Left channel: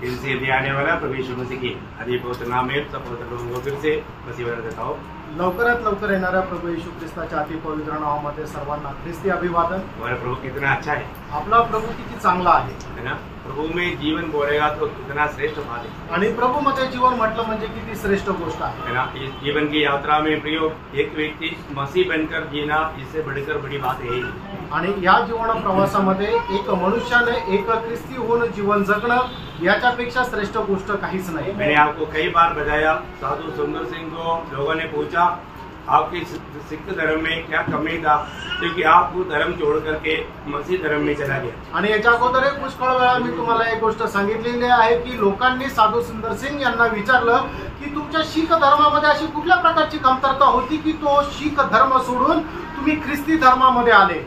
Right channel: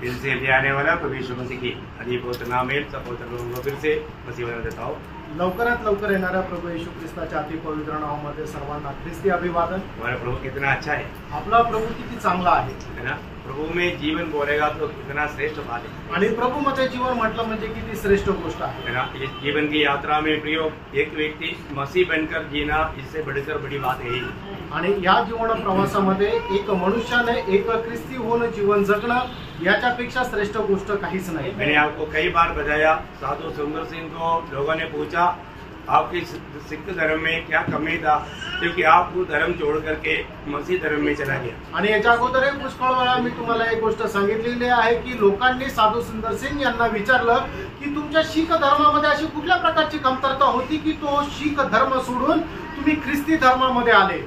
फिर से भी आने वाला प्रभु यीशु मसीह की अधिक पवित्र नाम है। सब पवित्र लोगों को फिर से मसीह वाला देता हूँ। लवकरात लवकर येणाऱ्या प्रभू येशू ख्रिस्ताच्या अति पवित्र नावामध्ये सर्वांना ख्रिस्ती अभिवादन। हमारा प्रभु कितना अच्छा है, आपला प्रभू किती चांगला आहे ना। प्रभु में जीवन बोलेगा तो कितना श्रेष्ठ बात है। आणि प्रभू मध्ये जीवन म्हटलं म्हणजे किती श्रेष्ठ गोष्ट आहे ना। इस जीवन की यात्रा में प्रियो एक व्यक्ति मसीह बनकर जीना इससे बढ़कर बड़ी बात है। आणि या जीवन प्रवासामध्ये एक मनुष्याने एक ख्रिस्ती होऊन जीवन जगणं याच्यापेक्षा श्रेष्ठ गोष्ट काहीच नाही। मैंने आपको कई बार बताया, साधु सुंदर सिंह को लोगों ने पूछा आपके सिख धर्म में क्या कमी था, क्योंकि आप वो धर्म छोड़ करके मसीह धर्म में चला गया। आणि याच्या अगोदर पुष्कळ वेळा मी तुम्हाला एक गोष्ट सांगितलेली आहे की लोकांनी साधू सुंदर सिंह यांना विचारलं की तुमच्या शीख धर्मामध्ये अशी कुठल्या प्रकारची कमतरता होती की तो शीख धर्म सोडून तुम्ही ख्रिस्ती धर्मामध्ये आले।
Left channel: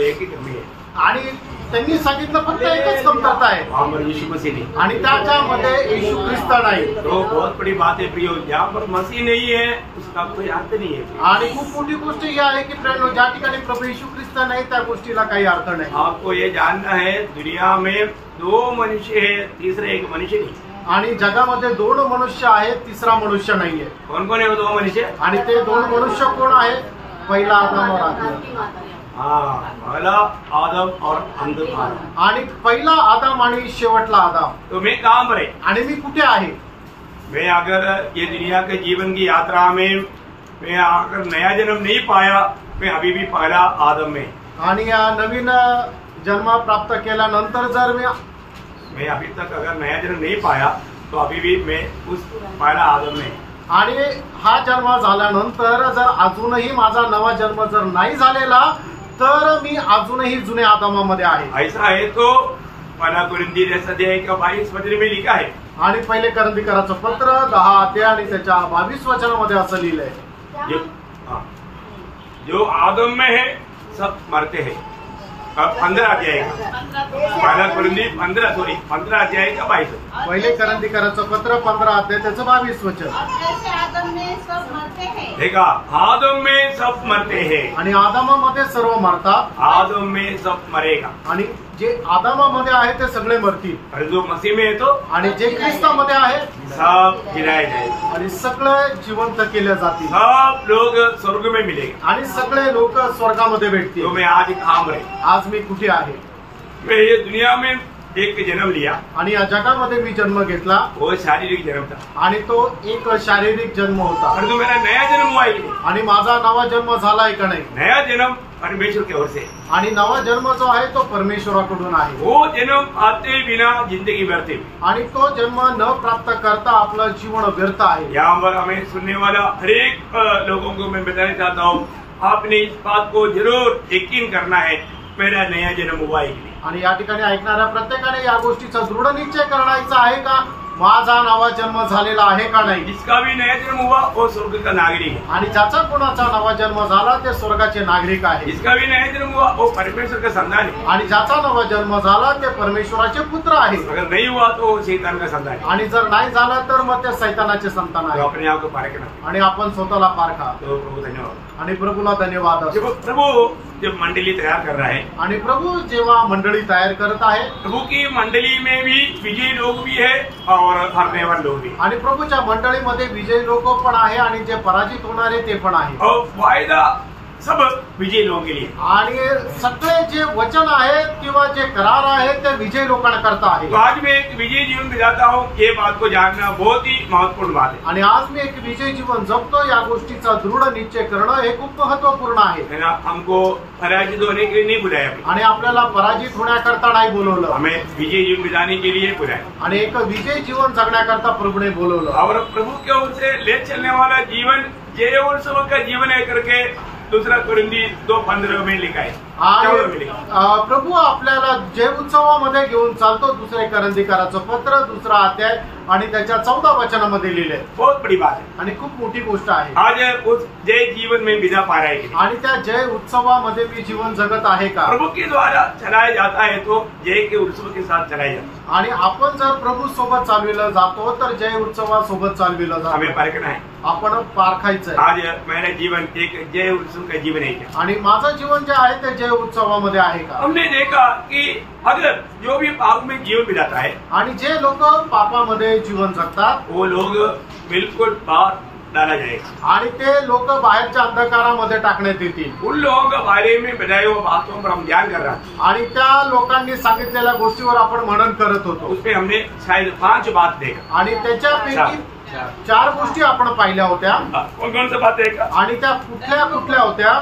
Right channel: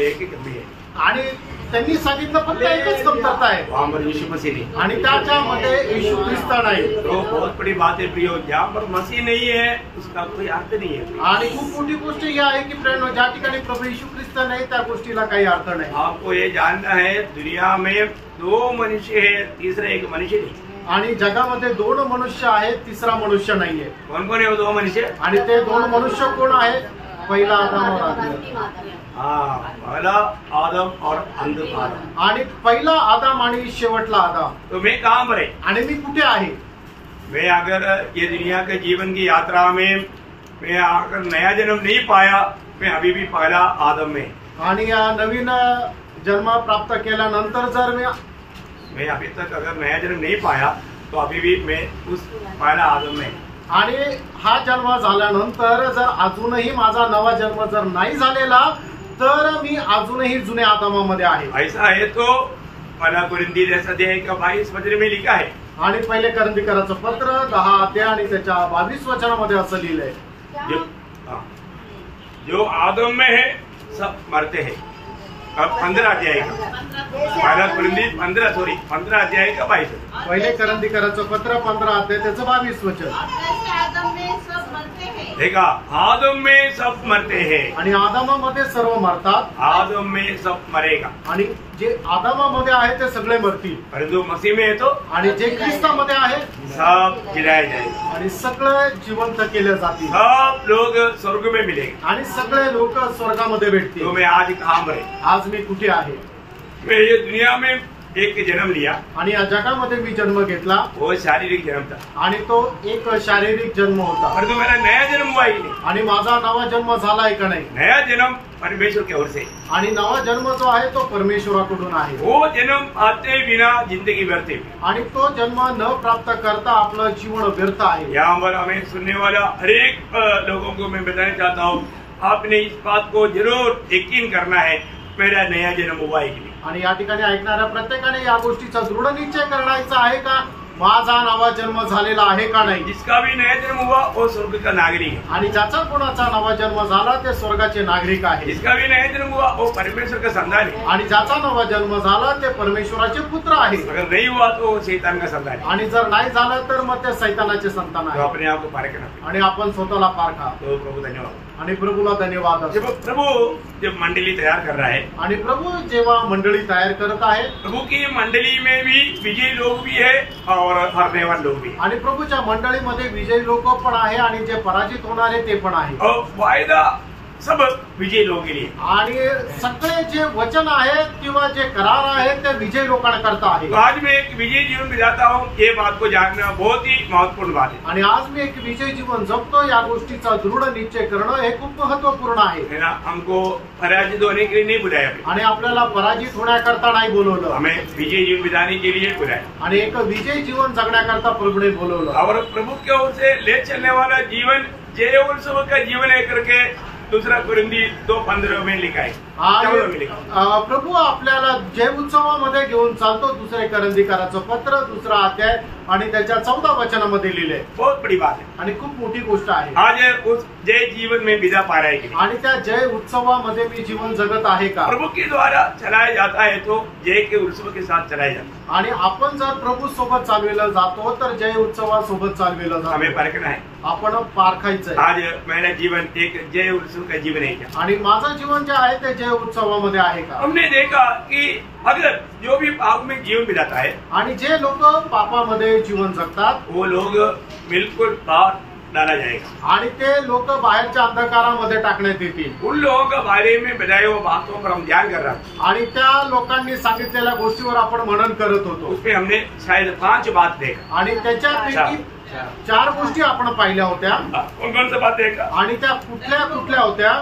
एक ही कमी है आणि त्यांनी सांगितलं फक्त एकच कमतरता आहे, वहाँ यीशु मसीह नहीं, आणि त्याच्यामध्ये येशू ख्रिस्त नाही। तो बहुत बड़ी बात है प्रियो, जहाँ पर मसीह नहीं है उसका कोई अर्थ नहीं है। आणि खूप मोठी गोष्ट ही आहे की प्रेरणो ज्या ठिकाणी प्रभू येशू ख्रिस्त नाही त्या गोष्टीला काही अर्थ नाही। आपको ये जानना है दुनिया में दो मनुष्य है, तीसरा एक मनुष्य नहीं। आणि जगामध्ये दोन मनुष्य आहेत, तिसरा मनुष्य नाहीये। कौन कौन है वो दो मनुष्य? आणि ते दोन मनुष्य कोण आहे? पहिला आदम और हव्वा। पहला आदम और अंतिम आदम। आणि पहिला आदम आणि शेवटला आदम। तो मैं कहाँ पर है आणि मी कुठे आहे? मैं अगर ये दुनिया के जीवन की यात्रा में मैं अगर नया जन्म नहीं पाया, मैं अभी भी पहला आदम में। आणि या नवीन जन्म प्राप्त केल्यानंतर जर मैं अभी तक अगर नया जन्म नहीं पाया तो अभी भी मैं उस पहला आदम में। आणि हा जन्म झाल्यानंतर जर अजूनही माझा नवा जन्म जर नाही झालेला तर मी अजूनही जुन्या आदमामध्ये आहे। ऐसा है तो पहला कुरिन्थी 10:22 में लिखा है। आणि पहिले करंथीकराचं पत्र 10 अध्याय आणि त्याच्या 22 वचनामध्ये असं लिहिलंय, जो आदम में है सब मरते हैं। 15 अध्याय का पहला कुरिन्थी 15 अध्याय का 22। पहिले करंथीकराचं पत्र 15 अध्याय त्याचं 22 वचन। देखा, आदम में सब मरते हैं आणि आदमामध्ये सर्व मरतात, आदम में सब मरेगा। आणि जे आदमामध्ये आहे ते सगळे मरतील, परंतु मसीह में है तो आणि जे ख्रिस्तामध्ये आहे सब जिलाए जाएंगे, आणि सगळे जिवंत केले जातील, सब लोग स्वर्ग में मिलेंगे, आणि सगळे लोक स्वर्गामध्ये भेटतील। तो मैं आज कहाँ पर है? आज मी कुठे आहे? मैं ये दुनिया में एक जन्म लिया, आणि या जगामध्ये मी जन्म घेतला, वो शारीरिक जन्म था, आणि तो एक शारीरिक जन्म होता। परंतु मेरा नया जन्म हुआ ही नहीं। आणि माझा नवा जन्म झालाय का नाही? नया जन्म परमेश्वर की ओर से, आणि नवा जन्म जो आहे तो परमेश्वराकडून आहे। वो जन्म आते बिना जिंदगी व्यर्थ है, आणि तो जन्म न प्राप्त करता आपलं जीवन व्यर्थ आहे। यहाँ पर हमें सुनने वाला हर एक लोगों को मैं बताना चाहता हूँ, आपने इस बात को जरूर यकीन करना है, मेरा नया जन्म हुआ है। आणि या ठिकाणी ऐकणाऱ्या प्रत्येकाने या गोष्टीचा दृढ निश्चय करायचा आहे का माझा नवा जन्म झालेला आहे का नाही? जिसका भी नया जन्म हुआ वो स्वर्ग का नागरिक है, आणि ज्याचा कोणाचा नवा जन्म झाला ते स्वर्गाचे नागरिक आहे। जिसका भी नया जन्म हुआ वो परमेश्वर का संतान है, आणि ज्याचा नवा जन्म झाला ते परमेश्वराचे पुत्र आहे। अगर नहीं हुआ तो वो शैतान का संतान है। आणि जर नाही झालं तर मग ते सैतानाचे संतान तो आहे। अपने आप को पारखना, आणि आपण स्वतःला पारखा। तो प्रभु धन्यवाद, आणि प्रभूला धन्यवाद असो। जब प्रभु जब मंडली तैयार कर रहा है, आणि प्रभू जेव्हा मंडळी तयार करत आहे, प्रभु की मंडली में भी विजयी लोग भी है और हारने वाले लोग भी, आणि प्रभूच्या मंडळीमध्ये विजयी लोक पण आहे आणि जे पराजित होणारे ते पण आहे, और वायदा सब विजयी लोगों के लिए। आणि सगळे जे वचन आहेत किंवा जे करार आहेत ते विजयी लोकांना करता आहे। तो आज मैं एक विजयी जीवन बिताता हूँ, ये बात को जानना बहुत ही महत्वपूर्ण बात है। आणि आज मी एक विजयी जीवन जगतो या गोष्टीचा दृढ निश्चय करणं हे खूप महत्वपूर्ण आहे। ना, हमको पराजित होने के लिए नहीं बुलाया, आणि आपल्याला पराजित होण्याकरता नाही बोलवलं, हमें विजयी जीवन बिताने के लिए बुलाया, आणि एक विजयी जीवन जगण्याकरता प्रभूने बोलवलं। और प्रभु की ओर से ले चलने वाला जीवन जय उत्सव का जीवन है करके दूसरा कुरिन्थी 2:15 में लिखा है। प्रभू आपल्याला जय उत्सवामध्ये घेऊन चालतो, दुसरे करंथीकराचं पत्र 2 अध्याय आणि त्याच्या 14 वचनामध्ये लिहिलंय। बहुत बड़ी बात है आणि खूप मोठी गोष्ट आहे। आज उस जय जीवन में विदा पा रहा है, आणि त्या जय उत्सवामध्ये मी जीवन जगत आहे का? प्रभु के द्वारा चलाया जाता है तो जय के उत्सव के साथ चलाया जाता है। आणि आपण जर प्रभू सोबत चालविलं जातो तर जय उत्सवासोबत चालविलं जातो। हमें परखना है, आपण पारखायचं आहे। आज मेरा जीवन एक जय उत्सव का जीवन है क्या? आणि माझं जीवन जे आहे ते जय जय उत्सवामध्ये आहे का? हमने देखा कि अगर जो भी पाप में जीवन बिताता है आणि जे लोक पापामध्ये जीवन जगतात वो लोग बिल्कुल बाहर डाला जाएगा आणि ते लोक बाहेरच्या अंधकारामध्ये टाकण्यात येतील. उन लोगों के बारे में बताए हुए बातों पर हम ध्यान कर रहा था. आणि त्या लोकांनी सांगितलेल्या गोष्टीवर आपण मनन करत होतो उसमें हमने शायद 5 बात देखा. आणि त्याच्यापैकी 4 गोष्टी आपण पाहिल्या होत्या. कौन कौन सी बात देखा? आणि त्या कुठल्या कुठल्या होत्या?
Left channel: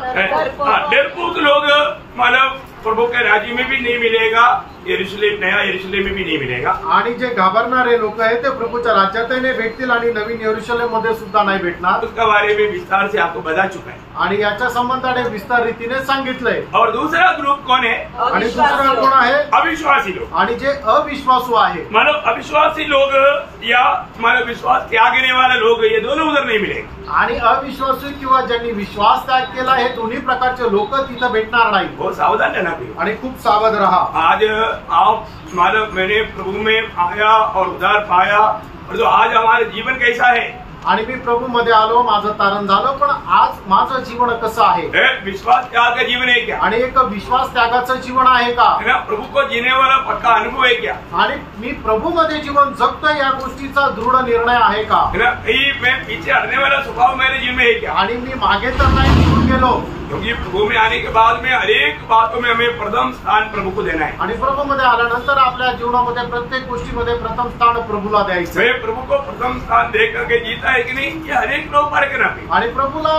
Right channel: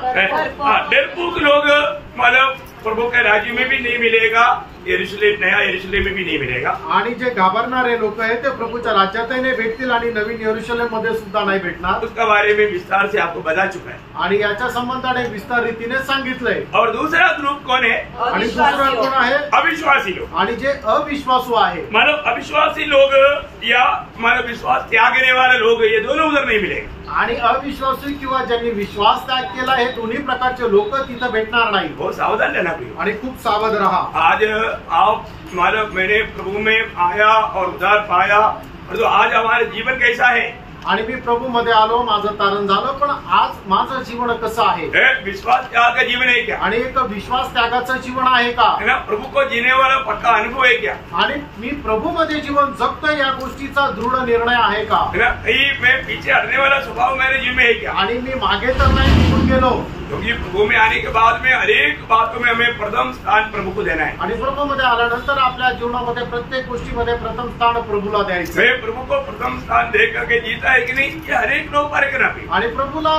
डरपोक लोग मतलब प्रभु के राज्य में भी नहीं मिलेगा, यरूशलेम नया यरूशलेम में भी नहीं मिलेगा. आणि जे घाबरणारे लोक आहेत ते प्रभूच्या राज्यातही नाही भेटतील आणि नवीन यरूशलेम मध्ये सुद्धा नाही भेटणार. उसके बारे में विस्तार से आपको बता चुका है. आणि याच्या संबंधाने विस्तार रीतीने सांगितलंय. और दूसरा ग्रुप कौन है? आणि दुसरा कोण आहे? अविश्वासी लोग. आणि जे अविश्वासू आहे मतलब अविश्वासी लोग या मतलब विश्वास त्यागने वाले लोग, ये दोनों उधर नहीं मिलेंगे. आणि अविश्वासू किंवा ज्यांनी विश्वास त्याग केला हे दोन्ही प्रकारचे लोक तिथं भेटणार नाही. बहुत सावधान रहना चाहिए. आणि खूप सावध रहा. आज आप मतलब मैंने प्रभु में आया और उद्धार पाया, और जो आज हमारे जीवन कैसा है, आणि मी प्रभू मध्ये आलो, माझं तारण झालं, पण आज माझं जीवन कसं आहे? विश्वास त्याग का जीवन है क्या? आणि एक विश्वास त्यागाचं जीवन आहे का? है ना, प्रभु को जीने वाला पक्का अनुभव है क्या? आणि मी प्रभू मध्ये जीवन जगतोय या गोष्टीचा दृढ निर्णय आहे का? है ना, कहीं मैं पीछे हटने वाला स्वभाव मेरे जीवन में है क्या? आणि मी मागे तर नाही निघून गेलो. क्योंकि प्रभु में आने के बाद में हर एक बातों में हमें प्रथम स्थान प्रभु को देना है. आणि प्रभू मध्ये आल्यानंतर आपल्या जीवनामध्ये प्रत्येक गोष्टीमध्ये प्रथम स्थान प्रभूला द्यायचं. मैं प्रभु को प्रथम स्थान दे करके जीता है कि नहीं, ये हर एक लोग पारखना पे. आणि प्रभूला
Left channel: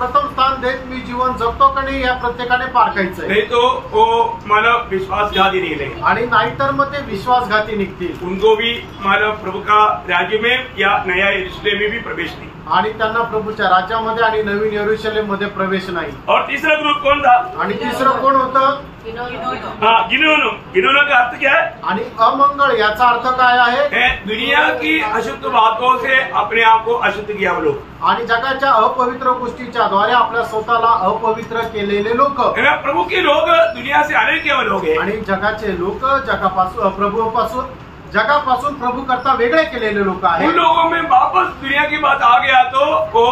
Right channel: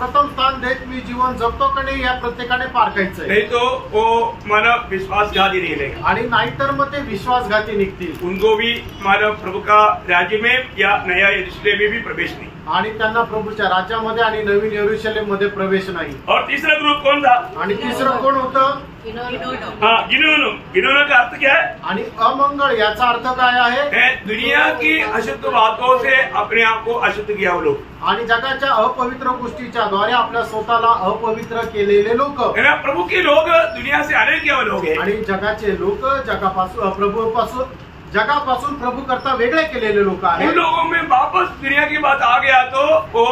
प्रथम स्थान देत मी जीवन जगतो का नाही या प्रत्येकाने पारखायचंय. नहीं तो वो मतलब विश्वासघाती नहीं लेंगे. आणि नाहीतर मग ते विश्वासघाती निघतील. उनको भी मतलब प्रभु का राज्य में या नया यरूशलेम में भी प्रवेश नहीं. आणि त्यांना प्रभूच्या राज्यामध्ये आणि नवीन यरूशलेम मध्ये प्रवेश नाही. और तीसरा ग्रुप कौन था? आणि तिसरं कोण होतं? हाँ, गिनोनो. गिनोनो का अर्थ क्या है? आणि अमंगळ याचा अर्थ काय आहे? दुनिया की अशुद्ध बातों से अपने आप को अशुद्ध किया वो लोग. आणि जगाच्या अपवित्र गोष्टीच्या द्वारे आपल्या स्वतःला अपवित्र केलेले लोक. प्रभु के लोग दुनिया से अलग किया लोग हैं. आणि जगाचे लोक जगापासून प्रभू करता वेगळे केलेले लोक आहेत. उन लोगों में वापस दुनिया की बात आ गया तो वो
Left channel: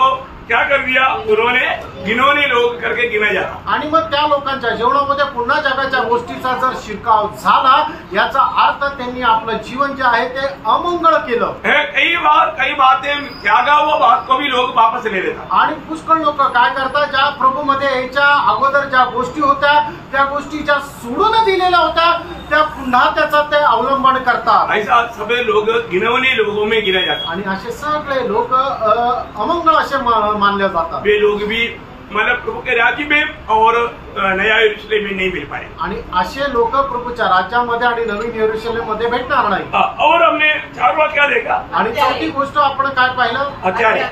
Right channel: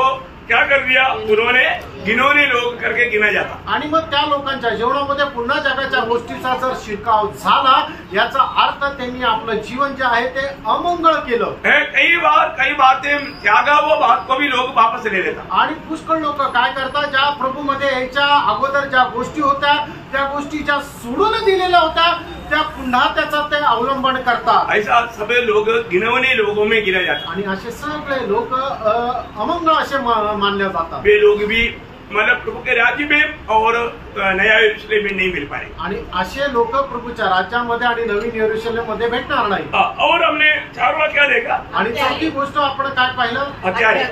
क्या कर दिया, उन्होंने गिनोने लोग करके गिना जाता. आणि मग त्या लोकांच्या जीवनामध्ये पुन्हा जगाच्या गोष्टीचा जर शिरकाव झाला याचा अर्थ त्यांनी आपलं जीवन जे आहे ते अमंगळ केलं. कई बातें त्यागा वो बात को भी लोग वापस ले लेता. आणि पुष्कळ लोक काय करतात, ज्या प्रभू मध्ये याच्या अगोदर ज्या गोष्टी होत्या त्या गोष्टी ज्या सोडून दिलेल्या होत्या त्या पुन्हा त्याचा ते अवलंबन करतात. ऐसा सगळे लोग गिनवणे लोगों में गिना जातात. आणि असे सगळे लोक अमंगळ असे मानले जातात. वे लोग भी मतलब प्रभु के राज्य में और नया यरूशलेम में नहीं मिल पाए. आणि असे लोक प्रभूच्या राज्यामध्ये आणि नवीन यरूशलेम मध्ये भेटणार नाही. और हमने 4 वाक्य देखा. आणि चौथी गोष्ट आपण काय पाहिलं? हत्यारे.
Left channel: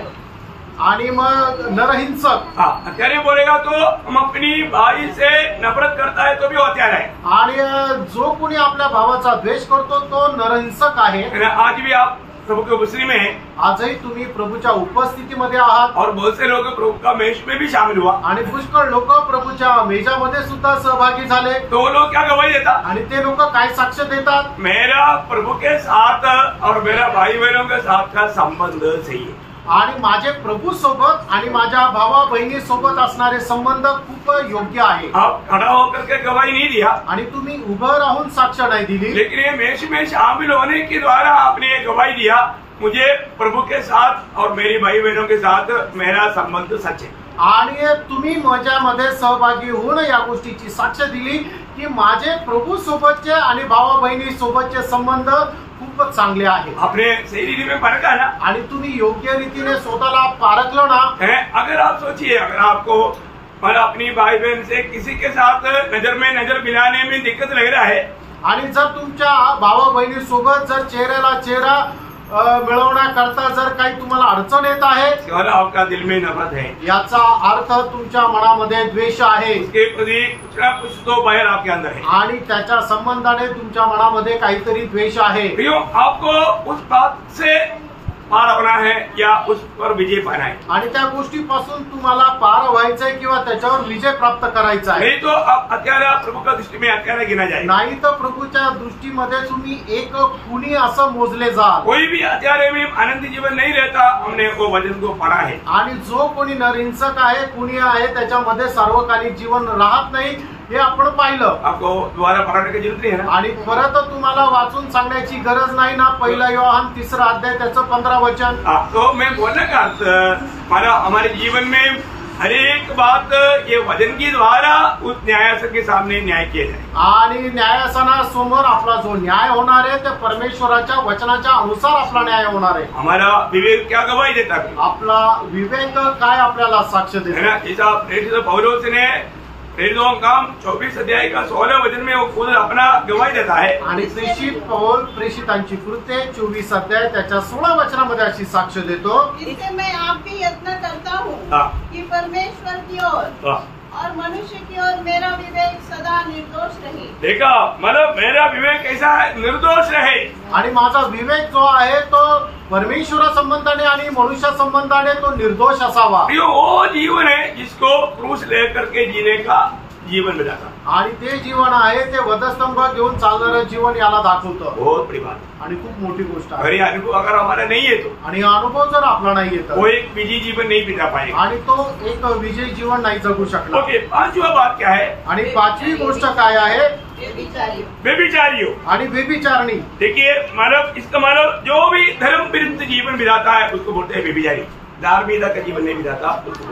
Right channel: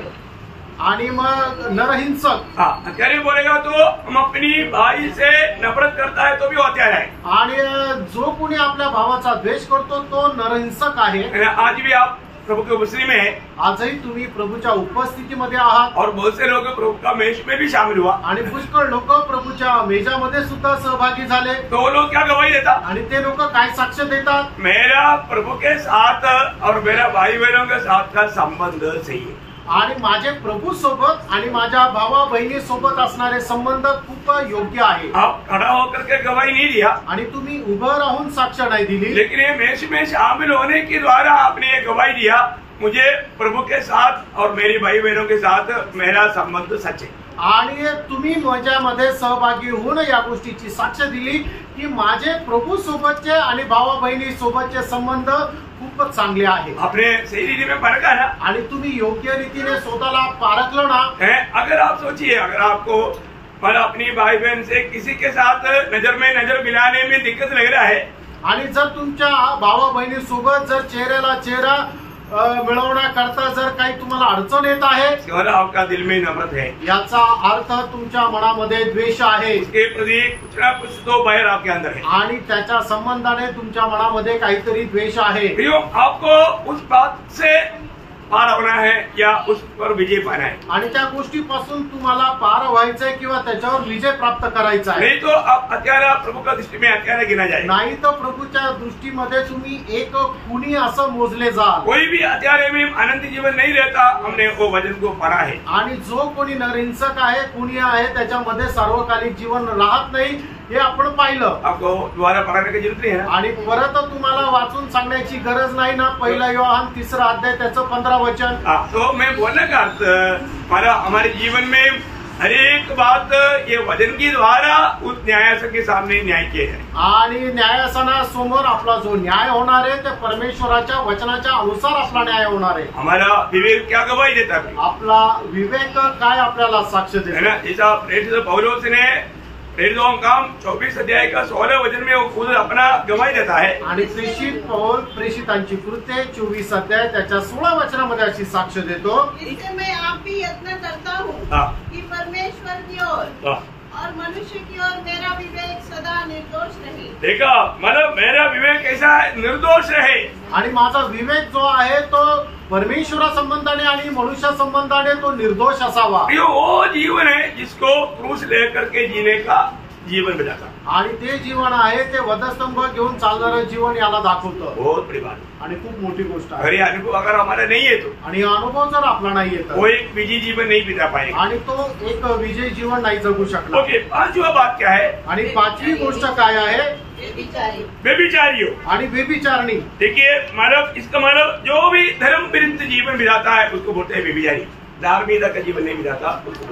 आणि मग नरहिंसक. हत्यारे बोलेगा तो हम अपनी भाई से नफरत करता है तो भी हत्यारा है. आणि जो कोणी आपल्या भावाचा द्वेष करतो तो नरहिंसक आहे. आज भी आप प्रभु के उपस्थिति में है. आजही तुम्ही प्रभूच्या उपस्थितीमध्ये आहात. और बहुत से लोग प्रभु का मेज में भी शामिल हुआ. आणि पुष्कळ लोक प्रभूच्या मेजामध्ये सुद्धा सहभागी झाले. तो लोग क्या गवाही देता? आणि ते लोक काय साक्ष देतात? मेरा प्रभु के साथ और मेरा भाई बहनों के साथ का संबंध सही है. आणि माझे प्रभू सोबत आणि माझ्या भावा बहिणी सोबत असणारे संबंध खूप योग्य आहे. आप खड़ा होकर के गवाही नहीं दिया. आणि तुम्ही उभं राहून साक्ष नाही दिली. लेकिन ये मेष में शामिल होने के द्वारा आपने ये गवाही दिया, मुझे प्रभु के साथ और मेरी भाई बहनों के साथ मेरा संबंध सच है. आणि तुम्ही माझ्यामध्ये सहभागी होऊन या गोष्टीची साक्ष दिली की माझे प्रभू सोबतचे आणि भावा बहिणी सोबतचे संबंध खूपच चांगले आहे. आपने सही रीति में परखा ना. आणि तुम्ही योग्य रीतीने स्वतःला पारखलं ना. अगर आप सोचिए, अगर आपको पर अपनी भाई बहन से किसी के साथ नजर में नजर मिलाने में दिक्कत लग रहा है, आणि जर तुमच्या भावा बहिणी सोबत जर चेहऱ्याला चेहरा मिळवण्याकरता जर काही तुम्हाला अडचण येत आहे, आपका दिल में नफरत है, याचा अर्थ तुमच्या मनामध्ये द्वेष आहे. उसके प्रति कुछ ना कुछ तो बाहर आपके अंदर है. आणि त्याच्या संबंधाने तुमच्या मनामध्ये काहीतरी द्वेष आहे. आपको उस बात से पार होना है या उस पर विजय पाना है. आणि त्या गोष्टीपासून तुम्हाला पार व्हायचंय किंवा त्याच्यावर विजय प्राप्त करायचा आहे. नहीं तो आप हत्यारा प्रभु का दृष्टि में हत्यारा गिना जाए. नाही तर प्रभूच्या दृष्टीमध्ये तुम्ही एक खुनी असं मोजले जाल. कोई भी हत्यारे में आनंदी जीवन नहीं रहता. हमने वो वचन को पढ़ा है. आणि जो कोणी नरहिंसक आहे, खुनी आहे, त्याच्यामध्ये सार्वकालिक जीवन राहत नाही हे आपण पाहिलं. आपको दोबारा पढ़ाने की जरूरत नहीं है ना. आणि परत तुम्हाला वाचून सांगण्याची गरज नाही ना. 1 योहान 3 अध्याय त्याचं 15 वचन. तो मैं बोलने का अर्थ हमारा हमारे जीवन में हर एक बात ये वचन के द्वारा उस न्यायासन के सामने न्याय किया जाए. आणि न्यायासनासमोर आपला जो न्याय होणार आहे ते परमेश्वराच्या वचनाच्या अनुसार आपला न्याय होणार आहे. हमारा विवेक क्या गवाही देता है. आपला विवेक काय आपल्याला साक्ष है देतो. ना. जैसा पौलुस ने प्रेरितों का काम 24 अध्याय का 16 वचन में वो खुद अपना गवाही देता है. आणि प्रेषित पौल प्रेषितांची कृत्ये 24 अध्याय त्याच्या 16 वचनामध्ये अशी साक्ष देतो. इससे मैं आप भी यत्न करता हूँ हाँ. कि परमेश्वर की ओर और मनुष्य की ओर मेरा विवेक सदा निर्दोष रहे. देखा मतलब मेरा विवेक ऐसा है निर्दोष रहे. आणि माझा विवेक जो आहे तो परमेश्वरा संबंधाने आणि मनुष्य संबंधाने तो निर्दोष असावा. ये वो जीवन है जिसको क्रूस लेकर के जीने का जीवन मिलाता. आणि ते जीवन आहे ते वधस्तंभ घेऊन चालणारं जीवन याला दाखवतं. बहुत बड़ी बात है. आणि खूप मोठी गोष्ट अगर आहे. ये अनुभव अगर हमारा नहीं है तो आणि अनुभव जर आपला नाही येत वो एक विजयी जीवन नहीं बिता पाएगा. आणि तो एक विजयी जीवन नाही जगू शकणार. ओके. पांचवा बात क्या है. आणि 5वी गोष्ट काय आहे. व्यभिचारी हो. आणि व्यभिचारणी. देखिए मतलब इसका मतलब जो भी धर्म विरुद्ध जीवन बिताता है उसको बोलते हैं व्यभिचारी. धार्मिकता का जीवन नहीं बिताता.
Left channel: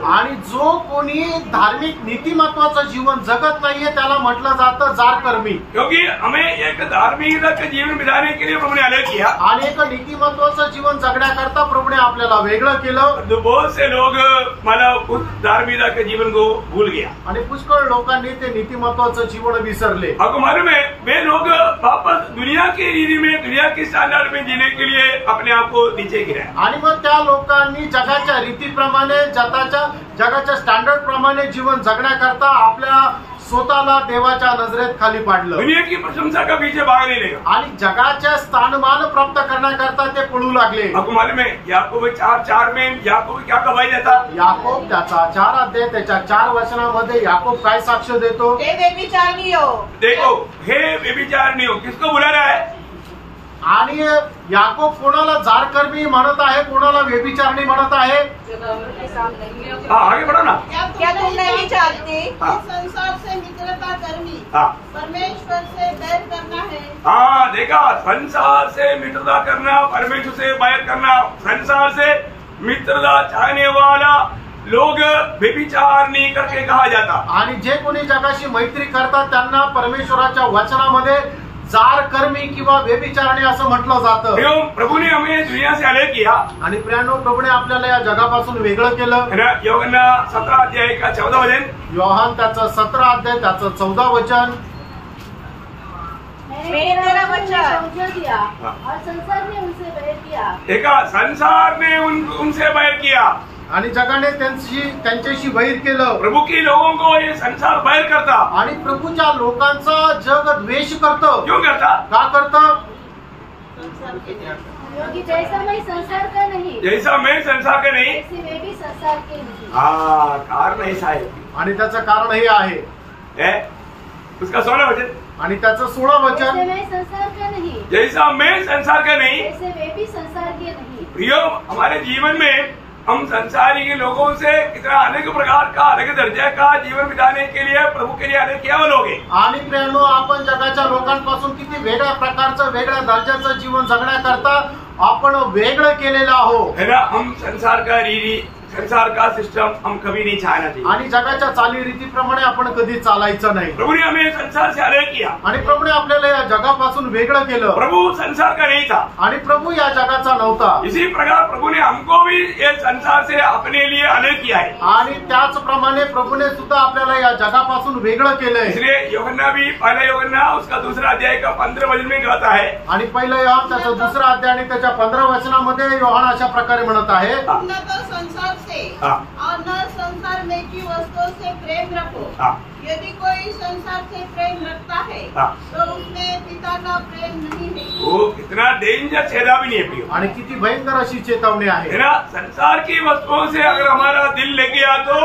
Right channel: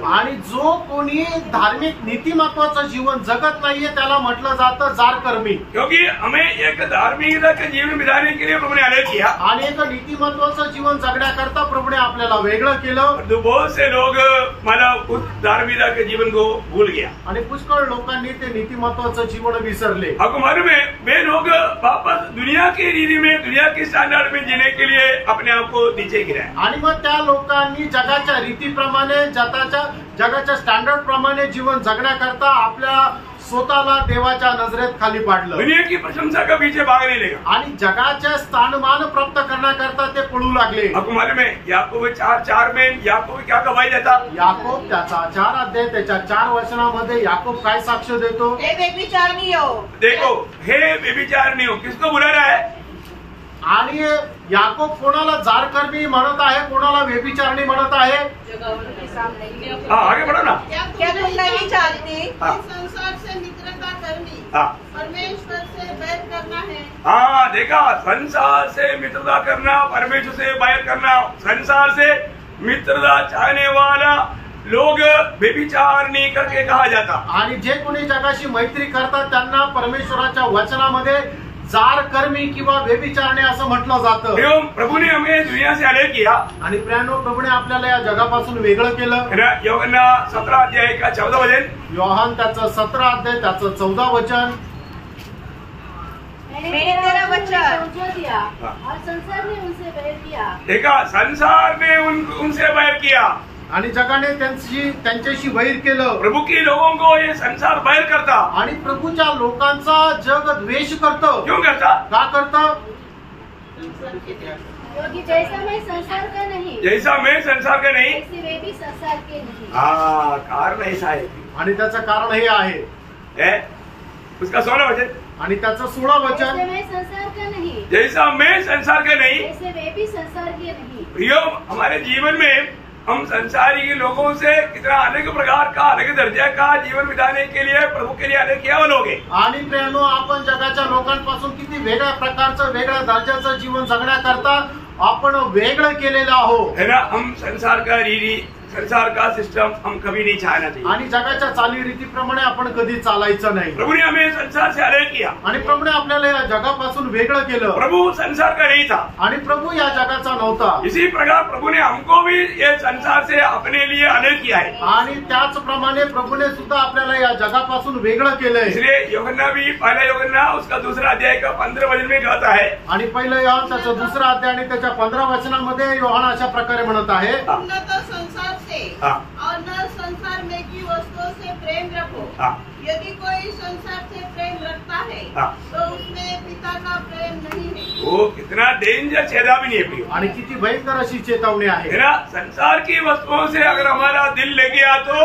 आणि जो कोणी धार्मिक नीतिमत्वाचं जीवन जगत नाहीये त्याला म्हटलं जातं जारकर्मी. क्योंकि हमें एक धार्मिकता का जीवन बिताने के लिए प्रभु ने अलग किया. आणि एक नीतिमत्वाचं जीवन जगण्याकरता प्रभुने आपल्याला वेगळं केलं. तो बहुत से लोग मतलब उस धार्मिकता के जीवन को भूल गया. आणि पुष्कळ लोकांनी ते नीतिमत्वाचं जीवन विसरले. आपको मालूम है वे लोग वापस दुनिया की रीति में दुनिया के स्टैंडर्ड में जीने के लिए अपने आप को नीचे गिराया. आणि मग त्या लोकांनी जगाच्या रीतीप्रमाणे जगाच्या स्टँडर्ड प्रमाणे जीवन जगण्याकरता आपल्या स्वतःला देवाच्या नजरेत खाली पाडलं. दुनिया की प्रशंसा का पीछे भागने लगा. आणि जगाचे स्थानमान प्राप्त करण्याकरता ते पळू लागले. आपको मालूम है याकूब 4:4 में याकूब क्या गवाही देता. याकोब त्याचा 4 अध्याय त्याच्या 4 वचनामध्ये याकोब काय साक्ष देतो. हे व्यभिचारी हो. देखो हे व्यभिचार नहीं हो किसको बुला रहा है. आणि याकोब कोणाला जारकर्मी म्हणत आहे कोणाला व्यभिचारणी म्हणत आहे. हाँ आगे बढ़ो ना. क्या तुम नहीं चाहते हाँ. कि संसार से मित्रता करनी हाँ. परमेश्वर से बैर करना है. हाँ देखा संसार से मित्रता करना परमेश्वर से बैर करना. संसार से मित्रता चाहने वाला लोग व्यभिचार नहीं करके कहा जाता. आणि जे कोणी जगाशी मैत्री करतात त्यांना परमेश्वराच्या वचनामध्ये जारकर्मी किंवा व्यभिचारणी असं म्हटलं जातं. प्रभु ने हमें दुनिया से अलग किया. आणि प्रियानो प्रभुने आपल्याला या जगापासून वेगळं केलं. यूहन्ना 17 अध्याय का 14 वचन. योहान त्याचं 17 अध्याय त्याचं 14 वचन. मैंने तेरा बच्चा समझो दिया और संसार ने उनसे बैर किया. देखा संसार ने उनसे बैर किया. आणि जगाने त्यांच्याशी वैर केलं. प्रभु के लोगों को ये संसार बैर करता. आणि प्रभूच्या लोकांचा जग द्वेष करतं. क्यों करता. का करतं. क्योंकि जैसा मैं संसार का नहीं जैसा मैं संसार का नहीं वैसे वे भी संसार के नहीं. हाँ कारण ऐसा है. आणि त्याचं कारण हे आहे. उसका 16 वचन. आणि त्याचं 16 वचन. जैसे मैं संसार का नहीं जैसा मैं संसार का नहीं वैसे वे भी संसार के नहीं. प्रियो हमारे जीवन में हम संसारी के लोगों से कितना अलग प्रकार का अलग दर्जा का जीवन बिताने के लिए प्रभु के लिए अलग किया लोग. आणि प्रेरणो आपण जगाच्या लोकांपासून किती वेगळ्या प्रकारचं वेगळ्या दर्जाचं जीवन जगण्याकरता आपण वेगळं केलेलं आहोत. है ना. हम संसार का रीति संसार का सिस्टम हम कभी नहीं चाहना चाहिए. आणि जगाच्या चालीरीतीप्रमाणे आपण कधी चालायचं नाही. प्रभु ने हमें संसार से अलग किया. आणि प्रभूने आपल्याला या जगापासून वेगळं केलं. प्रभु संसार का नहीं था. आणि प्रभू या जगाचा नव्हता. इसी प्रकार प्रभु ने हमको भी ये संसार से अपने लिए अलग किया है. आणि त्याचप्रमाणे प्रभूने सुद्धा आपल्याला या जगापासून वेगळं केलंय. इसलिए यूहन्ना भी पहला यूहन्ना उसका 2 अध्याय का 15 वचन में कहता है. आणि पहिलं योहान त्याचा 2 अध्याय आणि त्याच्या 15 वचनामध्ये योहान अशा प्रकारे म्हणत आहे. न तो संसार से हाँ. और न संसार में की वस्तुओं से प्रेम रखो. हाँ. यदि कोई संसार से प्रेम रखता है हाँ. तो उसमें पिता का प्रेम नहीं है. वो कितना डेंजर चेतावनी नहीं है प्रियो. आणि किती भयंकर अशी चेतावणी आहे. है ना. संसार की वस्तुओं से अगर हमारा दिल लग गया तो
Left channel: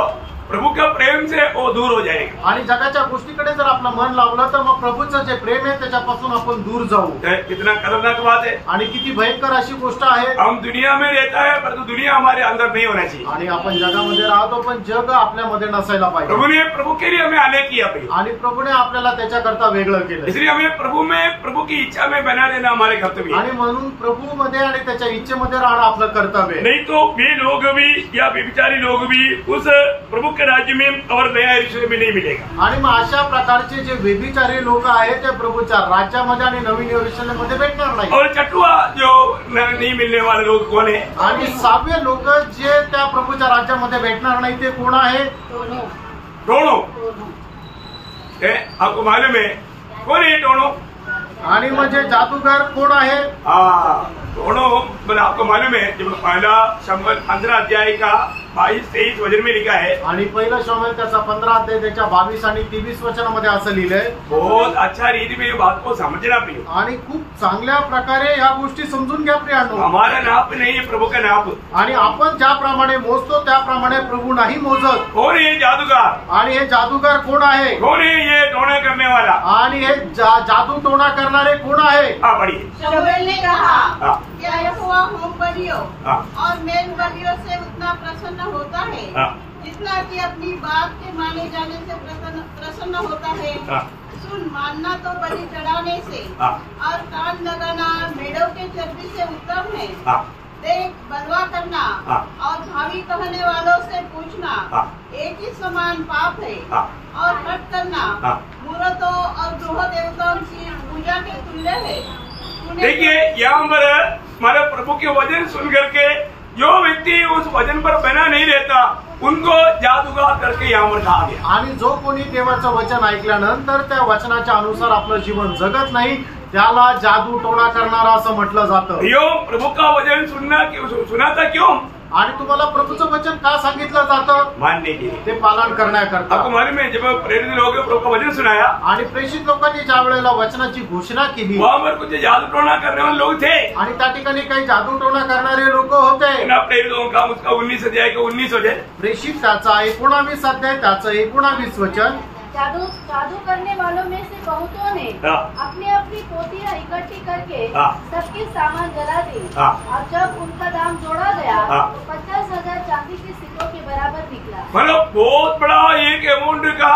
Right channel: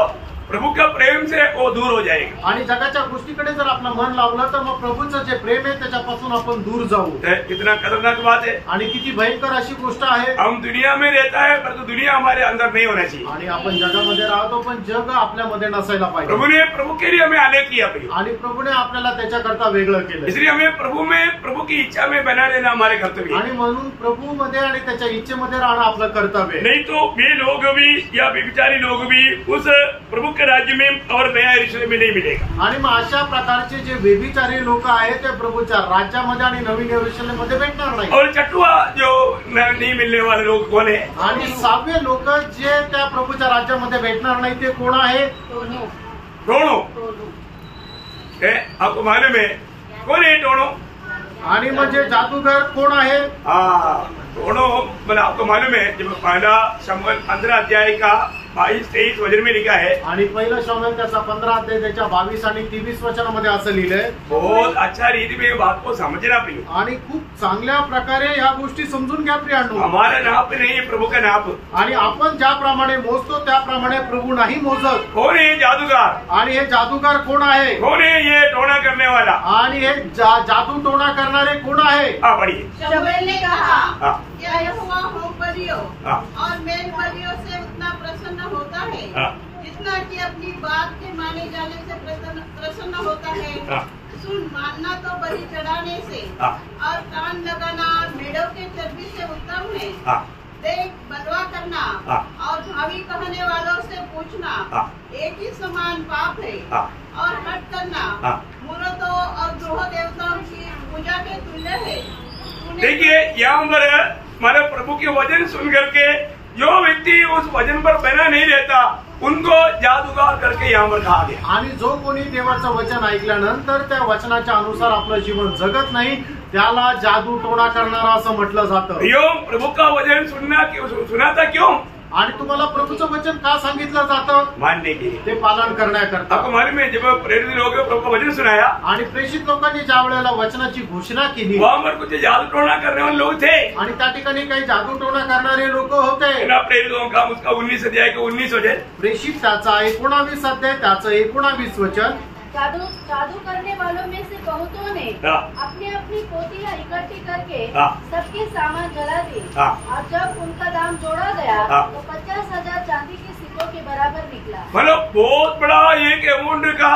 प्रभु का प्रेम से वो दूर हो जाएगा। आणि जगाच्या गोष्टीकडे जर आपलं मन लावलं तर मग प्रभूचं जे प्रेम आहे त्याच्यापासून आपण दूर जाऊ। कितना खतरनाक बात है। आणि किती भयंकर अशी गोष्ट आहे। हम दुनिया में रहता है परंतु दुनिया हमारे अंदर नहीं होना चाहिए। आणि आपण जगामध्ये राहतो पण जग आपल्यामध्ये नसायला पाहिजे। प्रभु के लिए हमें आलेख किया प्रिय। आणि प्रभूने आपल्याला त्याच्याकरता वेगळं केलं। इसलिए हमें प्रभु की इच्छा में बना रहना हमारे कर्तव्य है। आणि म्हणून प्रभूमध्ये आणि त्याच्या इच्छेमध्ये राहणं आपलं कर्तव्य आहे। नहीं तो वे लोग भी या व्यभिचारी लोग भी उस प्रभु के राज्य में और नया यरूशलेम में नहीं मिलेगा। आणि मग अशा प्रकारचे जे व्यभिचारी लोक आहेत ते प्रभूच्या राज्यामध्ये आणि नवीन यरूशलेम मध्ये भेटणार नाही। और चटुआ जो नहीं मिलने वाले लोग कौन है? आणि 6वे लोक जे त्या प्रभूच्या राज्यामध्ये भेटणार नाही ते कोण आहे? टोणो। आपको मालूम है कौन है टोणो? आणि म्हणजे जादूगर कोण आहे? टोणो बोला आपको मालूम है जब पहला शमूएल 15 अध्याय का 22-23 वचन में लिखा है। आणि पहिला शमूएल त्याचा 15 अध्याय त्याच्या 22 आणि 23 वचनामध्ये असं लिहिलंय। बहुत अच्छा रीति में ये बात को समझना प्रिय। आणि खूप चांगल्या प्रकारे ह्या गोष्टी समजून घ्या प्रियांनो। हमारा नाप नहीं है प्रभु का नाप। आणि आपण ज्याप्रमाणे मोजतो त्याप्रमाणे प्रभू नाही मोजत। कौन है जादूगर? आणि हे जादूगार कोण आहे? कौन है ये टोना करने वाला? आणि हे जादू टोना करणारे कोण आहे? पढ़िए। शमूएल ने कहा हाँ। क्या यहोवा होम बलियों हाँ। और मेल बलियों से उतना प्रसन्न होता है हाँ। जितना कि अपनी बात के माने जाने से प्रसन्न होता है? हाँ। सुन, मानना तो बलि चढ़ाने से हाँ। और कान लगाना मेढ़ों के चर्बी से उत्तम है। हाँ। देख, बलवा करना हाँ। और भावी कहने वालों से पूछना हाँ। एक ही समान पाप है। हाँ। और हट करना हाँ। मूर्तों और गृह देवताओं की पूजा के तुल्य है। देखिए यहाँ पर हमारे प्रभु के वचन सुन करके जो व्यक्ति उस वचन पर बना नहीं रहता उनको जादूगार करके यहाँ पर कहा गया। आणि जो कोणी देवाचं वचन ऐकल्यानंतर त्या वचनाच्या अनुसार आपलं जीवन जगत नाही त्याला जादू टोणा करणारा असं म्हटलं जातं। यो प्रभु का वचन सुना था क्यों? आणि तुम्हाला प्रभूचं वचन का सांगितलं जातं? मानने के लिए, ते पालन करण्याकरता। आपको मालूम है जब प्रेरित लोगों ने प्रभु का वचन सुनाया आणि प्रेषित लोकांनी ज्या वेळेला वचनाची घोषणा केली वहाँ पर कुछ जादू टोना करने वाले लोग थे आणि त्या ठिकाणी काही जादू टोणा करणारे लोक होते। प्रेरितों का उसका 19 अध्याय का 19 वचन, प्रेषित त्याचा 19 अध्याय त्याचं 19 वचन। जादू करने वालों में से बहुतों ने अपनी अपनी पोतियां इकट्ठी करके सबके सामान जला दी। और जब उनका दाम जोड़ा गया तो 50,000 चांदी के सिक्कों के बराबर निकला। मतलब बहुत बड़ा एक अमाउंट का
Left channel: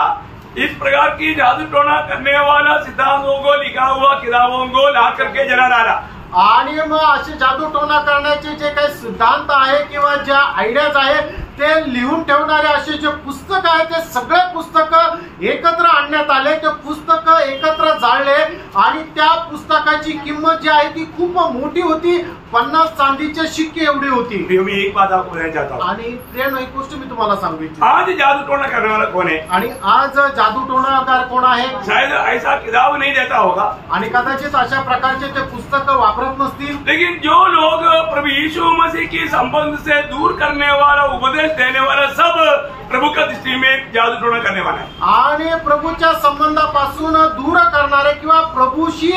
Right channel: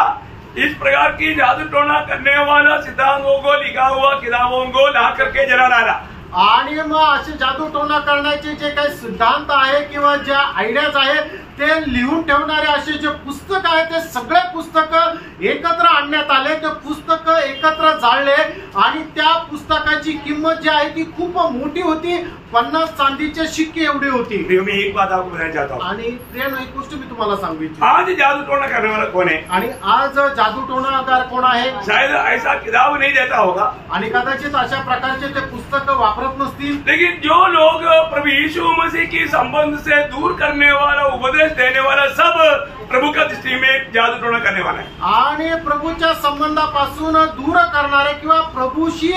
इस प्रकार की जादू टोना करने वाला सिद्धांतों को लिखा हुआ किताबों को ला करके जला डाला। आणि मग असे जादू टोना करण्याचे जे काही सिद्धांत आहे किंवा ज्या आयडियाज आहे ते लिहून ठेवणारे असे जे पुस्तक आहे ते सगळे पुस्तक एकत्र आणण्यात आले। ते पुस्तक एकत्र जाळले आणि त्या पुस्तकाची किंमत जी आहे ती खूप मोठी होती, 50 चांदीचे शिक्के एवढी होती। मैं एक बात आपको बताना चाहता हूँ। आणि प्रियांनो एक गोष्ट मी तुम्हाला सांगू इच्छितो। आज जादू टोना करने वाला कौन है? आणि आज जादू टोणाकार कोण आहे? शायद ऐसा किताब नहीं देता होगा आणि कदाचित अशा प्रकारचे ते पुस्तक वापरत नसतील। लेकिन जो लोग प्रभु यीशु मसीह की संबंध से दूर करने वाला उपदेश देने वाला सब प्रभु का दृष्टि में जादू टोना करने वाला है। आणि प्रभूच्या संबंधापासून दूर करणारे किंवा प्रभूशी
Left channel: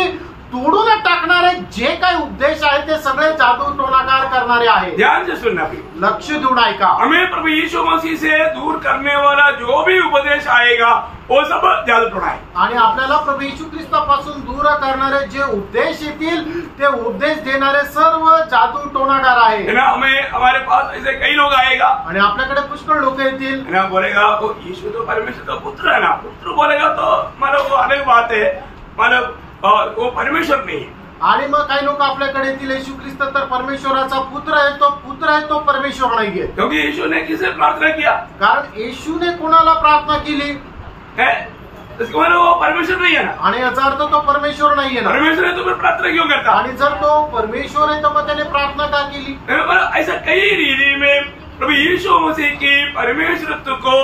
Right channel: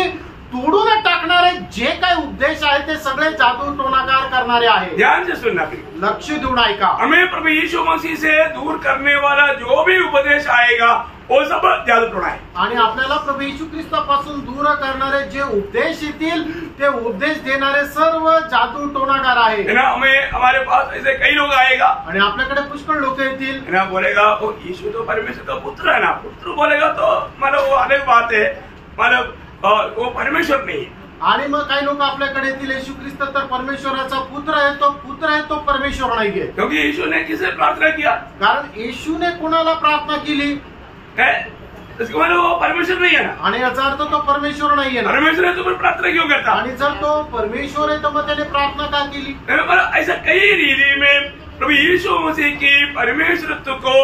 तोडून टाकणारे जे काही उपदेश आहे ते सगळे जादू टोणाकार करणारे आहेत। ध्यान से सुनना प्रिय, लक्ष देऊन ऐका। हमें प्रभु यीशु मसीह से दूर करने वाला जो भी उपदेश आएगा वो सब जादू टोना है। आणि आपल्याला प्रभू येशू ख्रिस्तापासून दूर करणारे जे उपदेश येतील ते उपदेश देणारे सर्व जादू टोणाकार आहे। हमें हमारे पास ऐसे कई लोग आएगा आणि आपल्याकडे पुष्कळ लोक येतील। ना बोलेगा वो यीशु तो परमेश्वर का पुत्र है ना, पुत्र बोलेगा तो मतलब वो अलग बात है, मतलब वो परमेश्वर नहीं। आणि मग काही लोक आपल्याकडे येतील येशू ख्रिस्त तर परमेश्वराचा पुत्र आहे, तो पुत्र आहे, तो परमेश्वर नाहीये। क्योंकि यीशु ने किसे प्रार्थना किया? कारण येशूने कोणाला प्रार्थना केली है? इसका मतलब वो परमेश्वर नहीं है ना। आणि याचा अर्थ तो परमेश्वर नाहीये ना। परमेश्वर है तो फिर प्रार्थना क्यों करता? आणि जर तो परमेश्वर आहे तर मग त्याने प्रार्थना का केली? ऐसा कई रीति में प्रभु यीशु मसीह की परमेश्वरत्व को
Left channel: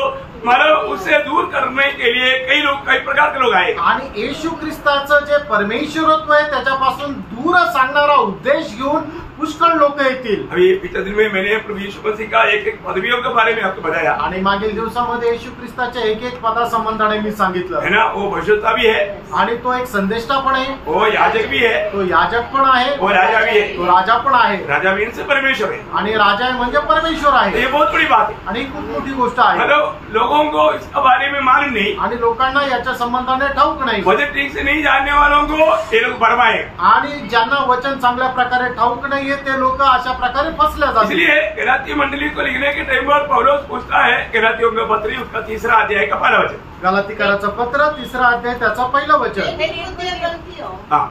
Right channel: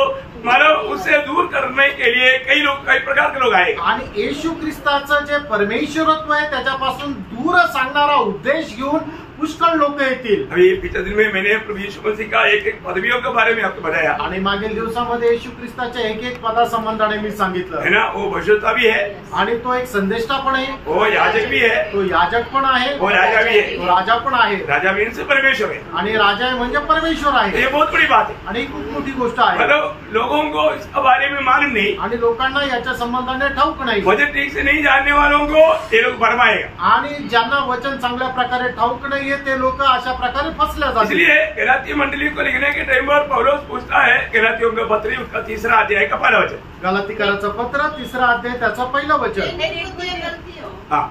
मतलब उससे दूर करने के लिए कई प्रकार के लोग आए। आणि येशू ख्रिस्ताचं जे परमेश्वरत्व आहे त्याच्यापासून दूर सांगणारा उपदेश घेऊन पुष्कळ लोक येतील. अभी पिछले दिन में मैंने प्रभु यीशु मसीह का एक पदवियों के बारे में आपको बताया आणि मागील दिवसामध्ये येशू ख्रिस्ताच्या एक पदासंबंधाने मी सांगितलं है ना. वो भविष्यवक्ता भी है, आणि तो एक संदेष्टा पण आहे, वो याजक भी है, तो याजक पण आहे, वो राजा भी है. तो राजा पण आहे, राजा भी इनसे परमेश्वर है. आणि राजा आहे म्हणजे परमेश्वर आहे. ये बहुत बड़ी बात है. आणि खूप मोठी गोष्ट आहे. मतलब लोगों को इसके बारे में मालूम नहीं, आणि लोकांना याच्या संबंधाने ठाऊक नाही. वचन ठीक से नहीं जानने वालों को ये लोग भरमाएगा. आणि ज्यांना वचन चांगल्या प्रकारे ठाऊक नाहीये ते लोक अशा प्रकारे फसल्या जातील. इसलिए गलाती मंडली को लिखने के टाइम पर पौलुस पूछता है, गलातियों का पत्री उसका 3 अध्याय का पहला वचन. गलातीकराचं पत्र 3 अध्याय त्याचं पहिलं वचन. मेरी बुद्धि गलतियों हाँ,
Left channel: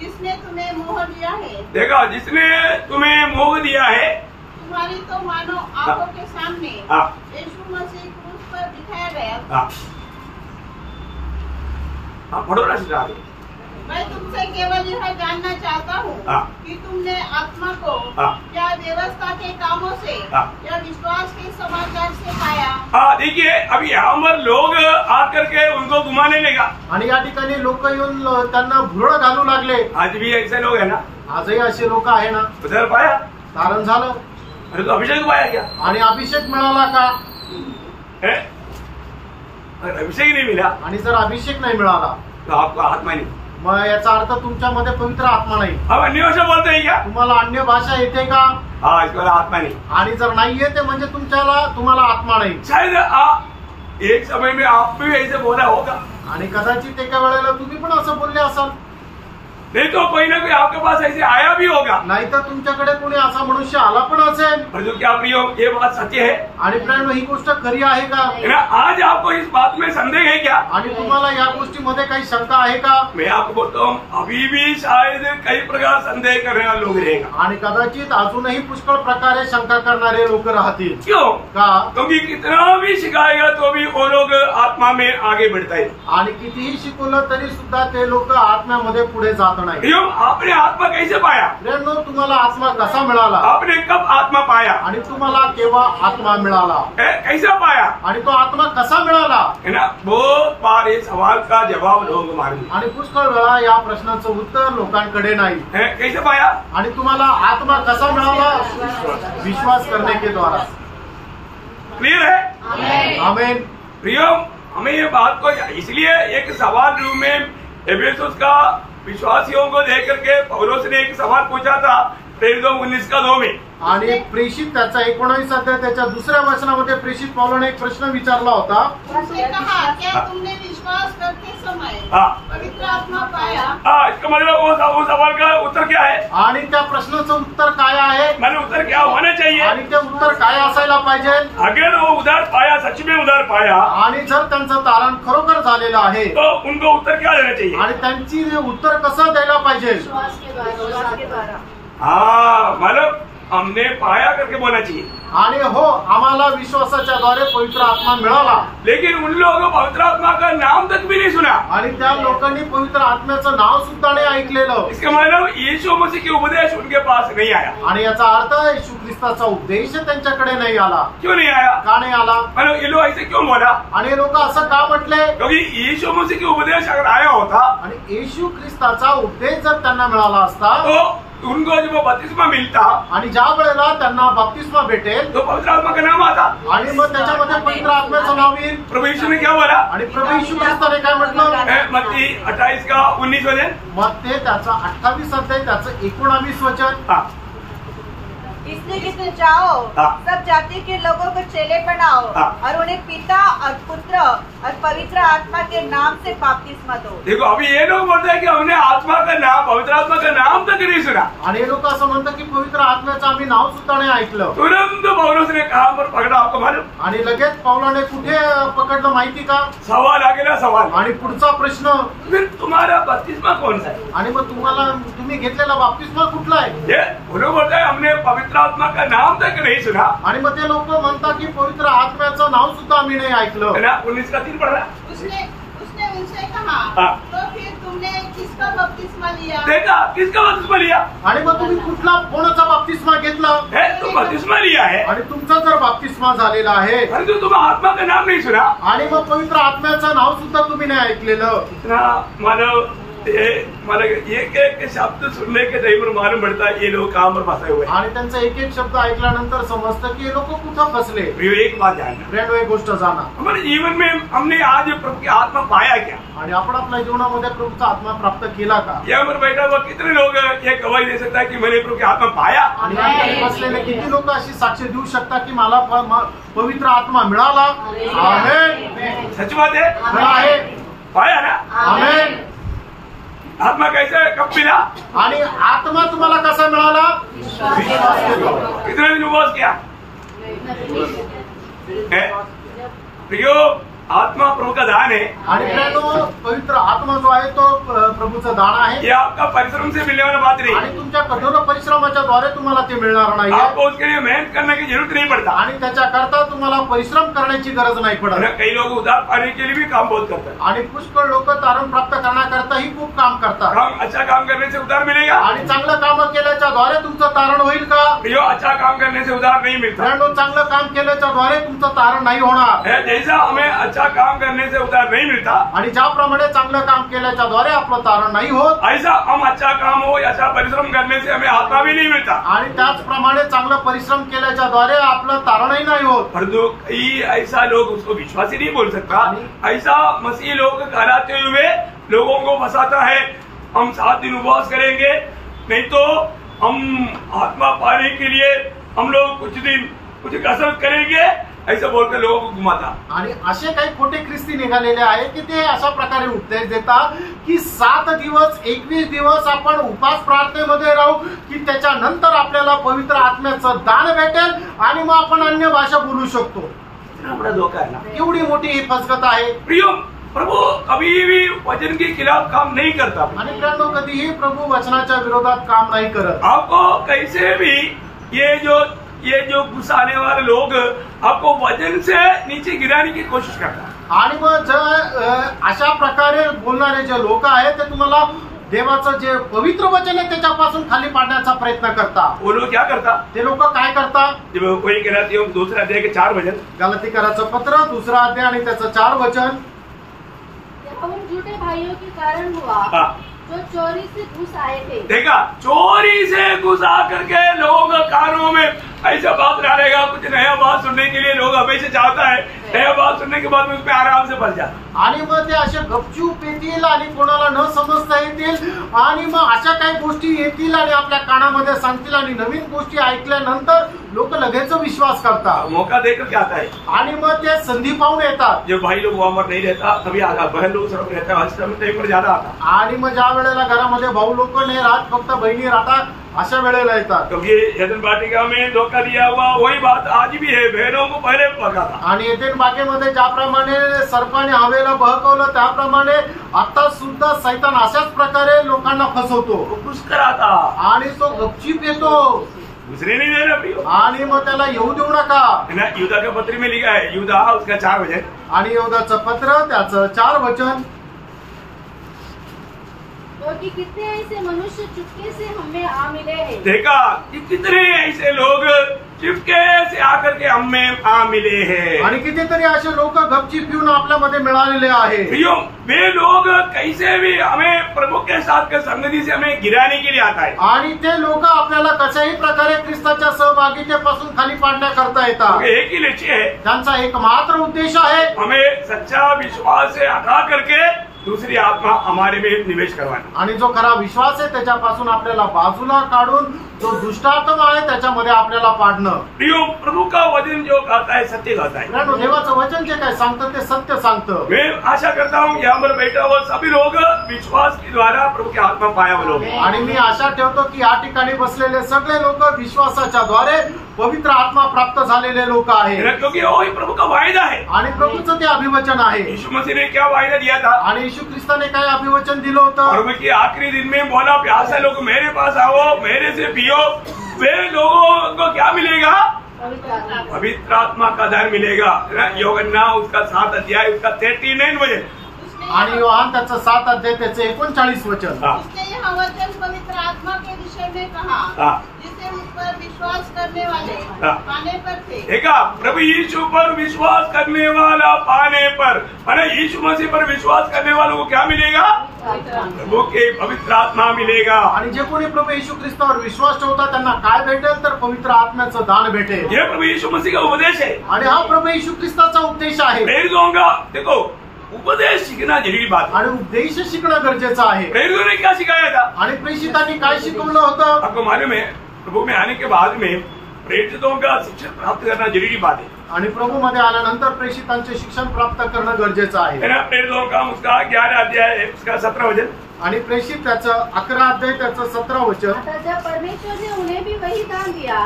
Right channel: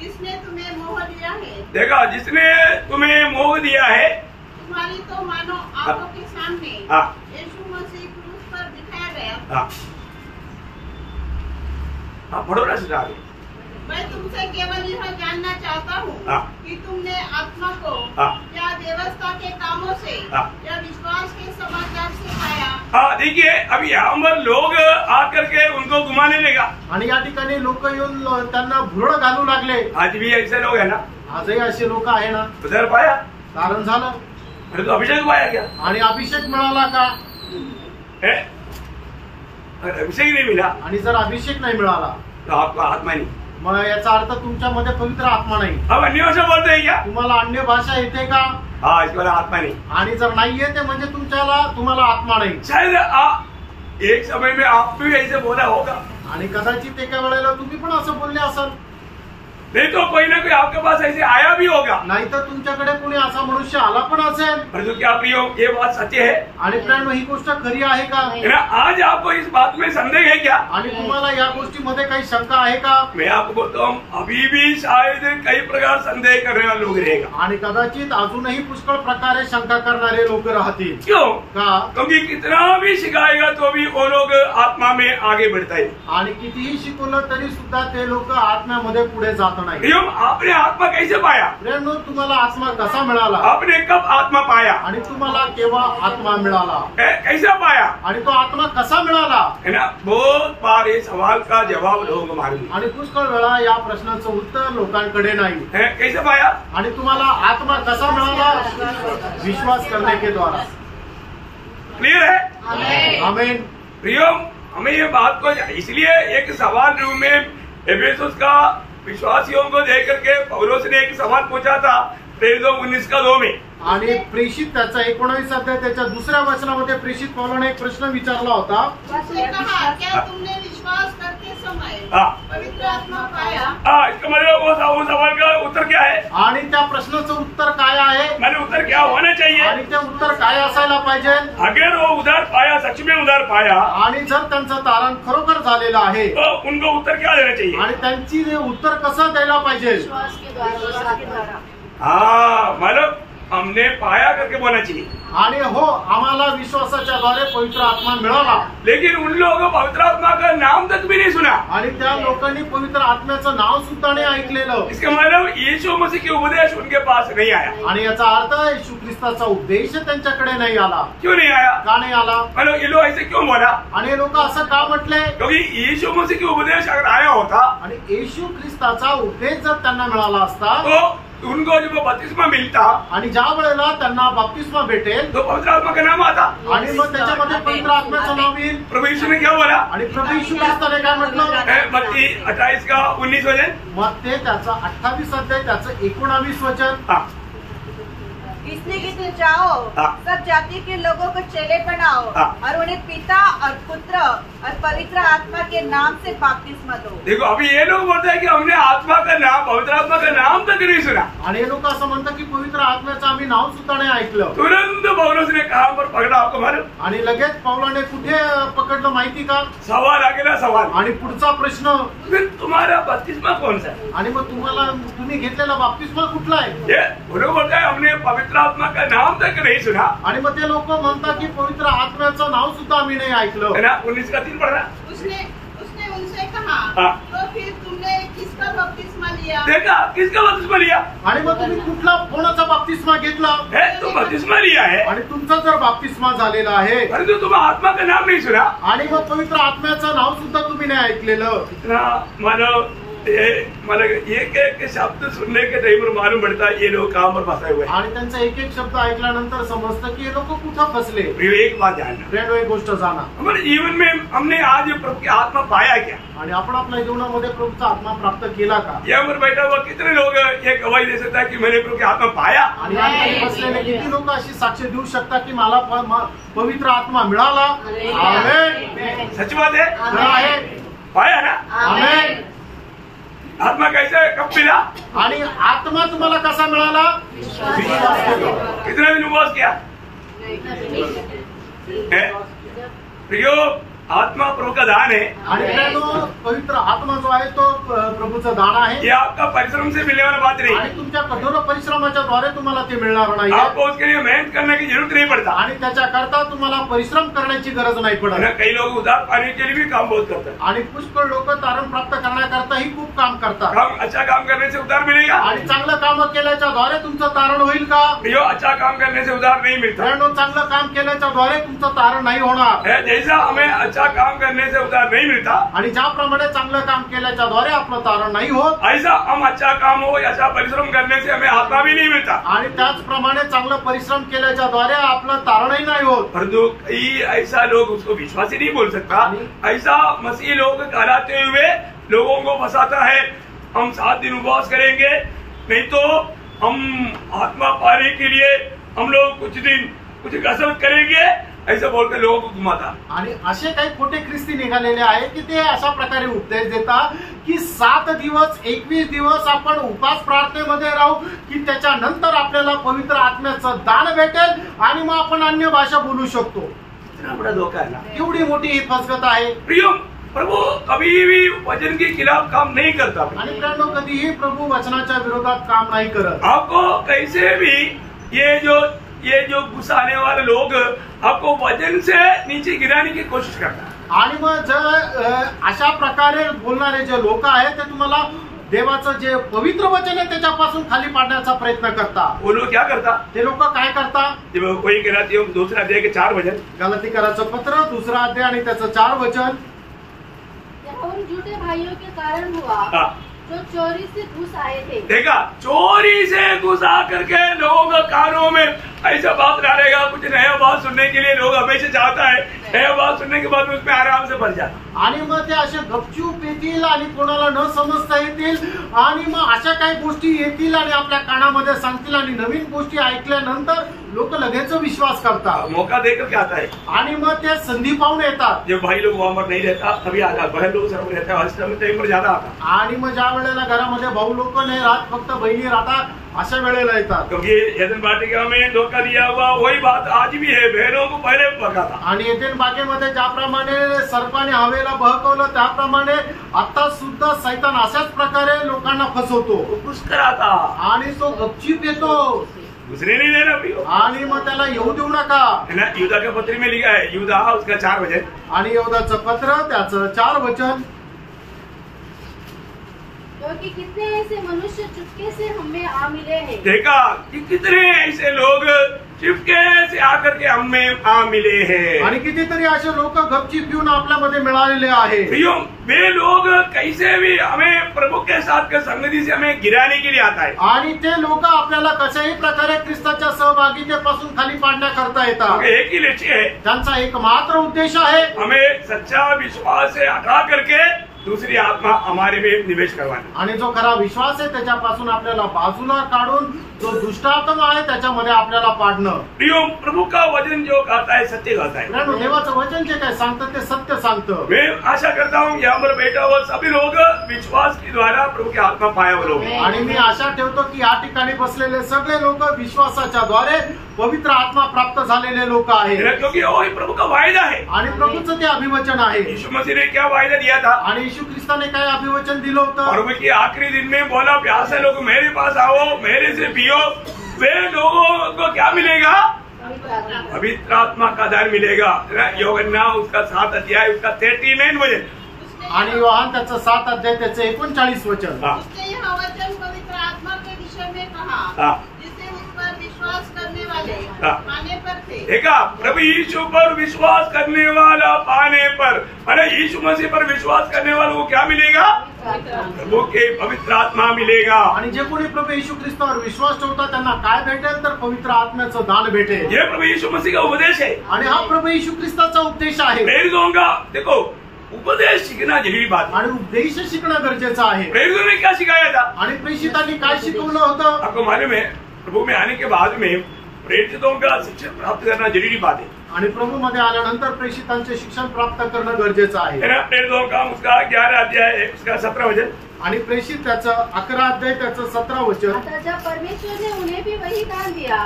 जिसने तुम्हें मोह दिया है, देखा, जिसने तुम्हें मोह दिया है, तुम्हारी तो मानो आंखों के सामने हाँ, यीशु मसीह क्रूस पर दिखाया गया. हाँ, हाँ, पढ़ो ना सीधा आगे. मैं तुमसे केवल यह जानना चाहता हूँ हाँ. कि तुमने आत्मा को हाँ. क्या व्यवस्था के कामों से हाँ. या विश्वास के समाचार से पाया. हाँ, देखिए, अभी यहाँ पर लोग आकर के उनको घुमाने लगा. आणि या ठिकाणी लोक येऊन त्यांना भुरळ घालू लागले. आज भी ऐसे लोग है ना. आजही असे लोक आहे ना. उधर पाया, कारण झालं अरे तो अभिषेक पाया क्या आणि अभिषेक मिळाला का. है? अगर अभिषेक नहीं मिला आणि जर अभिषेक नाही मिळाला तो आपका आत्मा नहीं. मग याचा अर्थ तुमच्यामध्ये पवित्र आत्मा नाही. अब अन्यों से बोलते हैं क्या? तुम्हाला अन्य भाषा येते का. हाँ, इसके बाद आत्मा नहीं. आणि जर नाही येते म्हणजे तुम्हाला आत्मा नाही. शायद एक समय में आप भी ऐसे बोला होगा. आणि कदाचित एका वेळेला तुम्ही पण असं बोलले असाल. नहीं तो कोई ना कोई आपके पास ऐसे आया भी होगा. नाहीतर तुमच्याकडे कोणी असा मनुष्य आला पण असेल. पर जो क्या प्रियो, ये बात सच्ची है. आणि प्रेम ही गोष्ट खरी आहे का. है ना. आज आपको इस बात में संदेह है क्या? आणि तुम्हाला या गोष्टीमध्ये काही शंका आहे का. मैं आपको बोलता हूँ, अभी भी शायद कई प्रकार संदेह करने वाले लोग रहेगा. आणि कदाचित अजूनही पुष्कळ प्रकारे शंका करणारे लोक राहतील. क्यों? का. क्योंकि कितना भी सिखाएगा तो भी वो लोग आत्मा में आगे बढ़ता है. आणि कितीही शिकवलं तरी सुद्धा ते लोक आत्म्यामध्ये पुढे जात नाही. प्रियो, आपने आत्मा कैसे पाया? प्रेम, तुम्हाला आत्मा कसा मिळाला. आपने कब आत्मा पाया? आणि तुम्हाला केव्हा आत्मा मिळाला. कैसा पाया? आणि तो आत्मा कसा मिळाला. है ना. बहुत बार इस सवाल का जवाब लोगों को मालूम नहीं. आणि पुष्कळ वेळा या प्रश्नाचं उत्तर लोकांकडे नाही. कैसे पाया? आणि तुम्हाला आत्मा कसा मिळाला. विश्वास करने के द्वारा. क्लियर है? आमेन. प्रियो, हमें ये बात को इसलिए एक सवाल रूप में एफेसुस का विश्वासियों को देख करके पौलुस ने एक सवाल पूछा था 19:2 में. आणि प्रेषित त्याचा 19 अध्याय त्याच्या 2ऱ्या वचनामध्ये प्रेषित पौलाने एक प्रश्न विचारला होता. उसने कहा, क्या तुमने विश्वास करते समय हाँ. पवित्र आत्मा पाया. हाँ, इसका मतलब वो सवाल का उत्तर क्या है? आणि त्या प्रश्नाचं उत्तर काय आहे. मैंने उत्तर क्या होना चाहिए? आणि ते उत्तर काय असायला पाहिजे. अगर वो उधार पाया, सच में उधार पाया, आणि जर त्यांचं तारण खरोखर झालेलं आहे तो उनको उत्तर क्या देना चाहिए? आणि त्यांची उत्तर कसं द्यायला पाहिजे. विश्वास के द्वारा. हाँ, मतलब हमने पाया करके बोलना चाहिए. आणि हो, आम्हाला विश्वासाच्या द्वारे पवित्र आत्मा मिळाला. लेकिन उन लोगों को पवित्र आत्मा का नाम तक भी नहीं सुना. आणि त्या लोकांनी पवित्र आत्म्याचं नाव सुद्धा नाही ऐकलेलं. इसका मतलब यीशु मसीह के उपदेश उनके पास नहीं आया. आणि याचा अर्थ येशू ख्रिस्ताचा उपदेश त्यांच्याकडे नाही आला. क्यों नहीं आया? का नाही आला. मतलब ये लोग ऐसे क्यों बोला? आणि हे लोक असं का म्हटले. क्योंकि यीशु मसीह के उपदेश अगर आया होता आणि येशू ख्रिस्ताचा उपदेश जर त्यांना मिळाला असता तो उनको जब बपतिस्मा मिलता आणि ज्या वेळेला त्यांना बपतिस्मा भेटेल तो पवित्र आत्मा का नाम आता. आणि मग त्याच्यामध्ये पवित्र आत्म्याचं नाव येईल. प्रभु यीशु ने क्या बोला? आणि प्रभू येशू ख्रिस्ताने काय म्हटलं. मत्ती 28:19 वचन. मग ते त्याचा 28 अध्याय त्याचं 19 वचन. हाँ. इसलिए कि तुम जाओ, हाँ. सब जाति के लोगों को चेले बनाओ, हाँ. और उन्हें पिता और पुत्र और पवित्र आत्मा के नाम से बपतिस्मा दो. देखो, अभी ये लोग बोलते हैं कि हमने आत्मा का नाम, पवित्र आत्मा का नाम तक नहीं सुना. आणि हे लोक असं म्हणतात की पवित्र आत्म्याचं आम्ही नाव सुद्धा नाही ऐकलं. तुरंत पौलुस ने कहा पर पकड़ा, आपको मालूम? आणि लगेच पौलाने कुठे पकडलं माहिती का. सवाल आ गया सवाल. आणि पुढचा प्रश्न, फिर तुम्हारा बपतिस्मा कौन सा है? आणि मग तुम्ही घेतलेला बपतिस्मा कुठला आहे. ये उन्होंने बोलता है हमने पवित्र आत्मा का नाम तक नहीं सुना. आणि मग ते लोक म्हणतात की पवित्र आत्म्याचं नाव सुद्धा आम्ही नाही ऐकलं. है ना. 19:3 पढ़ रहा. उसने उनसे कहा, हाँ. तो फिर तुमने किसका बपतिस्मा लिया. देखा, किसका बपतिस्मा लिया आणि मग तुम्ही कोणाचा बपतिस्मा घेतला. है? तुम बपतिस्मा लिया है, आणि तुमचा जर बपतिस्मा झालेला आहे परंतु तुम आत्मा का नाम नहीं सुना. आणि मग पवित्र आत्म्याचं नाव सुद्धा तुम्ही नाही ऐकलेलं. इतना मानो मला एक एक शब्द सुनने के टाइम पर मालूम पड़ता है ये लोग कहाँ पर फंसे हुए हैं। आणि त्यांचा एक एक शब्द ऐकल्यानंतर समजतं की हे लोक कुठं फसले. एक बात जानना, फ्रेंड, एक गोष्ट जाणा, हमारे जीवन में हमने आज प्रभु की आत्मा पाया क्या? आणि आपण आपल्या जीवनामध्ये प्रभूचा आत्मा प्राप्त केला का? यहाँ पर बैठा हुआ कितने लोग ये गवाही दे सकता है कि मैंने प्रभु की आत्मा पाया? आणि या ठिकाणी बसलेले किती लोक अशी साक्ष देऊ शकतात की मला पवित्र आत्मा मिळाला? आमेन. सच बात है, खरं आहे. पाया ना? आमेन. आत्मा कैसे कब मिला? आणि आत्मा तुम्हाला कसा मिळाला? विश्वास केला. कितने दिन उपवास किया? प्रियो, आत्मा प्रभु का दान है. आणि फ्रेंडो, पवित्र आत्मा जो आहे तो प्रभूचं दान आहे. ये आपका परिश्रम से मिलने वाला बात नहीं. आणि तुमच्या कठोर परिश्रमाच्या द्वारे तुम्हाला ते मिळणार नाही. आपको उसके लिए मेहनत करने की जरूरत नहीं पड़ता. आणि त्याच्याकरता तुम्हाला परिश्रम करण्याची गरज नाही पडत. कई लोग उधार पाने के लिए भी काम बहुत करते हैं. आणि पुष्कळ लोक तारण प्राप्त करण्याकरताही खूप काम करतात. काम अच्छा काम करने से उधार मिलेगा. आणि चांगलं काम केल्याच्या द्वारे तुमचं तारण होईल का? प्रियो, अच्छा काम करने से उधार नहीं मिलता. फ्रेंडो, चांगलं काम केल्याच्या द्वारे तुमचं तारण नाही होणार. जैसा हमें अच्छा काम करने से उधार नहीं मिलता, आणि ज्याप्रमाणे चांगलं काम केल्याच्या द्वारे आपलं तारण नाही होत, ऐसा हम अच्छा काम हो अच्छा परिश्रम करने से हमें आत्मा भी नहीं मिलता. आणि त्याचप्रमाणे चांगलं परिश्रम केल्याच्या द्वारे आपलं तारणही नाही होत. परंतु कई ऐसा लोग उसको विश्वास ही नहीं बोल सकता. ऐसा मसीह लोग कहलाते हुए लोगों को फंसाता है. हम 7 दिन उपवास करेंगे, नहीं तो हम आत्मा पाने के लिए हम लोग कुछ दिन कुछ कसरत करेंगे, ऐसा बोलकर लोगों को घुमाता. आणि असे काही खोटे ख्रिस्ती निघालेले आहेत की ते अशा प्रकारे उपदेश देतात की 7 दिवस 21 दिवस आपण उपास प्रार्थनेमध्ये राहू की त्याच्यानंतर आपल्याला पवित्र आत्म्याचं दान भेटेल आणि मग आपण अन्य भाषा बोलू शकतो. इतना बड़ा धोखा है ना. एवढी मोठी ही फसगत आहे. प्रियो, प्रभु कभी भी वचन के खिलाफ काम नहीं करता. आणि फ्रेंडो, कधीही प्रभू वचनाच्या विरोधात काम नाही करत. आपको कैसे भी ये जो गुस्सा आने वाले लोग आपको वजन से नीचे गिराने की कोशिश करता है. आणि मग जर अशा प्रकारे बोलणारे जे लोक आहेत ते तुम्हाला देवाचं जे पवित्र वचन आहे त्याच्यापासून खाली पाडण्याचा प्रयत्न करतात. वो लोग क्या करता? ते लोक काय करतात? जब कोई कहते हैं दूसरा अध्याय के 4 वचन, गलातीकराचं पत्र 2 अध्याय आणि त्याचं 4 वचन. उन झूठे भाइयों के कारण हुआ जो चोरी से घुस आए थे. देखा, चोरी से घुस आकर के लोगों के कानों में ऐसा बात डालेगा. कुछ नया बात सुनने के लिए लोग हमेशा चाहता है, नया बात सुनने के बाद उसमें आराम से भर जाता. आणि मग ते असे गपचूप येतील आणि कोणाला न समजता येतील आणि मग अशा काही गोष्टी येतील आणि आपल्या कानामध्ये सांगतील आणि नवीन गोष्टी ऐकल्यानंतर लोक लगेच विश्वास करतात. मौका देकर क्या आता है. आणि मग ते संधी पाहून येतात. जो भाई लोग वहां पर नहीं रहता तभी आता, बहन लोग सर्व रहता है, टाइम पर ज्यादा आता. आणि मग ज्या वेळेला घरामध्ये भाऊ लोक नाही राहत, फक्त बहिणी राहतात, अशा वेळेला येतात. क्योंकि एदन वाटिका में धोखा दिया हुआ वही बात आज भी है. बहनों को पहले भगाता. आणि एदेन बागेमध्ये ज्याप्रमाणे सर्पाने हवेला बहकवलं त्याप्रमाणे आता सुद्धा सैतान अशाच प्रकारे लोकांना फसवतो. खुश कराता आणि तो गपचीप येतो. दूसरे नहीं देना प्रियो. आणि मग त्याला येऊ देऊ नका. है ना. युद्धा के पत्र में लिखा है, युद्धा उसका 4 वचन, आणि योद्धाचं पत्र त्याचं 4 वचन. क्योंकि कितने ऐसे मनुष्य चुपके से हमें आ मिले हैं. देखा कि कितने ऐसे लोग चुपके से आकर के हमें आ मिले हैं. आणि कितीतरी असे लोक गपचीप येऊन आपल्यामध्ये मिळालेले आहे. प्रियो, वे लोग कैसे भी हमें प्रभु के साथ के संगति से हमें गिराने के लिए आता है. आणि ते लोक आपल्याला कशाही प्रकारे ख्रिस्ताच्या सहभागितेपासून खाली पाडण्याकरता येतात. एक ही लक्ष्य है, त्यांचा एक मात्र उद्देश आहे, हमें सच्चा विश्वास से हटा करके दूसरी आत्मा हमारे में निवेश करवाना. आणि जो खरा विश्वास आहे त्याच्यापासून आपल्याला बाजूला काढून जो दुष्टात्मा आहे त्याच्यामध्ये आपल्याला पाडणं. प्रियो, प्रभु का वचन जो कहता है सत्य कहता है. मित्रांनो, देवाचं वचन जे काय सांगतं ते सत्य सांगतं. मैं आशा करता हूँ यहाँ पर बैठा हुआ सभी लोग विश्वास के द्वारा प्रभु की आत्मा पाया हुए लोग. आणि मी आशा ठेवतो की या ठिकाणी बसलेले सगळे लोक विश्वासाच्या द्वारे पवित्र आत्मा प्राप्त झालेले लोक आहेत. क्योंकि वही प्रभु का वायदा है. आणि प्रभूचं ते अभिवचन आहे. यीशु मसीह ने क्या वायदा दिया था. आणि येशू ख्रिस्ताने काय अभिवचन दिलं होतं. प्रभु के आखिरी दिन में बोला, प्यासे लोग मेरे पास आओ, मेरे से पियो. वे लोगों को क्या मिलेगा. पवित्र आत्मा का दान मिलेगा. योहन्ना उसका 7 अध्याय उसका 39 वचन. आणि योहान त्याचं 7 अध्याय त्याचं 39 वचन. इसने यह वचन पवित्र आत्मा के विषय में कहा जिसे उस पर विश्वास करने वाले पाने पर थे. देखा, प्रभु यीशु पर विश्वास करने वाला पाने पर, अरे यीशु मसीह पर विश्वास करने वालों को क्या मिलेगा. प्रभु के पवित्र आत्मा मिलेगा। आणि जे कोणी प्रभू येशू ख्रिस्तावर विश्वास ठेवतात त्यांना काय भेटेल तर पवित्र आत्म्याचं दान भेटेल। ये प्रभु यीशु मसीह का उपदेश है आणि हा प्रभू येशू ख्रिस्ताचा उपदेश आहे। प्रेरितों का देखो उपदेश सीखना जरूरी बात है। आणि उपदेश शिकणं गरजेचं आहे। प्रेरितों ने क्या सिखाया था? आणि प्रेषितांनी काय शिकवलं होतं? आपको मालूम है प्रभु में आने के बाद में प्रेरितों का शिक्षण प्राप्त करना जरूरी बात है। आणि प्रभू मध्ये आल्यानंतर प्रेषितांचे शिक्षण प्राप्त करणं गरजेचं आहे। प्रेरितों का उसका 11 अध्याय है, उसका 17 वचन। आणि प्रेषित त्याचं 11 अध्याय त्याचं 17 वचन। अतः जब परमेश्वर ने उन्हें भी वही दान दिया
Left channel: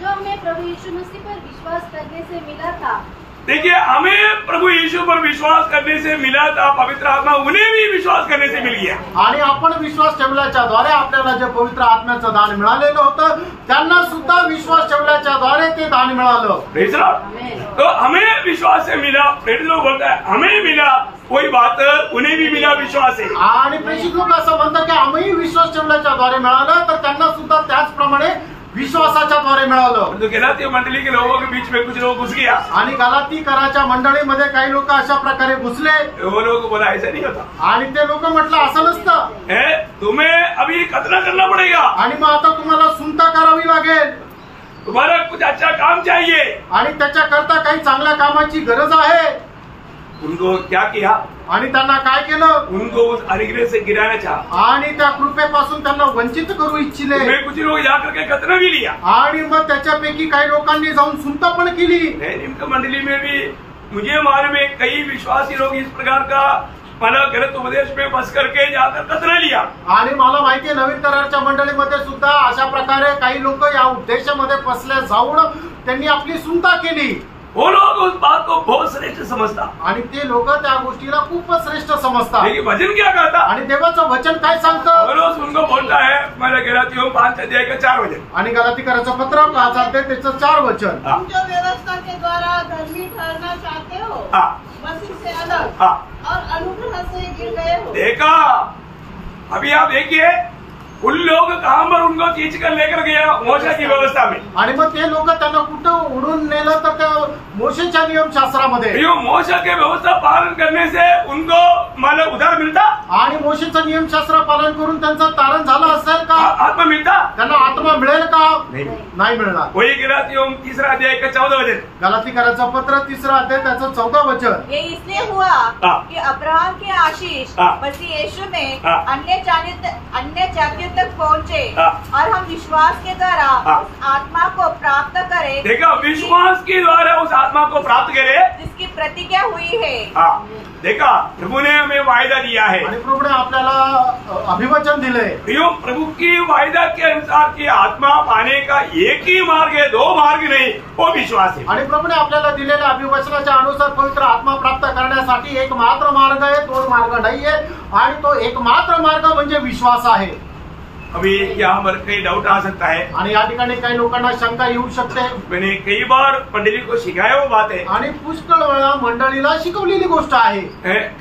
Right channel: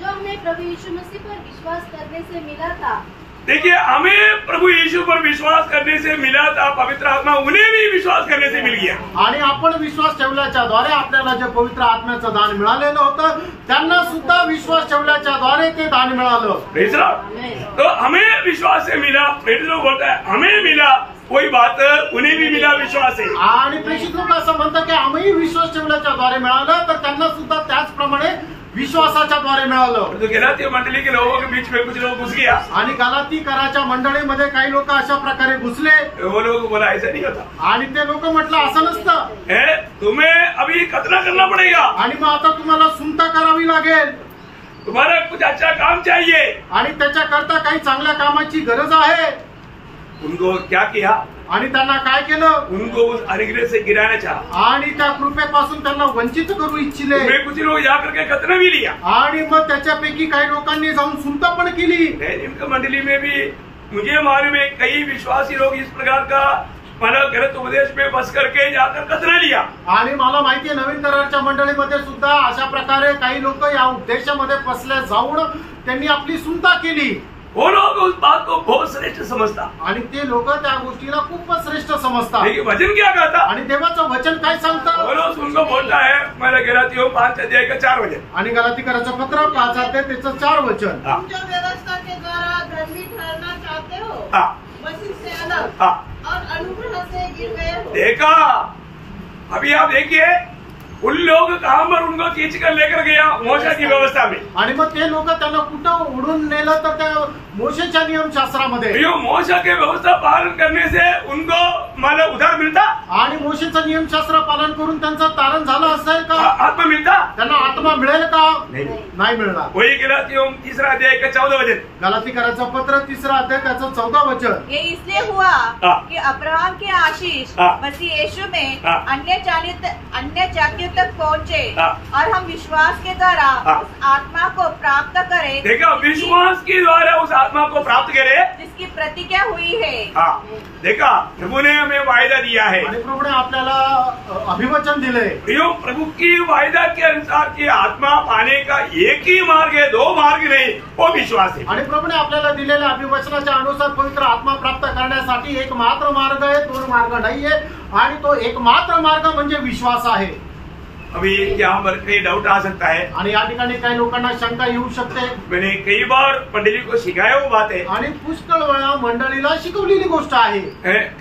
जो हमें प्रभु यीशु मसीह पर विश्वास करने से मिला था। देखिए हमें प्रभु यीशु पर विश्वास करने से मिला था, पवित्र आत्मा उन्हें भी विश्वास करने से मिल गया। आणि आपण विश्वास ठेवल्याच्या द्वारे आपल्याला जे पवित्र आत्म्याचं दान मिळालेलं होतं त्यांना सुद्धा विश्वास ठेवल्याच्या द्वारे ते दान मिळालं। Praise Lord. तो हमें विश्वास से मिला, प्रेरित लोग बोलता है हमें मिला, कोई बात उन्हें भी मिला विश्वास है। आणि प्रेषित लोक असं म्हणतात की आम्ही विश्वास ठेवल्याच्या द्वारे मिळालं तर त्यांना सुद्धा त्याचप्रमाणे विश्वासाच्या द्वारे मिळालं। तो गलाती मंडली के लोगों के बीच में कुछ लोग घुस गया आणि गलातीकराच्या मंडळीमध्ये काही लोक अशा प्रकारे घुसले। वो लोग बोला ऐसा नहीं होता आणि ते लोक म्हटलं असं नसतं, तुम्हें अभी खतना करना पड़ेगा आणि मग आता तुम्हाला सुनता करावी लागेल, तुम्हाला कुछ अच्छा काम चाहिए आणि त्याच्याकरता काही चांगल्या कामाची गरज आहे। उनको क्या किया? आणि त्यांना काय केलं? उनको उस अनुग्रह से गिराना चाहा आणि त्या कृपेपासून त्यांना वंचित करू इच्छिले। कुछ लोग जाकर के खतना भी लिया आणि मग त्याच्यापैकी काही लोकांनी जाऊन सुनता पण केली। इनका मंडली में भी मुझे मालूम है कई विश्वासी लोग इस प्रकार का मला गलत उपदेश में बस करके जाकर खतना लिया। आणि मला माहितीये नवीन करारच्या मंडळीमध्ये सुद्धा अशा प्रकारे काही लोक या उपदेशामध्ये फसले जाऊन त्यांनी आपली सुनता केली। वो लोग उस बात को बहुत श्रेष्ठ समझता आणि ते लोक त्या गोष्टीला खूपच श्रेष्ठ समजतात। लेकिन वचन क्या कहता? आणि देवाचं वचन काय सांगतं? पौलुस उनको बोलता है मैं गलातियों 5 अध्याय का 4 वचन। आणि गलातीकराचं पत्र 5 अध्याय त्याचं 4 वचन। तुम जो व्यवस्था के द्वारा धर्मी ठहरना चाहते हो मसीह से अलग और अनुग्रह से गिर गए हो। देखा अभी आप देखिए उन लोग कहां पर उनको खींच कर लेकर गया मोशे की व्यवस्था में। आणि मग ते लोक त्यांना कुठं उडून नेलं तर त्या मोशेच्या नियमशास्त्रामध्ये। मोशे के व्यवस्था पालन करने से उनको मतलब उधार मिलता आणि मोशेचं नियमशास्त्र पालन करून त्यांचं तारण झालं असेल का? आत्मा मिलता? त्यांना आत्मा मिळेल का? नाही मिळणार। वही गलातियों 3 अध्याय का 14 वचन। गलातीकराचं पत्र 3 अध्याय त्याचं 14 वचन। ये इसलिए हुआ कि अब्राहम के आशीष मसीह यीशु में अन्य जातियों तक पहुँचे और हम विश्वास के द्वारा उस आत्मा को प्राप्त करें। देखा विश्वास के द्वारा उस आत्मा को प्राप्त करे जिसकी प्रतिज्ञा हुई है। देखा प्रभु ने हमें वायदा दिया है आणि प्रभूने आपल्याला अभिवचन दिले। प्रभु की वायदा के अनुसार की आत्मा पाने का एक ही मार्ग है, 2 मार्ग नहीं, वो विश्वास है। आणि प्रभूने आपल्याला दिलेल्या अभिवचनाच्या अनुसार पवित्र आत्मा प्राप्त करण्यासाठी एक मात्र मार्ग आहे, 2 मार्ग नाहीये। आणि तो एक मात्र मार्ग म्हणजे विश्वास आहे। अभी यहाँ पर कई डाउट आ सकता है आणि या ठिकाणी काही लोकांना शंका येऊ शकते। मैंने कई बार मंडली को सिखाया वो बात है आणि पुष्कळ वेळा मंडळीला शिकवलेली गोष्ट आहे।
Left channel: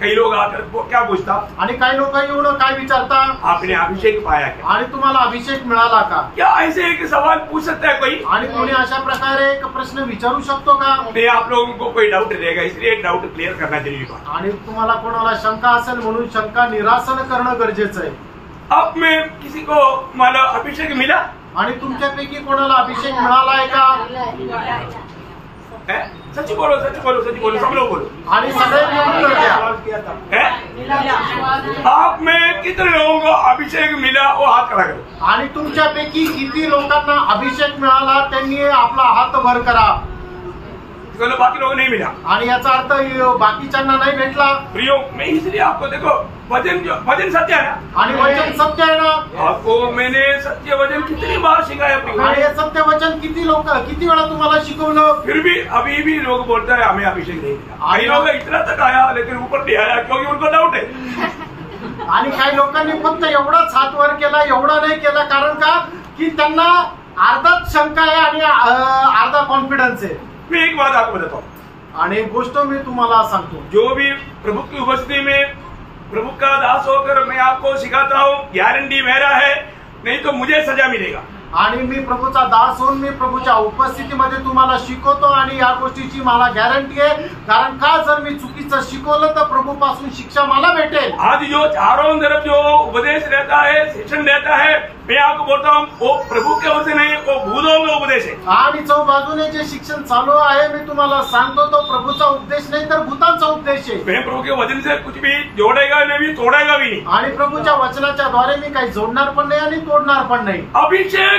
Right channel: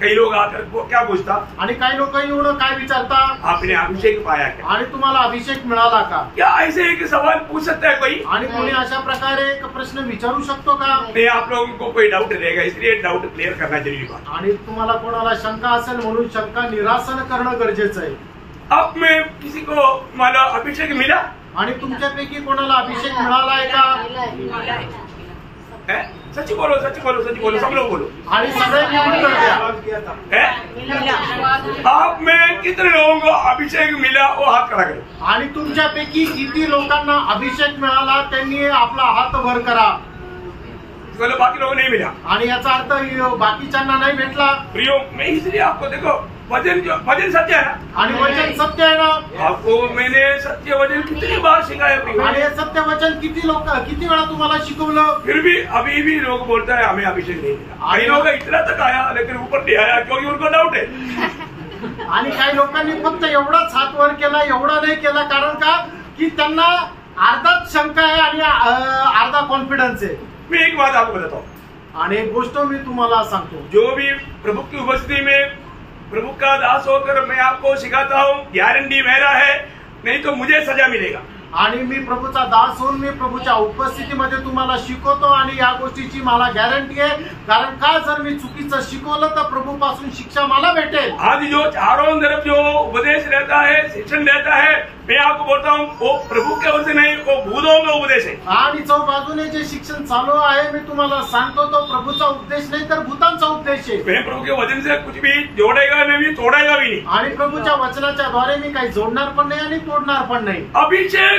कई लोग आकर क्या पूछता? आणि काही लोक येऊन काय विचारता? आपने अभिषेक पाया क्या? आणि तुम्हाला अभिषेक मिळाला का? क्या ऐसे एक सवाल पूछ सकता है कोई? आणि कोणी अशा प्रकारे एक प्रश्न विचारू शकतो का? नहीं, आप लोगों को कोई डाउट रहेगा इसलिए डाउट क्लियर करना जरूरी बात। आणि तुम्हाला कोणाला शंका असेल म्हणून शंका निरासन करणं गरजेचं आहे। अब में किसी को माला अभिषेक मिला? आणि तुमच्यापैकी कोणाला अभिषेक मिळालाय का? सच बोलो, सच बोलो, सच बोलो, सब लोग बोलो। आणि सगळ्यांनी उत्तर द्या। आप में कितने लोगों को अभिषेक मिला वो हाथ खड़ा करो। आणि तुमच्यापैकी किती लोकांना अभिषेक मिळाला त्यांनी आपला हात वर करा। बाकी लोगों नहीं मिला आणि याचा अर्थ बाकीच्यांना नाही भेटला। प्रियो मैं इसलिए आपको देखो वचन सत्य है आणि वचन सत्य आहे ना। आपको मैंने सत्य वचन कितनी बार सिखाया प्रियो। आणि हे सत्य वचन किती वेळा तुम्हाला शिकवलं? फिर भी अभी भी लोग बोलता है हमें अभिषेक नहीं मिला। कई लोग इतना तक आया लेकिन ऊपर नहीं आया क्योंकि उनको डाउट है। आणि काही लोकांनी फक्त एवढाच हात वर केला, एवढा नाही केला, कारण का की त्यांना अर्धाच शंका आहे आणि अर्धा कॉन्फिडन्स आहे। मैं एक बात आपको बताता हूँ आणि एक गोष्ट मी तुम्हाला सांगतो, जो भी प्रभु की उपस्थिति में प्रभु का दास होकर मैं आपको सिखाता हूँ गारंटी मेरा है, नहीं तो मुझे सजा मिलेगा। आणि मी प्रभूचा दास होऊन मी प्रभूच्या उपस्थितीमध्ये तुम्हाला शिकवतो आणि या गोष्टीची मला गॅरंटी आहे, कारण का जर मी चुकीचं शिकवलं तर प्रभूपासून शिक्षा मला भेटेल। आज जो चारों तरफ जो उपदेश रहता है, शिक्षण रहता है, मैं आपको बोलता हूँ वो प्रभु के ओर से नहीं, वो भूतों में उपदेश है। आणि चौ बाजूने जे शिक्षण चालू आहे मी तुम्हाला सांगतो तो प्रभूचा उपदेश नाही तर भूतांचा उपदेश आहे। मैं प्रभु के वचन से कुछ भी जोड़ेगा नहीं, तोड़ेगा भी नहीं। आणि प्रभूच्या वचनाच्या द्वारे मी काही जोडणार पण नाही आणि तोडणार पण नाही। अभिषेक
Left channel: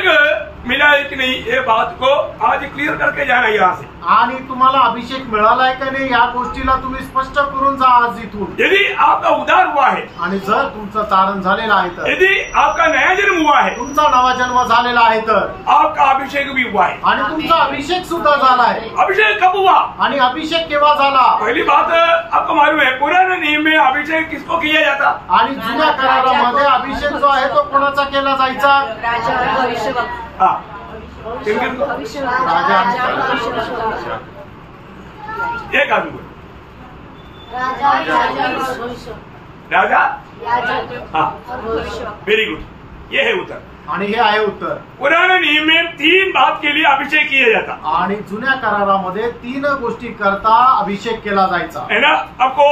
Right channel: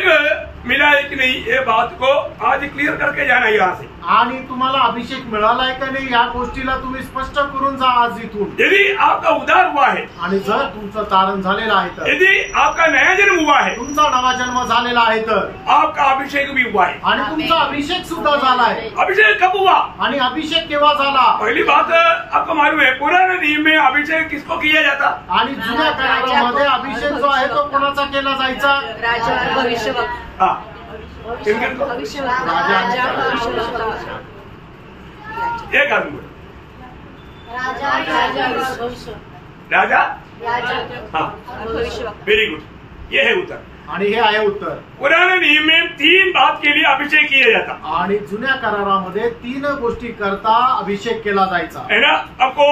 मिला है कि नहीं, ये बात को आज क्लियर करके जाना यहाँ से। आणि तुम्हाला अभिषेक मिळालाय का नाही या गोष्टीला तुम्ही स्पष्ट करून जा आज इथून। यदि आपका उद्धार हुआ है, आणि जर तुमचं तारण झालेलं आहे तर, यदि आपका नया जन्म हुआ है, तुमचा नवा जन्म झालेला आहे तर, आपका अभिषेक भी हुआ है। आणि तुमचा अभिषेक सुद्धा झालाय। अभिषेक कब हुआ? आणि अभिषेक केव्हा झाला? पहली बात आपको मालूम है, पुराने नियम में अभिषेक किसको किया जाता? आणि जुन्या करारामध्ये अभिषेक जो आहे तो कोणाचा केला जायचा? राजा भविष्यवक्ता। हाँ, किन-किन को? राजा आणि एक आदमी को। राजा, हाँ, वेरी गुड, ये है उत्तर। आणि हे आहे उत्तर। पुराने नियम में 3 बात के लिए अभिषेक किया जाता आणि जुन्या करारामध्ये 3 गोष्टी करता अभिषेक केला जायचा है ना। आपको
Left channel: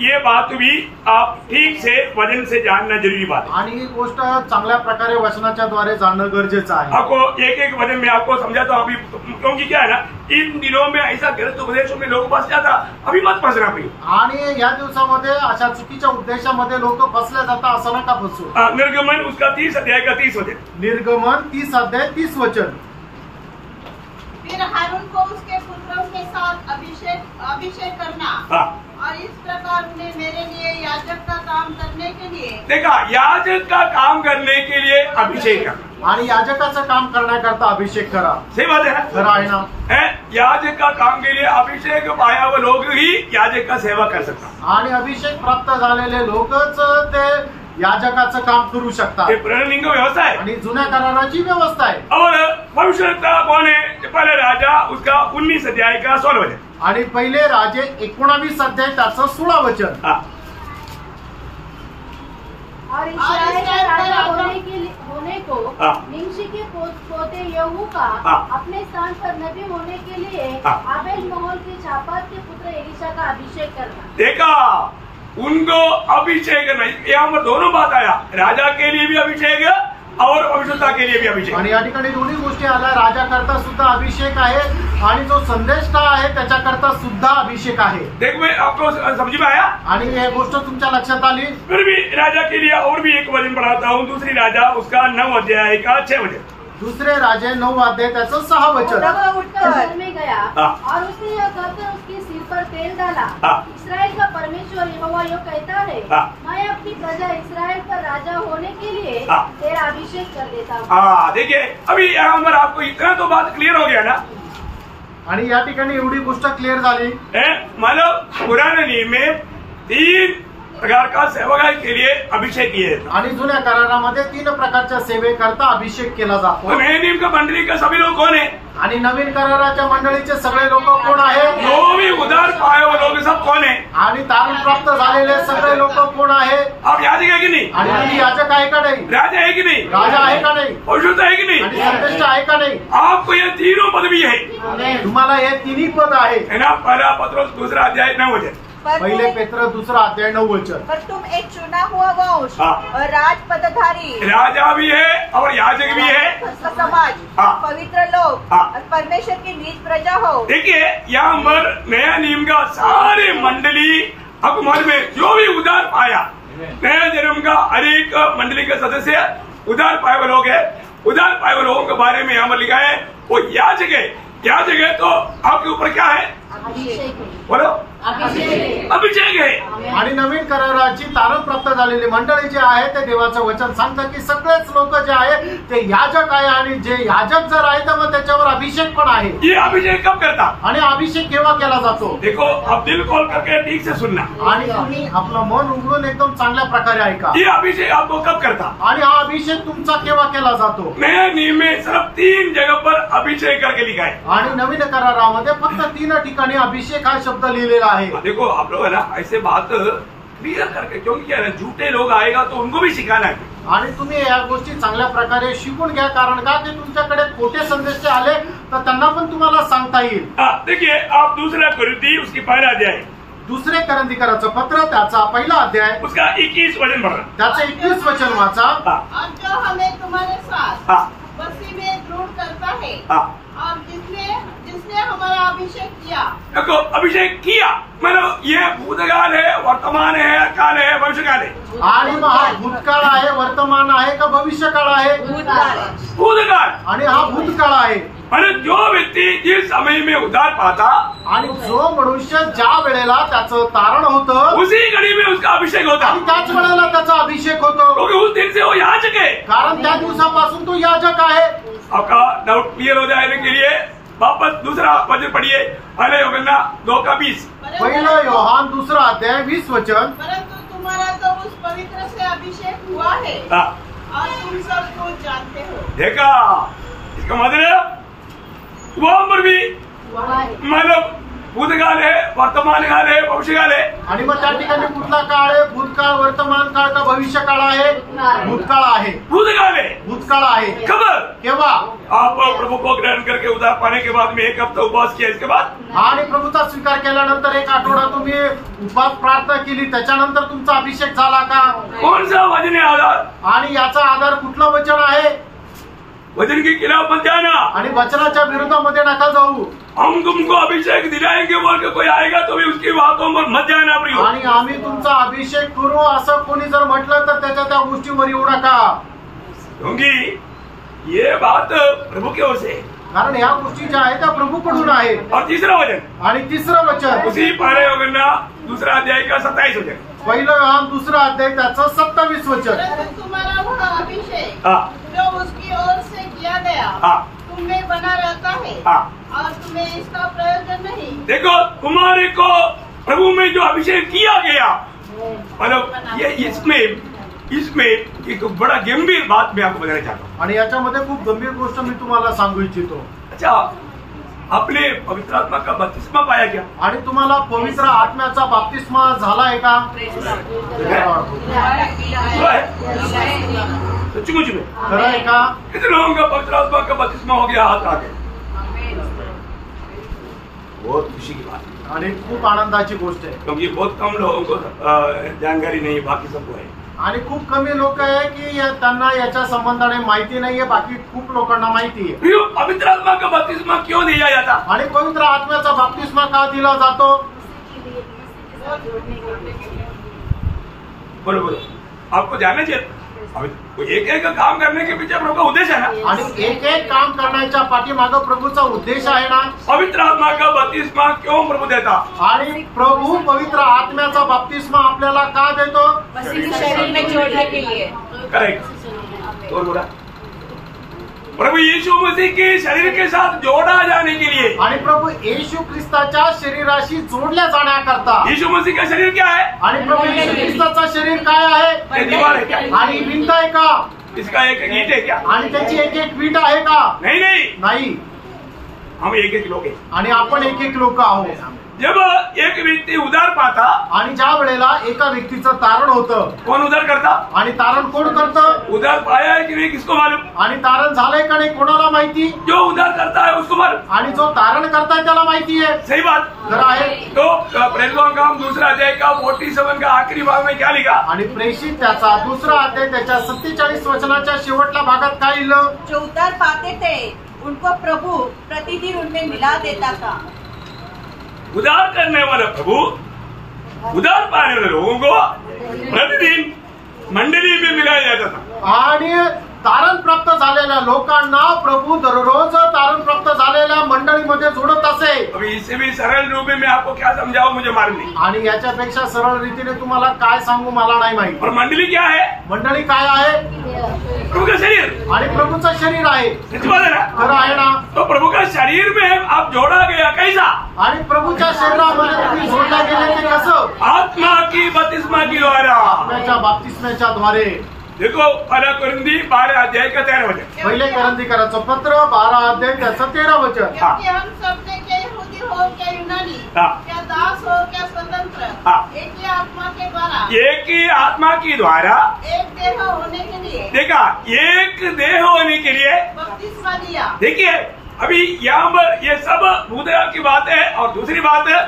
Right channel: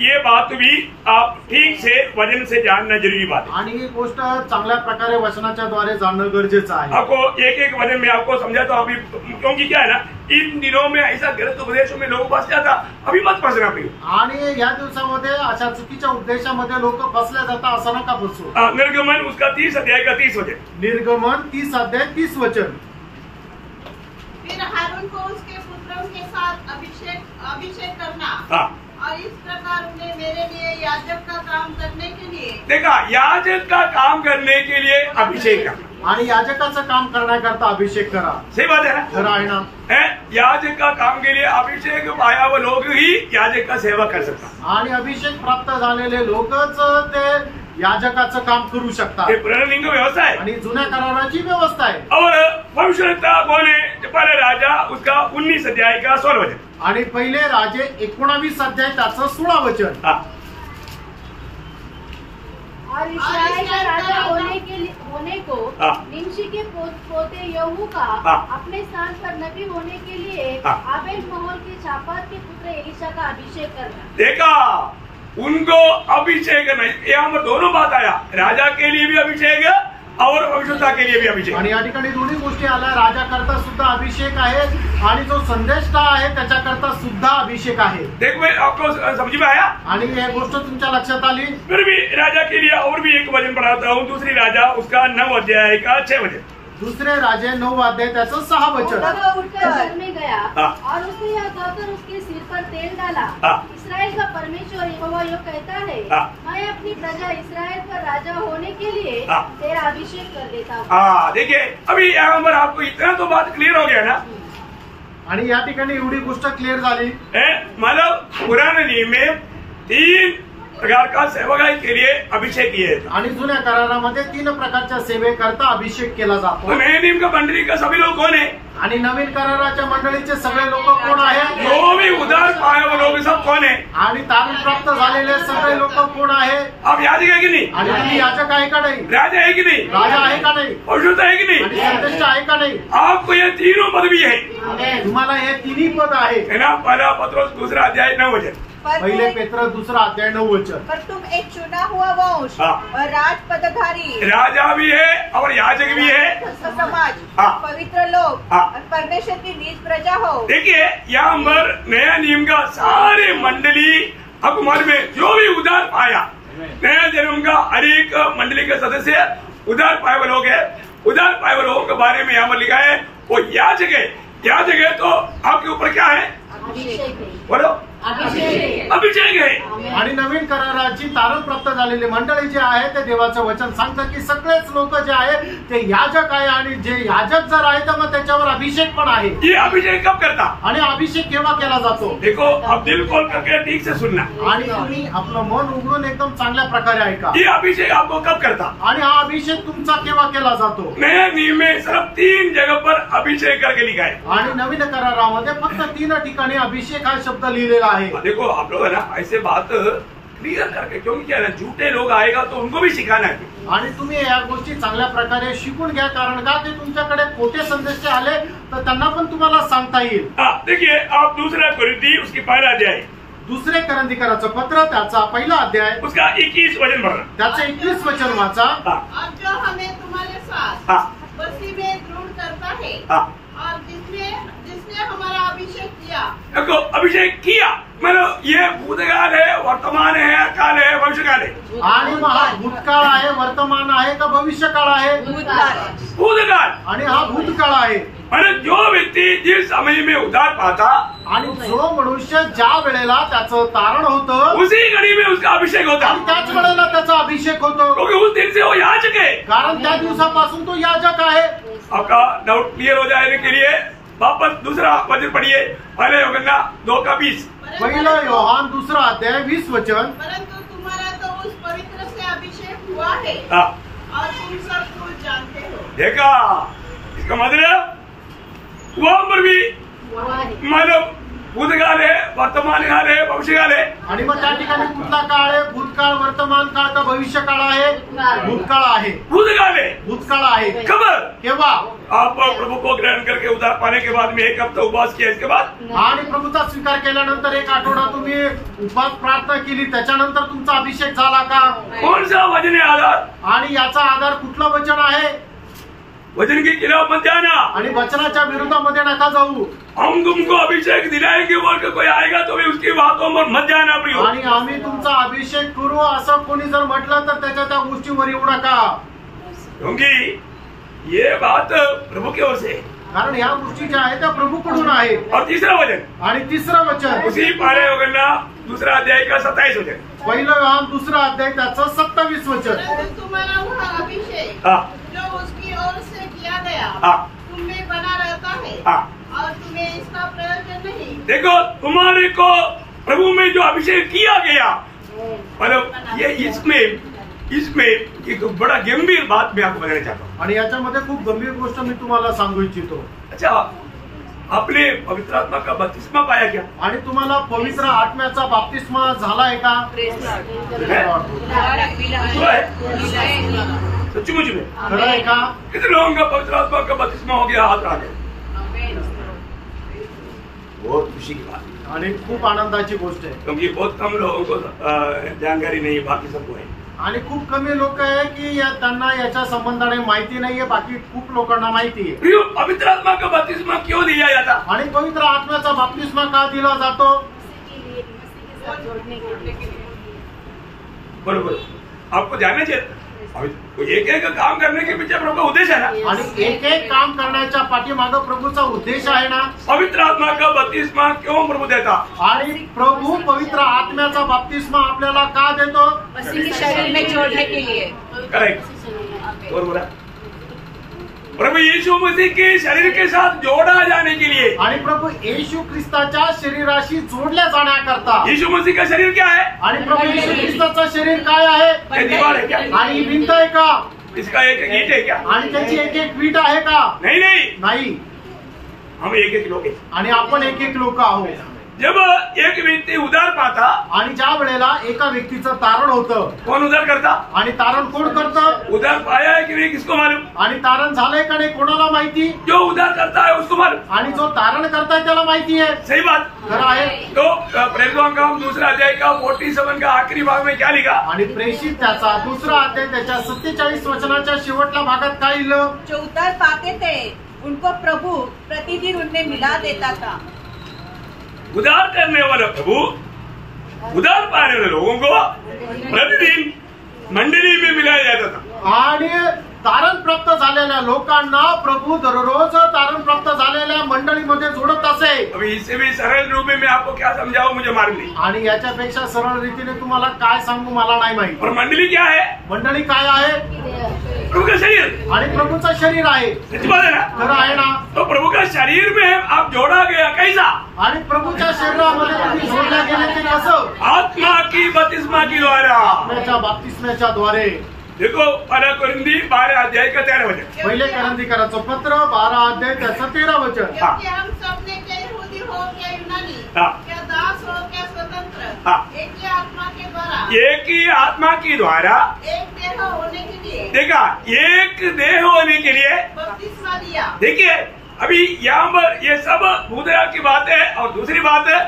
ये बात भी आप ठीक से वचन से जानना जरूरी बात है। आणि ही गोष्ट चांगल्या प्रकारे वचनाच्या द्वारे जाणणं गरजेचं आहे। आपको एक एक वचन में आपको समझाता हूँ अभी, क्योंकि क्या है ना, इन दिनों में ऐसा गलत उपदेशों में लोग फंस जाता, अभी मत फंसना भाई। आणि या दिवसामध्ये अशा चुकीच्या उद्देशामध्ये लोक फसले जातात, असं नका फसू। निर्गमन उसका 30 अध्याय का 30 वचन। निर्गमन 30 अध्याय 30 वचन। फिर हारून को उसके पुत्रों के साथ अभिषेक करना, हाँ, और इस प्रकार उन्हें मेरे लिए याजक का काम करने के लिए, देखा, याजक का काम करने के लिए अभिषेक करना, आणि याजकाचं काम करण्याकरता अभिषेक करा। सही बात है ना? खरं आहे ना? याजक का काम के लिए अभिषेक पाया हुआ लोग ही याजक का सेवा कर सकता। आणि अभिषेक प्राप्त झालेले लोकच ते याजकाचं काम करू शकतात। ये पुराने नियम का व्यवस्था है। आणि जुन्या कराराची व्यवस्था आहे। और भविष्यवक्ता कौन है? पहले राजा उसका 19 अध्याय का 16 वचन। आणि पहिले राजे 19 अध्याय त्याचं 16 वचन। हाँ, और इस्राएल का राजा होने को हाँ। निमशी के पोते यहू का हाँ। अपने स्थान पर नबी होने के लिए हाँ। आबेल महल के शापात के पुत्र एलिशा का अभिषेक करना। देखा, उनको अभिषेक नहीं, यहाँ पर दोनों बात आया, राजा के लिए भी अभिषेक है और भविष्यवक्ता के लिए भी अभिषेक। आणि या ठिकाणी दोन्ही गोष्टी आल्या, राजाकरता सुद्धा अभिषेक आहे आणि जो संदेष्टा आहे त्याच्याकरता सुद्धा अभिषेक आहे। देखो, मैं आपको समझ में आया? आणि हे गोष्ट तुमच्या लक्षात आली? फिर भी राजा के लिए और भी एक वचन पढ़ाता हूँ, दूसरी राजा उसका 9 अध्याय का 6 वचन। दुसरे राजे 9 अध्याय त्याचं 6 वचन। तब उठकर घर में गया हाँ। और उसने यह कहकर उसके सिर पर तेल डाला, हाँ। इस्राएल का परमेश्वर यहोवा यो कहता है, हाँ। मैं अपनी प्रजा इस्राएल पर राजा होने के लिए हाँ। तेरा अभिषेक कर देता हूँ। हाँ, देखिए, अभी यहाँ पर आपको इतना तो बात क्लियर हो गया ना। आणि या ठिकाणी एवढी गोष्ट क्लिअर झाली। मतलब पुराने नियम में 3 प्रकार का सेवकाई के लिए अभिषेक किए जाता। आणि जुन्या करारामध्ये 3 प्रकारच्या सेवेकरता अभिषेक केला जातो। तो नए नियम का मंडली का सभी लोग कौन है? आणि नवीन कराराच्या मंडळीचे सगळे लोक कोण आहेत? जो भी उधार पाए वो लोग सब कौन है? आणि तारण प्राप्त झालेले सगळे लोक कोण आहे? आप याजक है कि नहीं? आणि तुम्ही याजक आहे का नाही? राजा है कि नहीं? राजा आहे का नाही? भविष्यवक्ता है कि आणि नहीं? संदेष्ट आहे का नाही? आपको ये तीनों पदवी है तुम्हाला हे 3 पद आहे। है ना। पहला पत्रोस 2 अध्याय 9 वचन। पहिले पेत्र 2 अध्याय 9 वचन। पर तुम एक चुना हुआ वंश हाँ। और राज पदधारी, राजा भी है और याजक भी है। समाज, हाँ। पवित्र लोग हाँ। और परमेश्वर की नीच प्रजा हो। देखिए, यहाँ पर नया नियम का सारे मंडली आपको मालूम है, जो भी उधार पाया, नया जन्म का हर एक मंडली के सदस्य उधार पाए हुए लोग है। उधार पाए हुए लोगों के बारे में यहाँ पर लिखा है वो याजक है। याजक है तो आपके ऊपर क्या है? बोलो, अभिषेक है। आणि नवीन कराराची तारण प्राप्त झालेली मंडळी जे आहे ते देवाचं वचन सांगतं की सगळेच लोक जे आहे ते याजक आहे आणि जे याजक जर आहे तर मग त्याच्यावर अभिषेक पण आहे। ये अभिषेक कब करता? आणि अभिषेक केव्हा केला जातो? देखो, अब दिल खोल करके ठीक से सुनना। आणि तुम्ही आपलं मन उघडून एकदम चांगल्या प्रकारे ऐका। ये अभिषेक आपको कब करता? आणि हा अभिषेक तुमचा केव्हा केला जातो? नया नियम में सिर्फ 3 जगह पर अभिषेक करके लिखा है। आणि नवीन करारामध्ये फक्त 3 ठिकाणी अभिषेक हा शब्द लिहिलेला आहे। देखो, आप लोग है ना, ऐसे बात क्लियर करके, क्योंकि क्या है ना, झूठे लोग आएगा तो उनको भी सिखाना है। आणि तुम्ही या गोष्टी चांगल्या प्रकारे शिकून घ्या, कारण का ते तुमच्याकडे खोटे संदेश आले तर त्यांना पण तुम्हाला सांगता येईल. देखिए आप दूसरा कुरिन्थी उसकी पहला अध्याय, दुसरे करंदीकराचं पत्र त्याचा पहिला अध्याय उसका 21 वचन पढ़ना. त्याचं 21 वचन वाचा. और जो हमें तुम्हारे साथ मसीह में दृढ़ करता है और जिसने हमारा अभिषेक किया. देखो अभिषेक किया मतलब ये भूतकाल है, वर्तमान है, काल है, भविष्यकाल है. आणि मग हा भूतकाळ आहे, वर्तमान आहे का भविष्यकाळ आहे? भूतकाल. आणि हा भूतकाळ आहे. आणि जो व्यक्ती जिस समय में उद्धार पाता आणि जो मनुष्य ज्या वेळेला त्याचं तारण होतं उसी घड़ी में उसका अभिषेक होता, आणि त्याच वेळेला त्याचा अभिषेक होतो, क्योंकि उस दिन से वो याजक है. कारण त्या दिवसापासून तो याजक आहे. आपका डाउट क्लियर हो जाने के लिए वापस दूसरा वचन पढ़िए, पहले यूहन्ना 2:20. पहिलं योहान दुसरा अध्याय 20 वचन. परंतु तुम्हारा तो उस पवित्र से अभिषेक हुआ है और तुम सब कुछ जानते हो. देखा इसका मतलब वो उम्र भी मतलब भूतकाल है, वर्तमान काल है, भविष्यकाल है. आणि मग त्या ठिकाणी कुठला काळ आहे? भूतकाळ, वर्तमान काळ का भविष्य काळ आहे? भूतकाळ आहे. भूतकाल है. भूतकाळ आहे. खबर केव्हा? आप प्रभु को ग्रहण करके उद्धार पाने के बाद में 1 हफ्ता उपवास किया, इसके बाद आणि प्रभूचा स्वीकार केल्यानंतर 1 आठवडा तुम्ही उपवास प्रार्थना केली, त्याच्यानंतर तुमचा अभिषेक झाला का? कौन सा वचन है आधार? आणि याचा आधार कुठलं वचन आहे? वचन के खिलाफ मत जाना. आणि वचनाच्या विरोधामध्ये नका जाऊ. हम तुमको अभिषेक दिलाएंगे बोल के कोई आएगा तो भी उसकी बातों पर मत जाना प्रियो. आणि आम्ही तुमचा अभिषेक करू असं कोणी जर म्हटलं तर त्या गोष्टीवर येऊ नका, क्योंकि ये बात प्रभु की ओर से, कारण ह्या गोष्टी ज्या आहेत त्या प्रभूकडून आहे. और तीसरा वचन आणि तिसरं वचन उसी पहले यूहन्ना दूसरा अध्याय का 27 वचन. पहिलं योहान दुसरा अध्याय त्याचं 27 वचन. परंतु तुम्हारा वह अभिषेक जो उसकी ओर से किया गया तुम में बना रहता है और तुम्हें इसका प्रयोजन नहीं. देखो तुम्हारे को प्रभु में जो अभिषेक किया गया, मतलब ये इसमें एक बड़ा गंभीर बात मैं आपको बताना चाहता हूँ. आणि याच्यामध्ये खूप गंभीर गोष्ट मी तुम्हाला सांगू इच्छितो. अच्छा, आपने पवित्र आत्मा का बपतिस्मा पाया क्या? आणि तुम्हाला पवित्र आत्म्याचा बाप्तिस्मा झालाय का? सचमुच में खरं आहे का? कितने लोगों का पवित्र आत्मा का बपतिस्मा हो गया? हाथ आगे. बहुत खुशी की बात है. आणि खूप आनंदाची गोष्ट आहे, क्योंकि बहुत कम लोगों को जानकारी नहीं, बाकी सबको है. आणि खूप कमी लोक आहे की त्यांना याच्या संबंधाने माहिती नाहीये, बाकी खूप लोकांना माहिती आहे. प्रियो, पवित्र आत्मा का बपतिस्मा क्यों दिया जाता? आणि पवित्र आत्म्याचा बाप्तिस्मा का दिला जातो? बोलो बोलो, आपको जानना चाहिए. एक एक काम करने के पीछे प्रभु का उद्देश्य है ना, आणि एक एक काम करण्याच्या पाठीमागं प्रभूचा उद्देश आहे ना. पवित्र आत्मा का बपतिस्मा क्यों प्रभु देता? आणि प्रभू पवित्र आत्म्याचा बाप्तिस्मा आपल्याला का देतो? मसीह के शरीर में जोड़ने के लिए. करेक्ट. और बोला प्रभु यीशु मसीह के शरीर के साथ जोड़ा जाने के लिए. आणि प्रभू येशू ख्रिस्ताच्या शरीराशी जोडल्या जाण्याकरता. यीशु मसीह का शरीर क्या है? आणि प्रभू येशू ख्रिस्ताचं शरीर काय आहे? ये दीवार है क्या? आणि ही भिंत आहे का? इसका एक ईंट है क्या? आणि त्याची एक एक वीट आहे का? नहीं नहीं, नाही. हम एक एक लोग हैं. आणि आपण एक एक लोक आहोत. जब एक व्यक्ती उधार पाता, आणि ज्या वेळेला एका व्यक्तीचं तारण होतं, कौन उधार करता? आणि तारण कोण करतं? उधार पाया है कि नहीं किसको मालूम? आणि तारण झालंय का नाही कोणाला माहिती? जो उधार करता है उसको मालूम. आणि जो तारण करताय त्याला माहिती आहे. सही बात. खरं आहे. तो प्रेरितों का काम दूसरा अध्याय का 47 का आखिरी भाग में क्या लिखा? आणि प्रेषित त्याचा दुसरा अध्याय त्याच्या 47 वचनाच्या शेवटल्या भागात काय लिहिलं? जो उद्धार पाते थे उनको प्रभु प्रतिदिन उनमें मिला देता था. उधार करने वाला प्रभु उधार पाने वाले लोगों को प्रतिदिन मंडली में मिलाया जाता था. आणि तारण प्राप्त झालेल्या लोकांना प्रभू दररोज तारण प्राप्त झालेल्या मंडळीमध्ये जोडत असे. अभी इससे भी सरल रूप में मैं आपको क्या समझाऊं मुझे मालूम नहीं. आणि याच्यापेक्षा सरळ रीतीने तुम्हाला काय सांगू मला नाही माहिती. और मंडली क्या है? मंडळी काय आहे? प्रभु का शरीर. आणि प्रभूचं शरीर आहे. सच बात है ना? खरं आहे ना? तो प्रभु का शरीर में आप जोड़ा गया कैसा? आणि प्रभूच्या शरीरामध्ये तुम्ही जोडल्या गेले ते कसं? आत्मा की बपतिस्मा की द्वारा. आत्म्याच्या बाप्तिस्म्याच्या द्वारे. देखो पहला कुरिन्थी 12 अध्याय का 13 वचन. पहिले करंदीकराचं पत्र 12 अध्याय त्याचं 13 वचन. क्योंकि हम सब ने क्या यहूदी हो क्या यूनानी, क्या दास हो क्या स्वतंत्र, एक ही आत्मा के द्वारा एक ही आत्मा के द्वारा एक देह होने के लिए देखा, एक देह होने के लिए बपतिस्मा दिया। देखिए अभी यहाँ पर ये सब भूतया की बात है। और दूसरी बात है,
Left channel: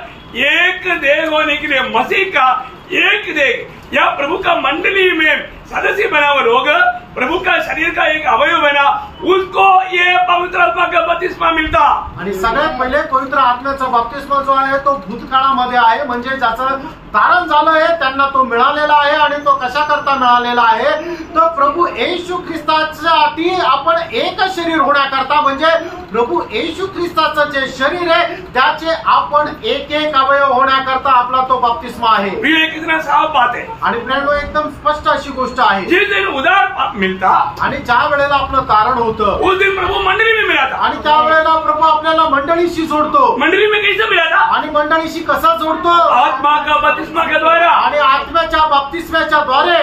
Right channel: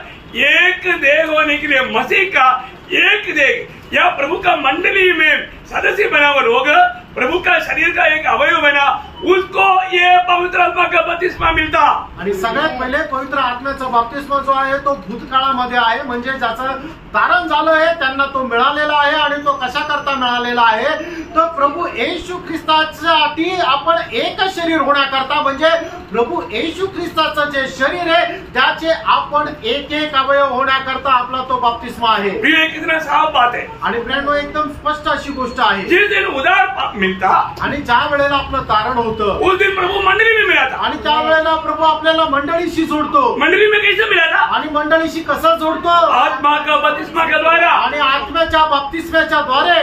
एक देह होने के लिए मसीह का एक देह या प्रभु का मंडली में सदस्य बना हुआ लोग, प्रभु का शरीर का एक अवयव बना, उसको ये पवित्र आत्मा का बपतिस्मा मिळता। आणि सगळ्यात पहिले पवित्र आत्म्याचा बपतिस्मा जो आहे तो भूतकाळामध्ये आहे, म्हणजे ज्याचं तारण झालं आहे त्यांना तो मिळालेला आहे। आणि तो कशा करता मिळालेला आहे, तर प्रभू येशू ख्रिस्तासाठी आपण एक शरीर होण्याकरता, म्हणजे प्रभू येशू ख्रिस्ताचं जे शरीर आहे त्याचे आपण एक एक अवयव होण्याकरता आपला तो बपतिस्मा आहे। ये कितना साफ बात है। आणि फ्रेंड एकदम स्पष्ट अशी गोष्ट आहे। जिस दिन उदार मिलता आणि ज्या वेळेला आपलं तारण होतं उस दिन प्रभु मंडली में मिला था। आणि त्यावेळेला प्रभू आपल्याला मंडळीशी जोडतो। मंडली में कैसे मिला था? आणि मंडळीशी कसा जोडतो? आत्मा का बपतिस्मा के द्वारा। आणि आत्म्याच्या बपतिस्म्याच्या द्वारे।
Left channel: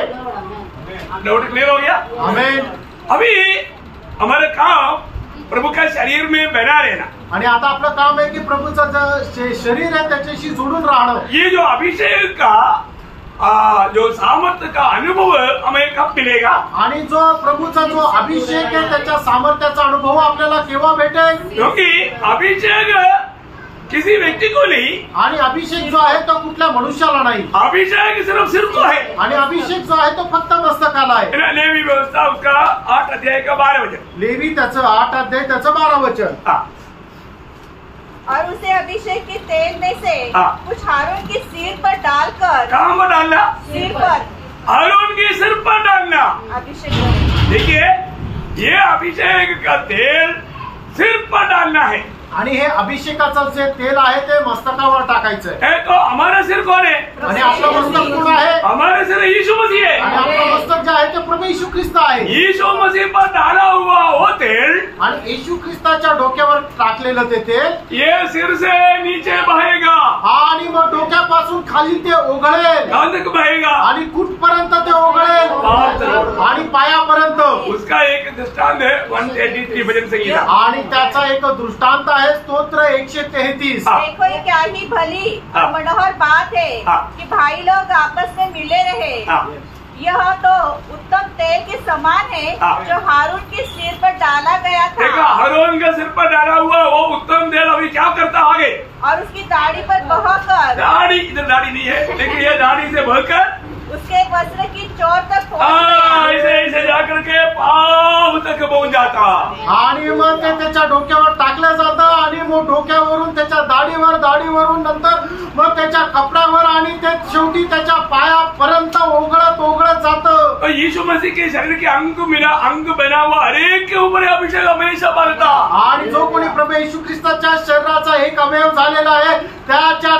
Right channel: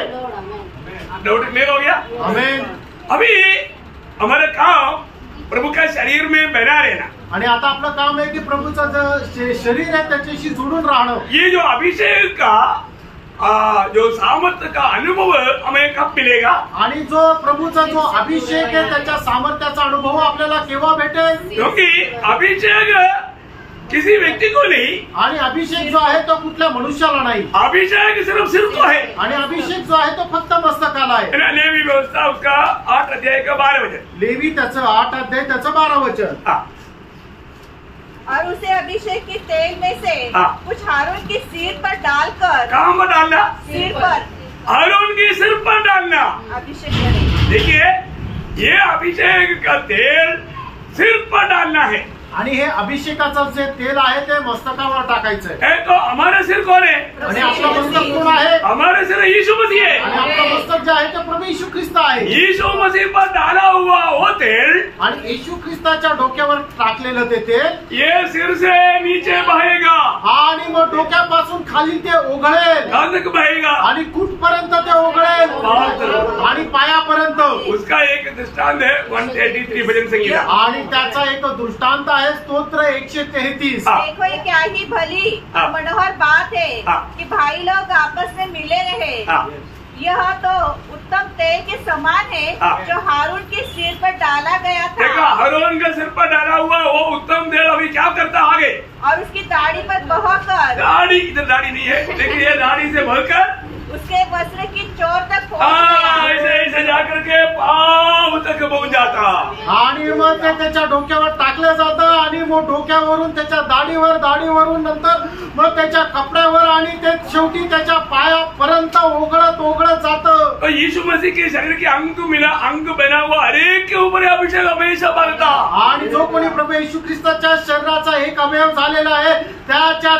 डाउट क्लियर हो गया? आमेन। अभी हमारा काम प्रभु का शरीर में बना रहना। आणि आता आपलं काम आहे की प्रभूचं जे शरीर आहे त्याच्याशी जोडून राहणं। ये जो अभिषेक का जो सामर्थ्य का अनुभव हमें कब मिलेगा? आणि जो प्रभूचा जो अभिषेक आहे त्याच्या सामर्थ्याचा अनुभव आपल्याला केव्हा भेटेल? क्योंकि अभिषेक किसी व्यक्ति को नहीं, आणि अभिषेक जो आहे तो कुठल्या मनुष्याला नाही, अभिषेक सिर्फ सिर को है। आणि अभिषेक जो आहे तो फक्त मस्तकाला आहे। लेवी व्यवस्था उसका 8 अध्याय का 12 वचन। लेवी त्याचं 8 अध्याय त्याचं 12 वचन। और उसे अभिषेक के तेल में से कुछ हारून की सिर पर डालकर। कहाँ पर डालना? सिर पर। हारून की सिर पर डालना। अभिषेक देखिए ये अभिषेक का तेल सिर पर डालना है। आणि हे अभिषेकाचं जे तेल आहे ते मस्तकावर टाकायचंय। तो हमारा सिर कौन है? आणि आपलं मस्तक कोण आहे? हमारा सिर यीशु मसीह है। आणि आपलं मस्तक जे आहे ते प्रभू येशू ख्रिस्त आहे। यीशु मसीह पर डाला हुआ वो तेल, आणि येशू ख्रिस्ताच्या डोक्यावर टाकलेलं ते तेल ये सिर से नीचे बहेगा। आणि मग डोक्यापासून खाली ते ओघळेल। कहाँ तक बहेगा? आणि कुठपर्यंत ते ओघळेल? आणि पायापर्यंत। उसका एक दृष्टांत है 183 भजन संगीता। आणि त्याचा एक दृष्टांत आहे स्तोत्र 133। देखो ये क्या ही भली मनोहर बात है कि भाई लोग आपस में मिले रहे। यह तो उत्तम तेल के समान है जो हारून के सिर पर डाला गया था। देखा, हारून के सिर पर डाला हुआ वो उत्तम तेल अभी क्या करता आगे? और उसकी दाढ़ी पर बहकर। दाढ़ी, इधर दाढ़ी नहीं है, लेकिन ये दाढ़ी से बहकर उसके वस्त्र की चोट तक पहुंच गया। ऐसे जाकर के पांव तक पहुंच जाता। आणि मग ते त्याच्या डोक्यावर टाकलं जातं आणि मग डोक्यावरून त्याच्या दाढीवरून नंतर मग त्याच्या कपड्यावर आणि ते शेवटी त्याच्या पायापर्यंत ओघळत जातं। तो यीशु मसीह के शरीर के अंग बना हुआ हर एक के ऊपर अभिषेक हमेशा बरता। आणि जो कोणी प्रभू येशू ख्रिस्ताच्या शरीराचा एक अवयव झालेला आहे त्याच्या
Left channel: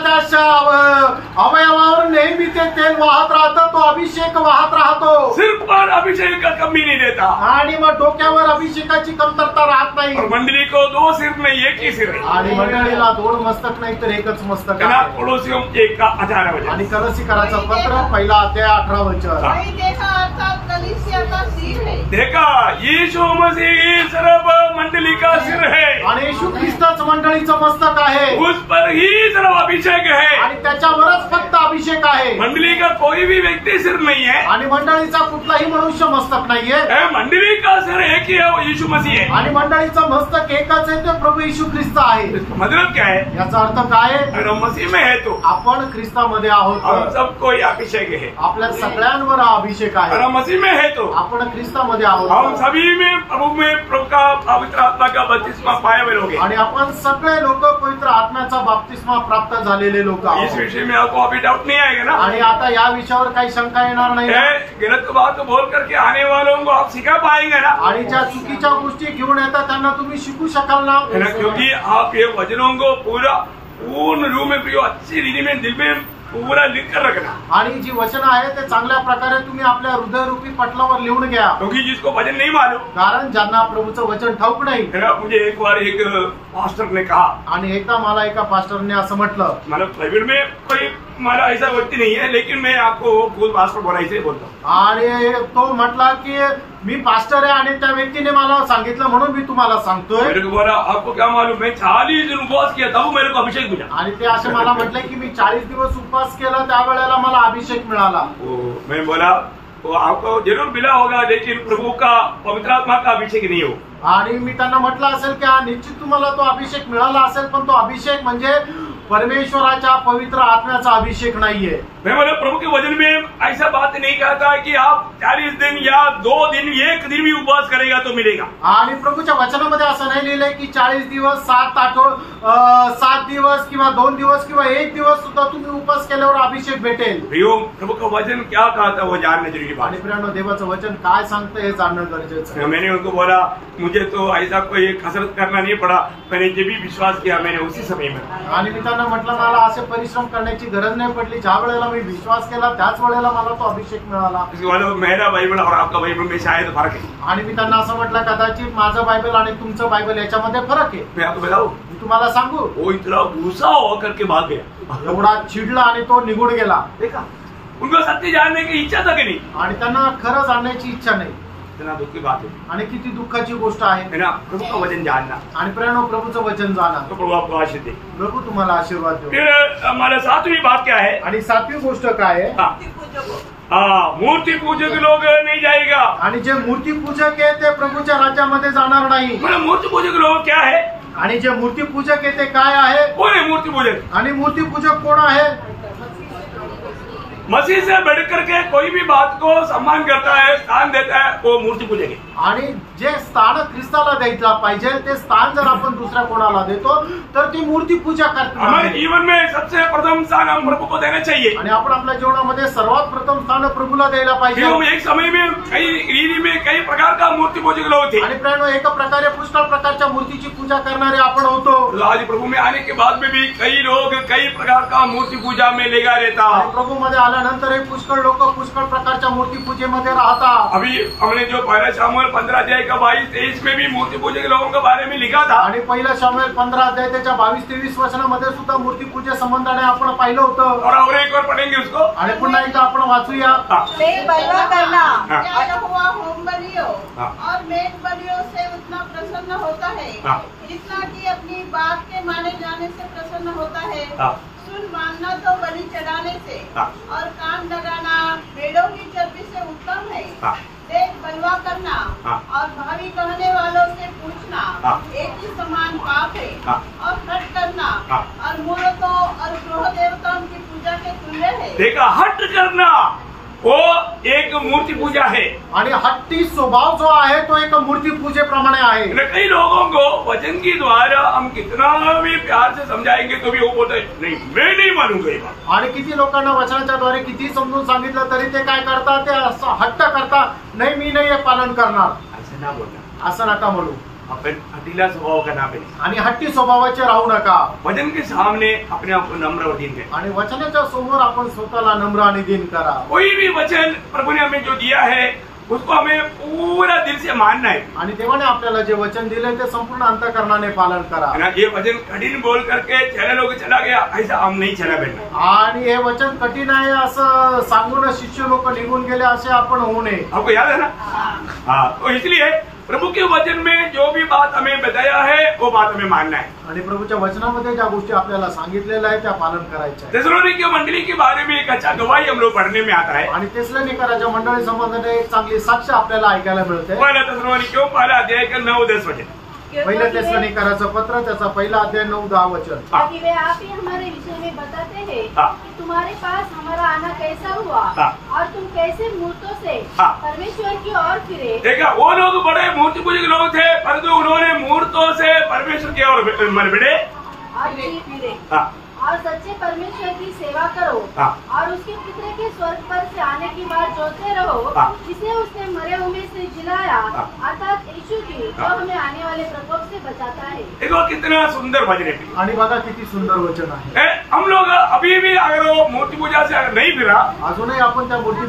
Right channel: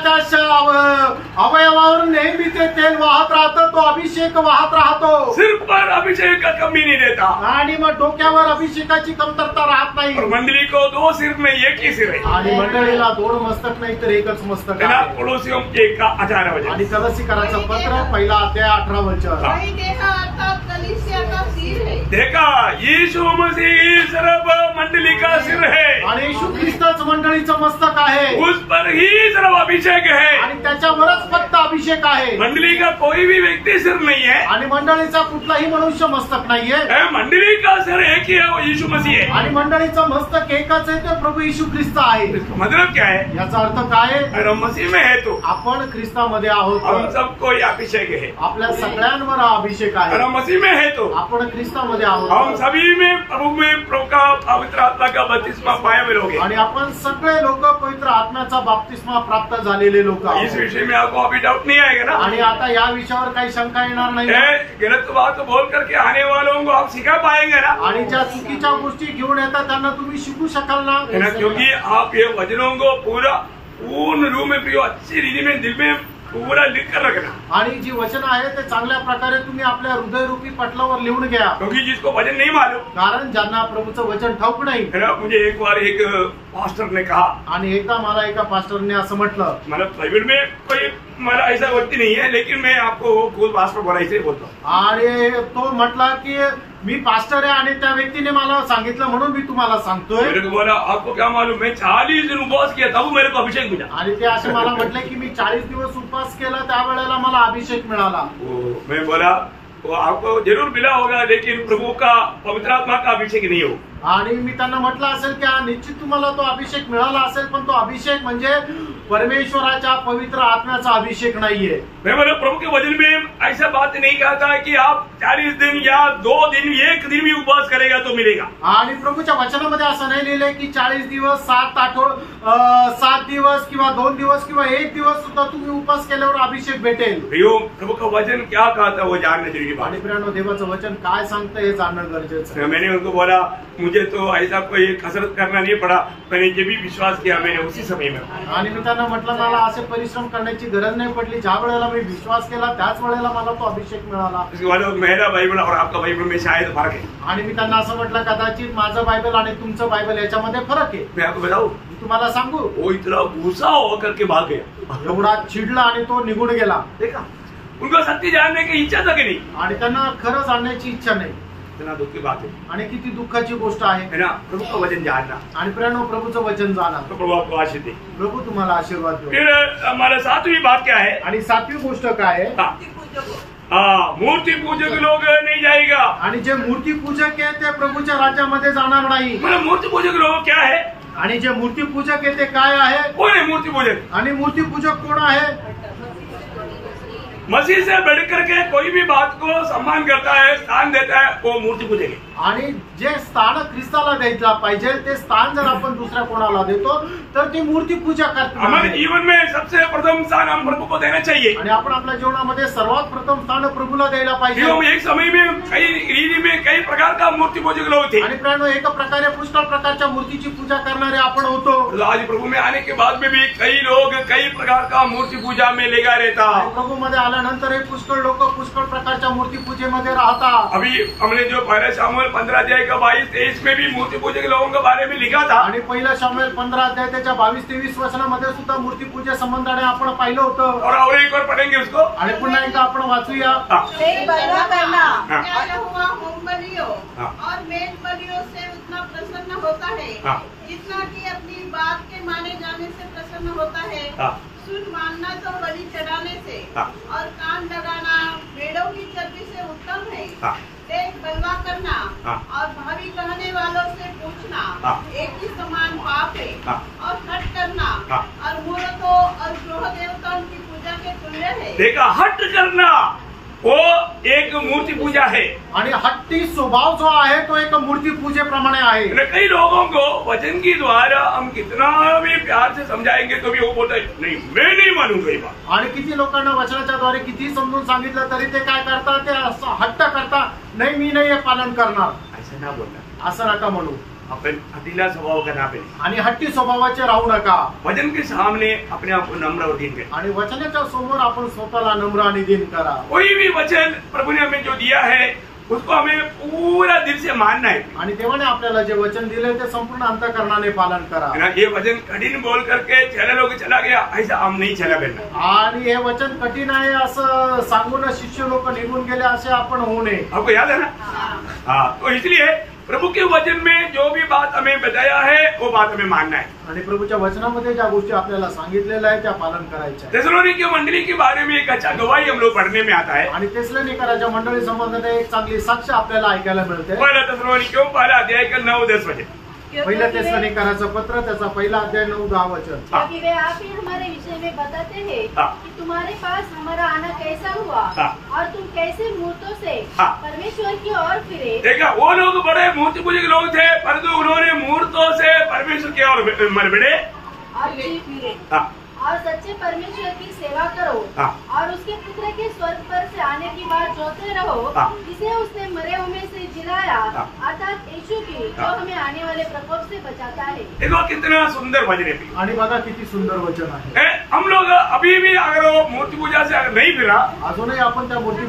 अवयवावर नेहमी ते तेल वाहत राहतं, तो अभिषेक वाहत राहतो। सिर पर अभिषेक का कमी नहीं देता। आणि मग डोक्यावर अभिषेकाची कमतरता राहत नाही। और मंडली को 2 सिर नहीं, एक ही सिर है। आणि मंडळीला 2 मस्तक नाही तर एकच मस्तक आहे। कोलोसियम 1:18 वचन। आणि कलसीकराचं पत्र 1 अध्याय 18 वचन। वही देखा अर्थात कलीसिया का सिर है। देखा, यीशु मसीह सर्व मंडली का सिर है। आणि येशू ख्रिस्तच मंडळीचं मस्तक आहे। उस पर ही सर्व अभिषेक है। आणि त्याच्यावरच फक्त अभिषेक आहे। मंडली का कोई भी व्यक्ति सिर नहीं है। आणि मंडळीचा कुठलाही मनुष्य मस्तक नाहीये। मंडली का सिर एक ही है, वो यीशु मसीह है। आणि मंडळीचं मस्तक एकच आहे, ते प्रभू येशू ख्रिस्त आहे। मतलब क्या है? याचा अर्थ काय आहे? अगर हम मसीह में है तो आपण ख्रिस्तामध्ये आहोत, हम सबको ये अभिषेक है। आपल्या सगळ्यांवर हा अभिषेक अगर आहे। हम मसीह में है तो आपण ख्रिस्तामध्ये हम आहोत। सभी में प्रभु का पवित्र आत्मा का बपतिस्मा पाए हुए लोग हैं। आणि आपण सगळे लोक पवित्र आत्म्याचा बपतिस्मा प्राप्त झालेले लोक इस आहोत। विषय में आपको अभी डाउट नहीं आएगा ना? आणि आता या विषयावर काही शंका येणार नाही। गलत बात बोल करके आने वालों को आप सिखा पाएंगे ना? आणि ज्या चुकीच्या गोष्टी घेऊन येतात त्यांना तुम्ही शिकू शकाल ना? क्योंकि आप ये वचनों को पूर्ण रूप में अच्छी रीति में दिल में पूरा लिख कर रखना। आणि जी वचन आहे ते चांगल्या प्रकारे तुम्ही आपल्या हृदयरूपी पटलावर लिहून घ्या। क्योंकि जिसको वचन नहीं मालूम, कारण ज्यांना प्रभूचं वचन ठाऊक नाही। मुझे एक बार एक पास्टर ने कहा, आणि एकदा मला एका पास्टरने असं म्हटलं, मतलब बाइबल में कोई मला ऐसा व्यक्ति नहीं है, लेकिन मैं आपको खुद पास्टर बोला इसलिए बोलता हूँ। आणि तो म्हटला की मी पास्टर आहे आणि त्या व्यक्तीने मला सांगितलं म्हणून मी तुम्हाला सांगतोय। मेरे को बोला आपको क्या मालूम, मैं 40 दिन उपवास किया तब मेरे को अभिषेक मिला। आणि ते असे मला म्हटले की मी 40 दिवस उपवास केला त्यावेळेला मला अभिषेक मिळाला। मैं बोला वो आपको जरूर मिला होगा, लेकिन प्रभु का पवित्र आत्मा का अभिषेक नहीं हो। आणि मी त्यांना म्हटलं असेल की हा निश्चित तुम्हाला तो अभिषेक मिळाला असेल, पण तो अभिषेक म्हणजे परमेश्वराच्या पवित्र आत्म्याचा अभिषेक नाहीये। मैं बोला प्रभु के वचन में ऐसा बात नहीं कहता है कि आप 40 दिन या 2 दिन 1 दिन भी उपवास करेगा तो मिलेगा। आणि प्रभूच्या वचनामध्ये असं नाही लिहिलंय की 40 दिवस 7 दिवस किंवा 2 दिवस किंवा 1 दिवस सुद्धा तुम्ही उपवास केल्यावर अभिषेक भेटेल। प्रभु का वचन क्या कहता वो जानने जरूरी बात। आणि प्रियानो, देवाचं वचन काय सांगतं हे जाणणं गरजेचं आहे। मैंने उनको बोला मुझे तो ऐसा कोई कसरत करना नहीं पड़ा, मैंने जब भी विश्वास किया मैंने उसी समय में। आणि मी त्यांना म्हटलं मला असे परिश्रम करण्याची गरज नाही पडली, ज्या वेळेला मी विश्वास केला त्याच वेळेला मला तो अभिषेक मिळाला। मेरा बाइबल और आपका बाइबल में शायद फर्क है। आणि मी त्यांना असं म्हटलं कदाचित माझं बायबल आणि तुमचं बायबल याच्यामध्ये फरक आहे। मैं आपको बताऊं, मी तुम्हाला सांगू, वो इतना गुस्सा होकर के भाग गया, एवढा चिडला आणि तो निघून गेला। देखा, उनको सत्य जानने की इच्छा था कि नहीं, आणि त्यांना खरं जाणण्याची इच्छा नाही। इतना दुख की बात है आणि किती दुःखाची गोष्ट आहे ना, प्रभु का वचन जानना। आणि प्रेरणा प्रभूचं वचन जाणा, तो प्रभु आपको आशीष दे। प्रभू तुम्हाला आशीर्वाद देऊ। फिर हमारा 7वीं बात क्या है? आणि 7वी गोष्ट काय आहे? मूर्ति पूजक लोग नहीं जाएगा। आणि जे मूर्ती पूजक आहे ते प्रभूच्या राज्यामध्ये जाणार नाही। मतलब मूर्ति पूजक लोग क्या है? आणि जे मूर्ती पूजक आहे ते काय आहे? कौन है मूर्ति पूजक? आणि मूर्ती पूजक कोण आहे? मसीह से बढ़कर के कोई भी बात को सम्मान करता है, स्थान देता है, वो मूर्ति पूजक है। आणि जे स्थान ख्रिस्ताला द्यायला पाहिजे ते स्थान जर आपण दुसऱ्या कोणाला देतो तर ती मूर्ती पूजा करतो। हमारे जीवन में सबसे प्रथम स्थान हम प्रभु को देना चाहिए। आणि आपण आपल्या जीवनामध्ये सर्वात प्रथम स्थान प्रभूला द्यायला पाहिजे। एक समय में कई रीति में कई प्रकार का मूर्ति पूजक लोग थे। आणि प्रेरणा, एक प्रकारे पुष्कळ प्रकारच्या मूर्तीची पूजा करणारे आपण होतो। आज प्रभु में आने के बाद में भी कई लोग कई प्रकार का मूर्ति पूजा में लगा रहता। प्रभु मध्ये आल्यानंतर हे पुष्कळ लोक पुष्कळ प्रकारच्या मूर्ती पूजेमध्ये राहतात। अभी हमने जो पहला शामुएल 15 अध्याय का 22-23 में भी मूर्ति पूजे के लोगों के बारे में लिखा था। आणि पहिला शामुएल 15 अध्याय त्याच्या 22-23 वचनामध्ये सुद्धा मूर्ती पूजे संबंधाने आपण पाहिलं होतं। और एक बार पढ़ेंगे उसको। आणि पुन्हा एकदा आपण वाचूया। मेल बलवा करना यहोवा होम बलियों और मेल बलियों से उतना प्रसन्न होता है जितना कि अपनी बात के माने जाने से प्रसन्न होता है। सुन मानना तो बलि चढ़ाने से और कान लगाना भेड़ों की चर्बी से उत्तम है। देख बलवा करना और भावी कहने वालों से पूछना एक ही समान पाप है। और हट करना और मूर्तों और ग्रह देवताओं की पूजा के तुल्य है। देखा, हट करना वो एक मूर्ति पूजा है। आणि हट्टी स्वभाव जो आहे तो एक मूर्ती पूजेप्रमाणे आहे। कई लोगों को वचन के द्वारा हम कितना भी प्यार से समझाएंगे तो भी वो बोलते नहीं, मैं नहीं मानूंगा ये बात। आणि किती लोकांना वचनाच्या द्वारे किती समजून सांगितलं तरी ते काय करतात, ते असं हट्ट करतात, नहीं मी नाही हे पालन करणार। ऐसा ना बोलना, असं नका म्हणू। अपन हतीला स्वभाव का ना बने आणि हट्टी स्वभावाचे राहू नका। वचन के सामने अपने आप को नम्र और दीन करें। आणि वचनाच्या समोर आपण स्वतःला नम्र आणि दीन करा। कोई भी वचन प्रभु ने हमें जो दिया है उसको हमें पूरा दिल से मानना है। आणि देवाने आपल्याला जे वचन दिले ते संपूर्ण अंतःकरणाने पालन करा। ये वचन कठिन बोल करके चला लोग चला गया, ऐसा हम नहीं चला बेटा। आणि हे वचन कठीण आहे असं सांगून शिष्य लोक निघून गेले असे आपण होऊ नये। आपको याद है ना? हाँ, तो इसलिए प्रभु के वचन में जो भी बात हमें बताया है वो बात हमें मानना है। आणि प्रभूच्या वचनामध्ये ज्या गोष्टी आपल्याला सांगितलेल्या आहेत त्या पालन करायच्या आहेत। थिस्सलुनीके मंडली के बारे में एक अच्छा गवाही हम लोग पढ़ने में आता है। आणि थिस्सलुनीकराच्या मंडळी संबंधाने एक चांगली साक्ष आपल्याला ऐकायला मिळते। पहिला थिस्सलुनीके पहिला अध्याय का 9-10 वचन। पहिल्या थिस्सलुनीकराचं पत्र त्याचा पहिला अध्याय 9-10 वचन। क्योंकि वे आप ही हमारे विषय में बताते हैं कि तुम्हारे पास हमारा आना कैसा हुआ और तुम कैसे मूर्तों से परमेश्वर की ओर फिरे। देखा, वो लोग बड़े मूर्ति पूजक लोग थे, परंतु उन्होंने मूर्तों से परमेश्वर की ओर बढ़े और सच्चे परमेश्वर की सेवा करो और उसके पुत्र के स्वर्ग पर से आने की बात जोते रहो, जिसे उसने मरे हुए से जिलाया, अर्थात यीशु की, जो हमें आने वाले प्रकोप से बचाता है। देखो कितना सुंदर वचन है। आणि बघा किती सुंदर वचन आहे। हम लोग अभी भी अगर वो मूर्ति पूजा से नहीं फिरा, अजूनही आपण त्या मूर्ती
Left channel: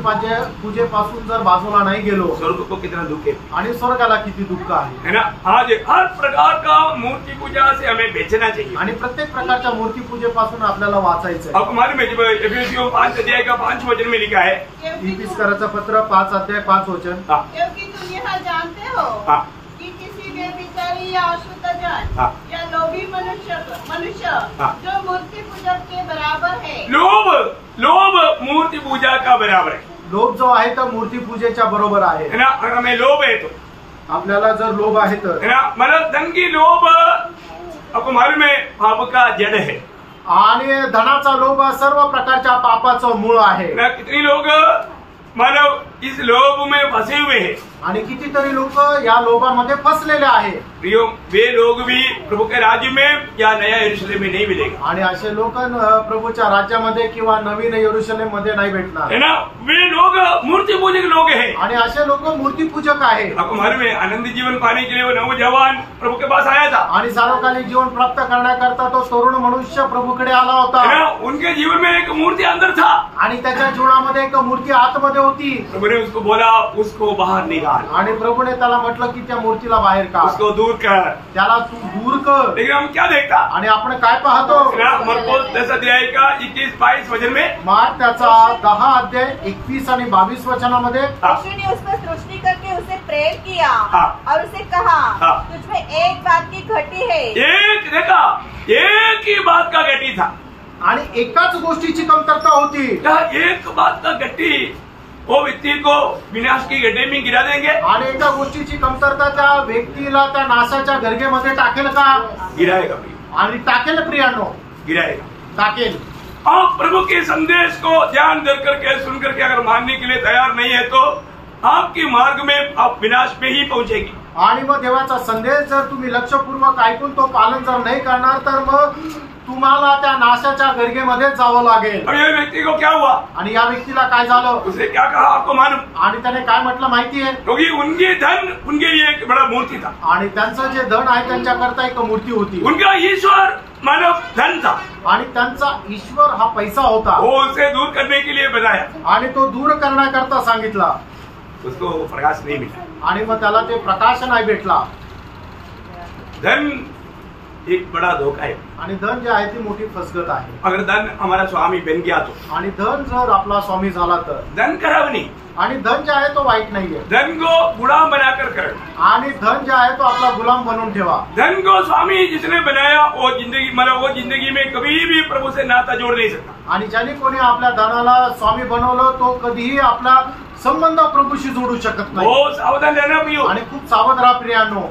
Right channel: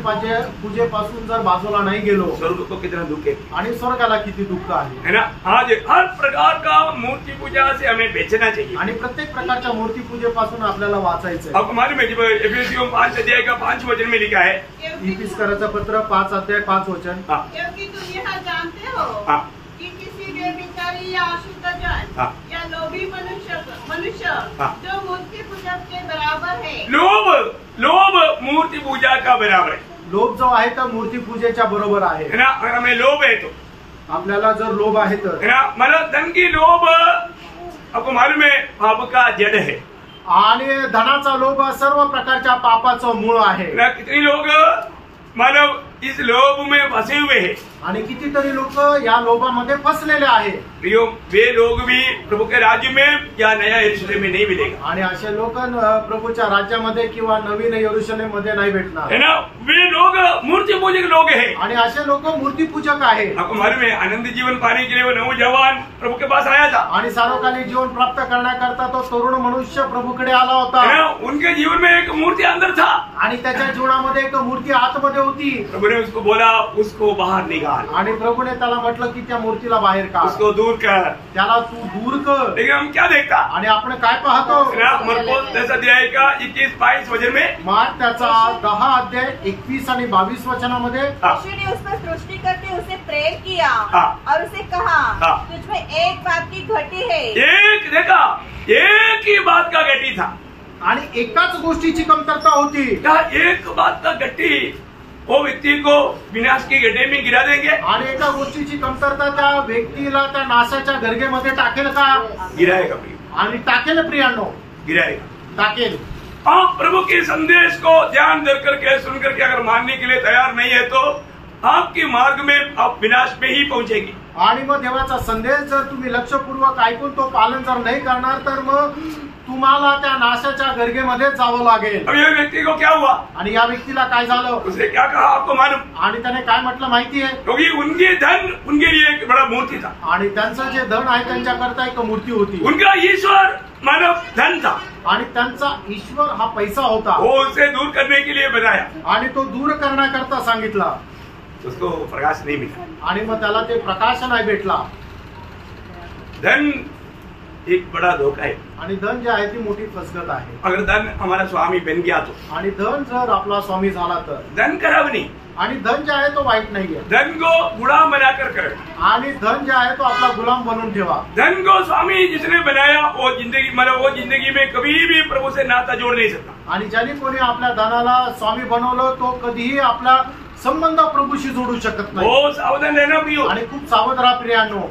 पूजेपासून जर बाजूला नाही गेलो, स्वर्ग को कितना दुख है आणि स्वर्गाला किती दुःख आहे ना। आज हर प्रकार का मूर्ति पूजा से हमें बचना चाहिए। आणि प्रत्येक प्रकारच्या मूर्ती पूजेपासून त्यापासून आपल्याला वाचायचं आहे. आपको मालूम है जब एफिसियों 5 अध्याय का 5 वचन में लिखा है, इफिसकराचं पत्र 5 अध्याय 5 वचन, क्योंकि तुम यह जानते हो कि किसी व्यभिचारी या अशुद्ध जन या लोभी मनुष्य जो मूर्ति पूजक के बराबर है, लोभ मूर्ति पूजा का बराबर है. लोभ जो आहे तो मूर्ती पूजेच्या बरोबर आहे. है ना. अगर हमें लोभ है तो आपल्याला जर लोभ आहे तर, है ना, मतलब धन की लोभ आपको मालूम है पाप का जड़ है. आणि धनाचा लोभ सर्व प्रकारच्या पापाचं मूळ आहे. ना कितनी लोग मानव इस लोभ में फंसे हुए हैं. आणि कितीतरी लोक या लोभामध्ये फसलेले आहे. वे लोग भी प्रभु के राज्य में या नया यरूशलेम में नहीं मिलेगा. आणि असे लोक प्रभूच्या राज्यामध्ये किंवा नवीन यरूशलेम मध्ये नाही भेटणार. है ना. वे लोग मूर्ति पूजक लोग हैं. आणि असे लोक मूर्तीपूजक आहे. आपको मालूम है आनंद जीवन पाने के लिए वो नौजवान प्रभु के पास आया था. आणि सार्वकालिक जीवन प्राप्त करण्याकरता तो तरुण मनुष्य प्रभूकडे आला होता. है ना. उनके जीवन में एक मूर्ति अंदर था आणि त्याच्या जीवनामध्ये एक मूर्ती आतमध्ये होती. प्रभु ने उसको बोला उसको बाहर निकाल. आणि प्रभूने त्याला म्हटलं की त्या मूर्तीला बाहेर काढ, उसको दूर कर. त्याला तू दूर कर. लेकिन हम क्या देखता. आणि आपण काय पाहतो. मरकुस 10 अध्याय का 21-22 वचन में, मार्क त्याचा 10 अध्याय 21 आणि 22 वचनामध्ये, यीशु ने उस पर दृष्टि करके उसे प्रेम किया और उसे कहा, तुझमें एक बात की घटी है. एक देखा, एक ही बात का गट्टी था. आणि एकाच गोष्टीची कमतरता होती. एक बात का गट्टी वो व्यक्ति को विनाश की गड्ढे में गिरा देंगे. आणि एका गोष्टीची कमतरता त्या व्यक्तीला त्या नाशाच्या गर्गेमध्ये टाकेल का. गिराएगा. आणि टाकेल प्रियांनो, गिराएगा, टाकेल. आप प्रभु के संदेश को ध्यान दे करके सुन करके अगर मानने के लिए तैयार नहीं है तो आपकी मार्ग में आप विनाश में ही पहुंचेगी. आणि मग देवाचा संदेश जर तुम्ही लक्षपूर्वक ऐकून तो पालन जर नाही करणार तर मग तुम्हाला त्या नाशाच्या गर्गेमध्ये जावं लागेल. अब ये व्यक्ति को क्या हुआ. आणि या व्यक्तीला काय झालं. उसने क्या कहा आपको मालूम. आणि त्याने काय म्हटलं माहिती आहे. क्योंकि उनके धन उनके लिए एक बड़ा मूर्ति था. आणि त्यांचं जे धन आहे त्यांच्याकरता एक मूर्ती होती. उनका ईश्वर मानव धन था. आणि त्यांचा ईश्वर हा पैसा होता. वो उसे दूर करने के लिए बनाया. आणि तो दूर करण्याकरता सांगितला. उसको प्रकाश नहीं मिला. आणि मग त्याला ते प्रकाश नाही भेटला. धन एक बड़ा धोखा है. आणि धन जे आहे ती मोठी फसगत आहे. अगर धन हमारा स्वामी बन गया तो, आणि धन जर आपला स्वामी झाला तर, धन खराब नहीं. आणि धन जे आहे तो वाईट नाहीये. धन को गुलाम बनाकर करना. आणि धन जे आहे तो आपला गुलाम बनवून ठेवा. धन को स्वामी जिसने बनाया वो जिंदगी मतलब वो जिंदगी में कभी भी प्रभु से नाता जोड़ नहीं सकता. आणि ज्याने कोणी आपल्या धनाला स्वामी बनवलं तो कधीही आपला संबंध प्रभूशी जोडू शकत नाही. वो सावधान रहना भी हो. आणि खूप सावध राहा प्रियांनो.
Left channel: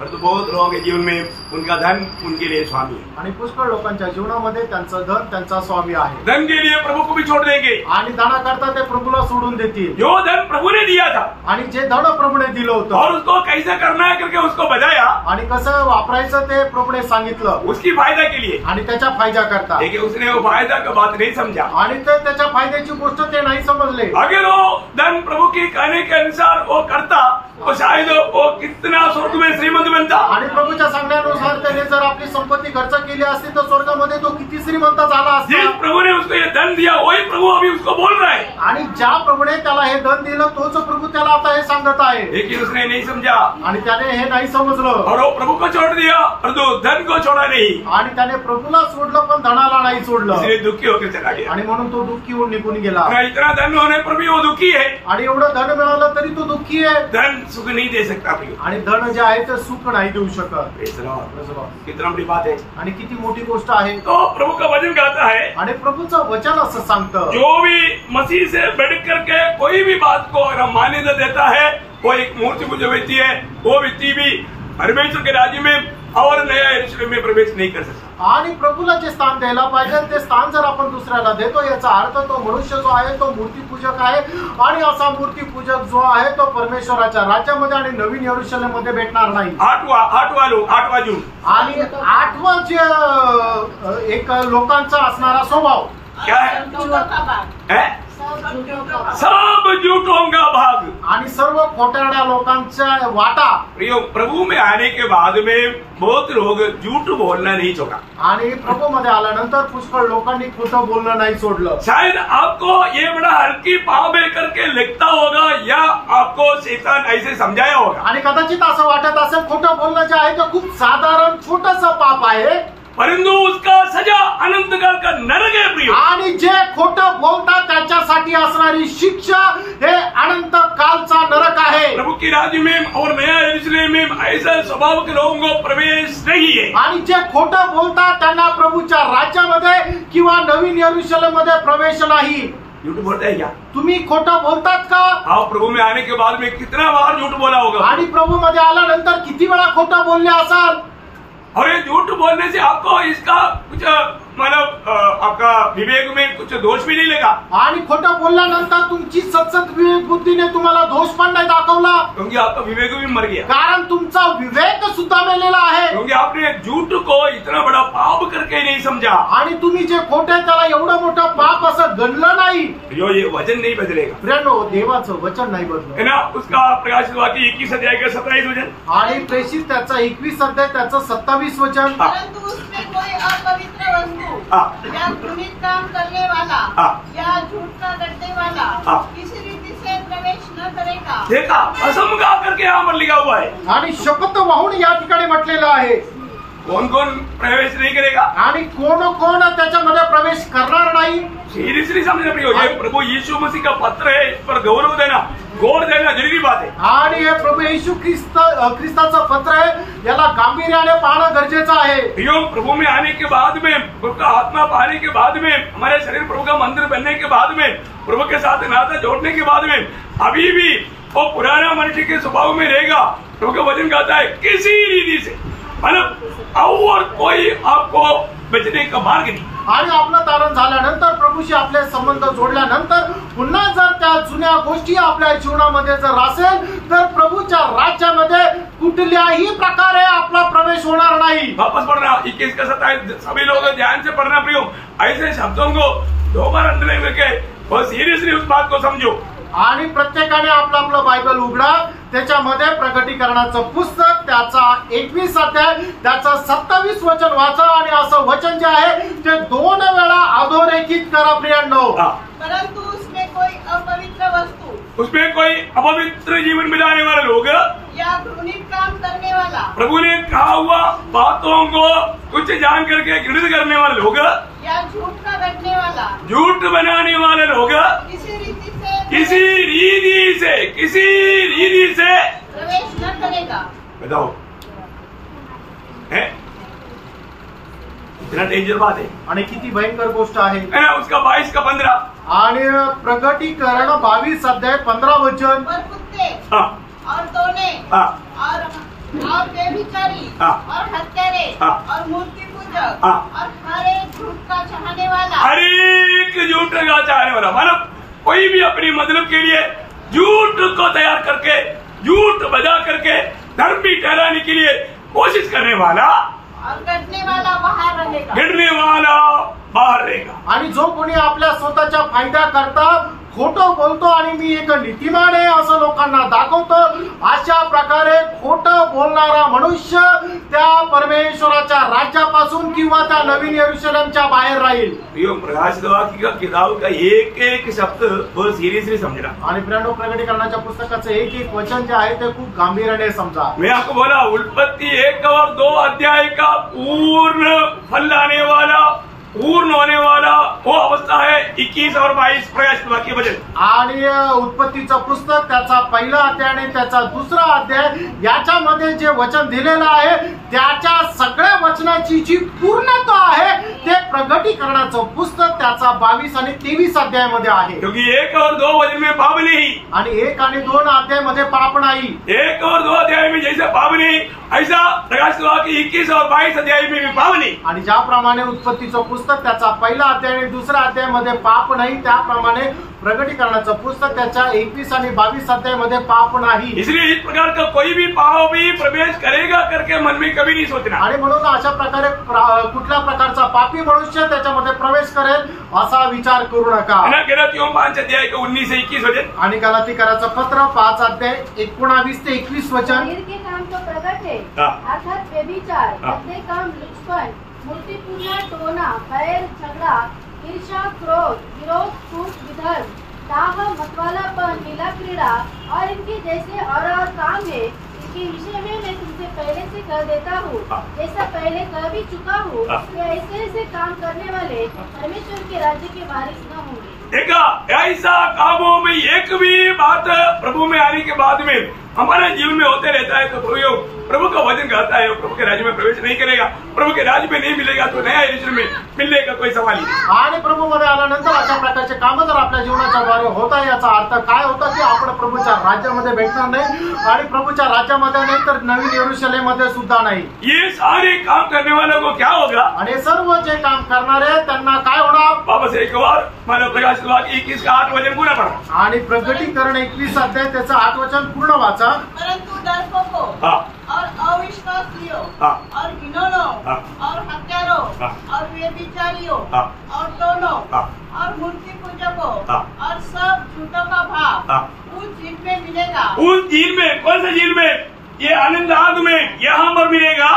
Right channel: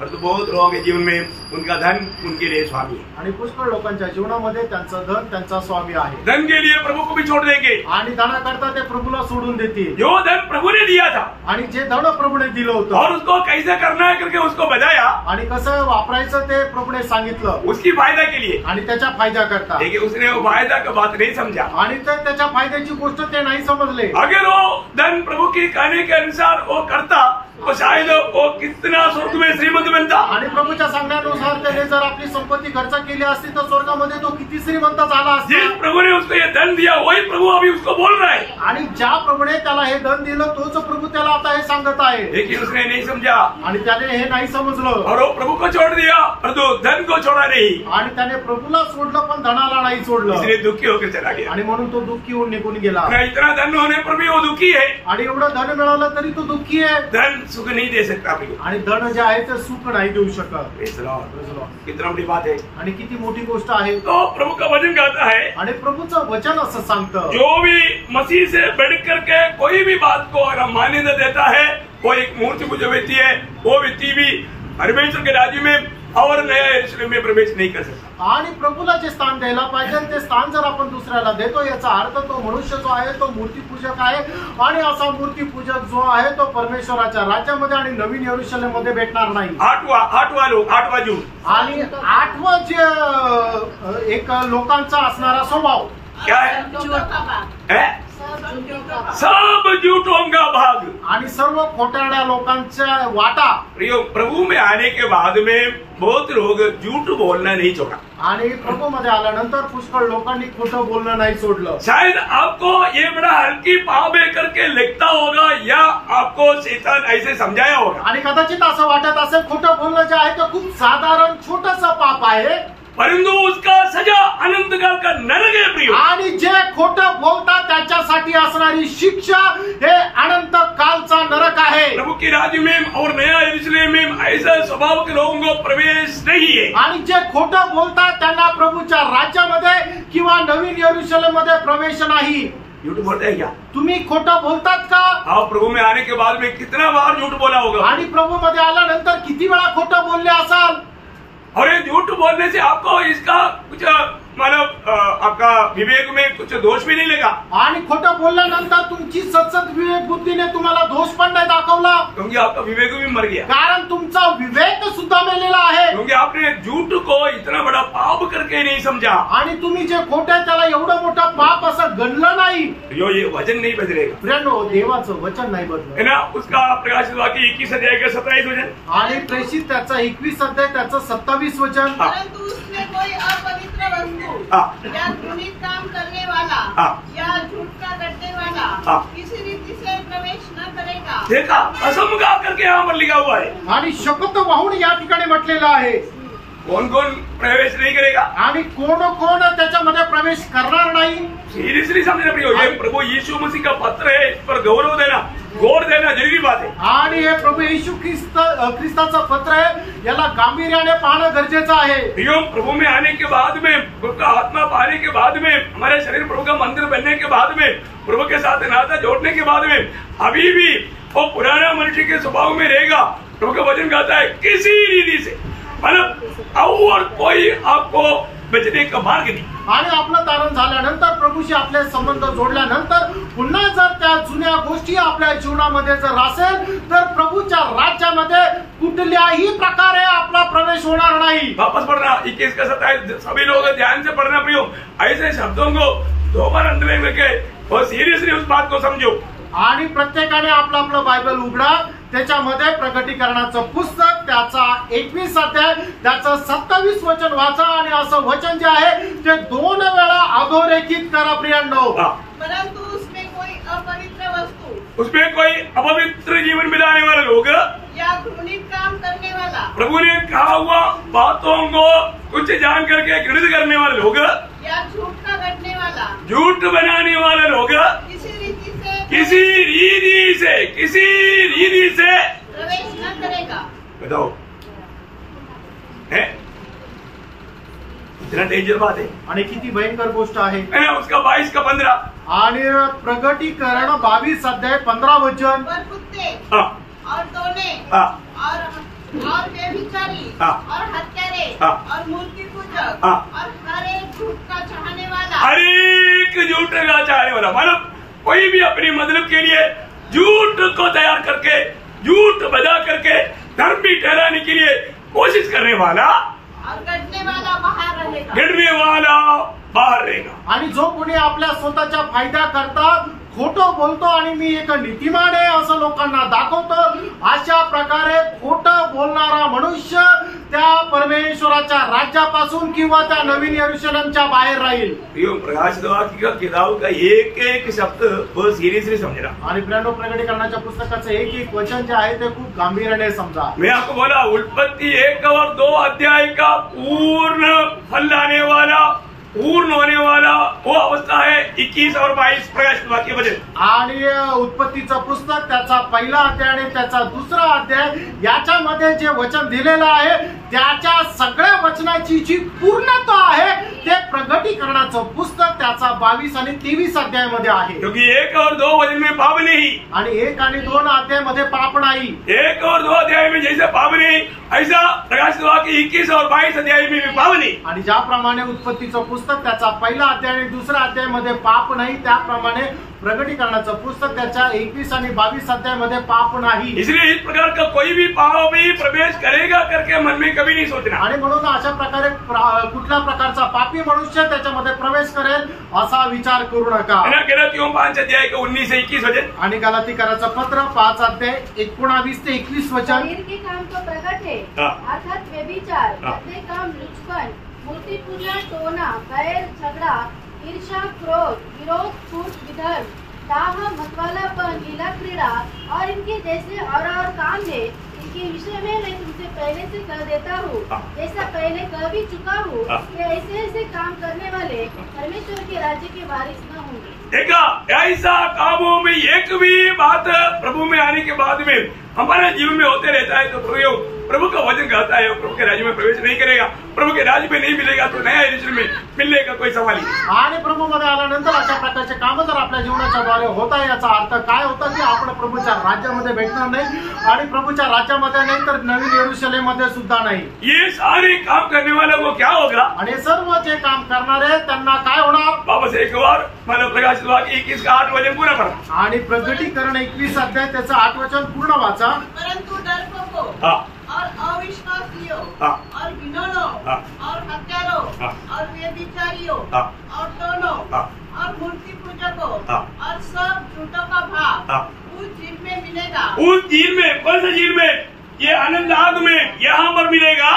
परंतु बहुत लोगों के जीवन में उनका धन उनके लिए स्वामी है. आणि पुष्कळ लोकांच्या जीवनामध्ये त्यांचं धन त्यांचा स्वामी आहे. धन के लिए प्रभु को भी छोड़ देंगे. आणि धनाकरता ते प्रभूला सोडून देतील. जो धन प्रभु ने दिया था आणि जे धन प्रभूने दिलं होतं और उसको कैसे करना है करके उसको बताया. आणि कसं वापरायचं ते प्रभूने सांगितलं. उसकी फायदा के लिए. आणि त्याच्या फायदा करता. लेकिन उसने वो फायदा का बात नहीं समझा. आणि ते त्याच्या फायद्याची गोष्ट ते नाही समजले. अगर वो धन प्रभु की कहने के अनुसार वो करता तो शायद वो कितना स्वर्ग में श्रीमंत बनता. आणि प्रभूच्या सांगण्यानुसार त्याने जर आपली संपत्ती खर्च केली असती तर स्वर्गामध्ये तो किती श्रीमंत झाला असता. जिस प्रभु ने उसको ये धन दिया वही प्रभु अभी उसको बोल रहा है. आणि ज्या प्रभूने त्याला हे धन दिलं तोच प्रभू त्याला आता हे सांगत आहे. लेकिन उसने नहीं समझा आणि त्याने हे नाही समजलं. और वो प्रभु को छोड़ दिया परंतु धन को छोड़ा नहीं. आणि त्याने प्रभूला सोडलं पण धनाला नाही सोडलं. इसलिए दुखी होकर चला गया. आणि म्हणून तो दुःखी होऊन निघून गेला. इतना धन होने पर भी वो दुखी है. आणि एवढं धन मिळालं तरी तो दुःखी आहे. धन सुख नहीं दे सकता. आणि धन जे आहे ते सुख नाही देऊ शकत. कितना बड़ी बात है. आणि किती मोठी गोष्ट आहे. तो प्रभु का वचन कहता है आणि प्रभूचं वचन असं सांगतं, जो भी मसीह से बढ़ करके कोई भी बात को अगर मान्यता देता है वो एक मूर्ति पूजक व्यक्ति है. वो व्यक्ति भी परमेश्वर के राज्य में और नया यरूशलेम में प्रवेश नहीं कर सकता. आणि प्रभूला जे स्थान द्यायला पाहिजे ते स्थान जर आपण दुसऱ्याला देतो याचा अर्थ तो मनुष्य जो आहे तो मूर्तीपूजक आहे. आणि असा मूर्तीपूजक जो आहे तो परमेश्वराच्या राज्यामध्ये आणि नवीन यरूशलेम मध्ये भेटणार नाही. 8 जून आणि 8वं जे एक लोकांचा असणारा स्वभाव क्या है. सब झूठों का भाग. आणि सर्व खोटारड्या लोकांच्या वाटा. प्रभु में आने के बाद में बहुत लोग झूठ बोलना नहीं छोड़ा. आणि प्रभू मध्ये आल्यानंतर पुष्कळ लोकांनी खोटं बोलणं नाही सोडलं. शायद आपको ये बड़ा हल्की पाप है करके लगता होगा या आपको शैतान ऐसे समझाया होगा. आणि कदाचित असं वाटत असेल खोटं बोलणं जे आहे ते खूप साधारण छोटस पाप आहे. परंतु उसका सजा अनंत काल का नरक है प्रिय। आणि जे खोटं बोलतात त्याच्यासाठी असणारी शिक्षा हे अनंत कालचा नरक आहे। प्रभु के राज्य में और नया यरूशलेम में ऐसा स्वभाव के लोगों को प्रवेश नहीं है। आणि जे खोटं बोलतात त्यांना प्रभूच्या राज्यामध्ये किंवा नवीन यरूशलेम मध्ये प्रवेश नाही। झूठ बोलते हैं क्या? तुम्ही खोटं बोलतात का? आप प्रभु में आने के बाद में कितना बार झूठ बोला होगा? आणि प्रभू मध्ये आल्यानंतर किती वेळा खोटं बोलले असाल? और ये झूठ बोलने से आपको इसका कुछ मतलब आपका विवेक में कुछ दोष भी नहीं लगा। आणि खोटं बोलल्यानंतर तुमची सतत विवेक बुद्धीने तुम्हाला दोष पण नाही दाखवला, क्योंकि आपका विवेक भी मर गया। कारण तुमचा विवेक सुद्धा मेलेला आहे। क्योंकि आपने झूठ को इतना बड़ा पाप करके नहीं समझा। आणि तुम्ही जे खोटे त्याला एवढं मोठं पाप असं गणलं नाही। जो ये वचन नहीं बदलेगा प्रियांनो, देवाचं वचन नाही है बदलत ना। उसका प्रकाशित वाक्य 21 अध्याय का 27 वचन आणि प्रेषित त्याचा 21 अध्याय त्याचं 27 वचन। परंतु उसमें कोई अपवित्र वस्तु या घृणित काम करने वाला या झूठ का गढ़ने वाला किसी रीति से प्रवेश न करेगा। देखा, असम का करके यहाँ पर लिखा हुआ है। आणि शपथ वाहून या ठिकाणी म्हटलेलं आहे। कौन कौन प्रवेश नहीं करेगा आणि कोण कोण त्याच्यामध्ये प्रवेश करणार नाही। सीरियसली समझना प्रियो, ये प्रभु यीशु मसीह का पत्र है। इस पर गौरव देना, गौर देना जरूरी बात है। आणि हे प्रभू येशू ख्रिस्ताचं पत्र आहे, याला गांभीर्याने पाहणं गरजेचं आहे। प्रियो, प्रभु में आने के बाद में, प्रभु का आत्मा पाने के बाद में, हमारे शरीर प्रभु का मंदिर बनने के बाद में, प्रभु के साथ नाता जोड़ने के बाद में अभी भी वो पुराना मनुष्य के स्वभाव में रहेगा। प्रभु का वचन कहता है किसी रीति से, मतलब और कोई आपको बचने का मार्ग नहीं। आणि आपलं तारण झाल्यानंतर प्रभूशी आपले संबंध जोडल्यानंतर पुन्हा जर त्या जुन्या गोष्टी आपल्या जीवनामध्ये जर असेल तर प्रभूच्या राज्यामध्ये कुठल्याही प्रकारे आपला प्रवेश होणार नाही। वापस पढ़ना 21 का 27, सभी लोग ध्यान से पढ़ना प्रियो। ऐसे शब्दों को दो बार अंदर लेके बहुत सीरियसली उस बात को समझो। आणि प्रत्येकाने आपलं आपलं बायबल उघडा, त्याच्यामध्ये प्रगटीकरणाचं पुस्तक त्याचा 21 अध्याय त्याचं 27 वचन वाचा आणि असं वचन जे आहे ते 2 वेळा अधोरेखित करा प्रियांनो। परंतु उसमें कोई अपवित्र वस्तु, उसमें कोई अपवित्र जीवन बिताने वाले लोग या घृणित काम करने वाला, प्रभु ने कहा हुआ बातों को कुछ जान करके घृणित करने वाले लोग, या झूठ का गढ़ने वाला, झूठ बनाने वाले लोग किसी रीति से प्रवेश न करेगा। बताओ, है इतना डेंजर बात है। आणि किती भयंकर गोष्ट आहे है ना। उसका 22 का 15 आणि प्रगटीकरण 22 अध्याय 15 वचन। पर कुत्ते हाँ, और दोने हाँ, और व्यभिचारी हाँ, और हत्यारे हाँ, और मूर्ति पूजक हाँ, और हर एक झूठ का चाहने वाला, हर एक झूठ का चाहने वाला, मतलब कोई भी अपनी मतलब के लिए झूठ को तैयार करके, झूठ बजा करके धर्मी ठहराने के लिए कोशिश करने वाला और गढ़ने वाला बाहर रहेगा। गिरने वाला बाहर रहेगा। आणि जो कोणी आपल्या स्वतःच्या फायदा करता खोटं बोलतो आणि मी एक नीतिमान आहे असं लोकांना दाखवतो, अशा प्रकारे खोटं बोलणारा मनुष्य त्या परमेश्वराच्या राज्यापासून किंवा त्या नवीन यरूशलेमच्या बाहेर राहील। प्रकाशित वाक्य का किताब का एक एक शब्द बहुत सीरियसली समझना। आणि प्रियांनो, प्रगटीकरणाच्या पुस्तकाचं एक एक वचन जे आहे ते खूप गांभीर्याने समजा। मैं आपको बोला, उत्पत्ति 1 और 2 अध्याय का पूर्ण फल लाने वाला, पूर्ण होने वाला वो अवस्था है 21 और 22 प्रकाशित वाक्य वचन। आणि उत्पत्तीचं पुस्तक त्याचा पहिला अध्याय आणि त्याचा दुसरा अध्याय याच्यामध्ये जे वचन दिलेलं आहे त्याच्या सगळ्या वचनाची जी पूर्णता आहे ते प्रगटीकरणाचं पुस्तक त्याचा 22 आणि 23 अध्यायामध्ये आहे। क्योंकि 1 और 2 वचन में पाप नहीं, आणि 1 आणि 2 अध्यायामध्ये पाप नाही। 1 और 2 अध्याय में जैसे पाप नहीं, ऐसा प्रकाशित वाक्य 21 और 22 अध्याय में भी पाप नहीं। आणि ज्याप्रमाणे उत्पत्तीचं पुस्तक त्याचा पहिला अध्याय आणि दुसरा अध्यायामध्ये पाप नाही, त्याप्रमाणे प्रगटीकरणाचं पुस्तक त्याच्या 21 आणि 22 अध्यायामध्ये पाप नाही। इसलिए इस प्रकार का कोई भी पाप भी प्रवेश करेगा करके मन में कभी नहीं सोचना। आणि म्हणून अशा प्रकारे कुठल्या प्रकारचा पापी मनुष्य त्याच्यामध्ये प्रवेश करेल असा विचार करू नका। गलातियों 5 अध्याय का 19 से 21 वचन। आणि गलातीकराचं पत्र 5 अध्याय 19 ते 21 वचन। शरीर के काम तो प्रकट है, अर्थात व्यभिचार, अपने काम लुचपन, मूर्ति पूजा, टोना, बैर, झगड़ा, ईर्ष्या, क्रोध, विरोध, फूट, विधर्म, दाह, मतवालापन, लीला क्रीड़ा और इनके जैसे और काम है। इसके विषय में मैं तुमसे पहले से कह देता हूँ, हाँ। जैसा पहले कह भी चुका हूँ हाँ। कि ऐसे ऐसे काम करने वाले परमेश्वर के राज्य के वारिस न होंगे। देखा, ऐसा कामों में एक भी बात प्रभु में आने के बाद में हमारे जीवन में होते रहता है तो प्रभु का वचन कहता है प्रभु के राज्य में प्रवेश नहीं करेगा, प्रभु के राज्य में नहीं मिलेगा तो नया यरूशलेम में मिलने का कोई सवाल नहीं। आणि प्रभूमध्ये आल्यानंतर अशा प्रकारचे कामं जर आपल्या जीवनाच्या द्वारे होत आहे, याचा अर्थ काय होता की आपण प्रभूच्या राज्यामध्ये भेटणार नाही आणि प्रभूच्या राज्यामध्ये नाही तर नवीन यरूशलेम मध्ये सुद्धा नाही। ये सारे काम करने वालों को क्या होगा? आणि सर्व जे काम करणारे त्यांना काय होणार? वापस एक बार मला प्रकाशित वाक्य 21 का 8 वचन पूरा पढ़ा। आणि प्रकटीकरण 21 अध्याय त्याचं 8 वचन पूर्ण वाचा। परंतु डरपोकों हाँ। और अविश्वासियों हाँ। और घिनौनों हाँ। और हत्यारों हाँ। और व्यभिचारियों हाँ। और टोनों हाँ। और मूर्ति पूजकों हाँ। और सब झूठों का भाग हाँ। उस दिन में मिलेगा, उस झील में, कौन सा झील में? ये आनंद आग में यहाँ पर मिलेगा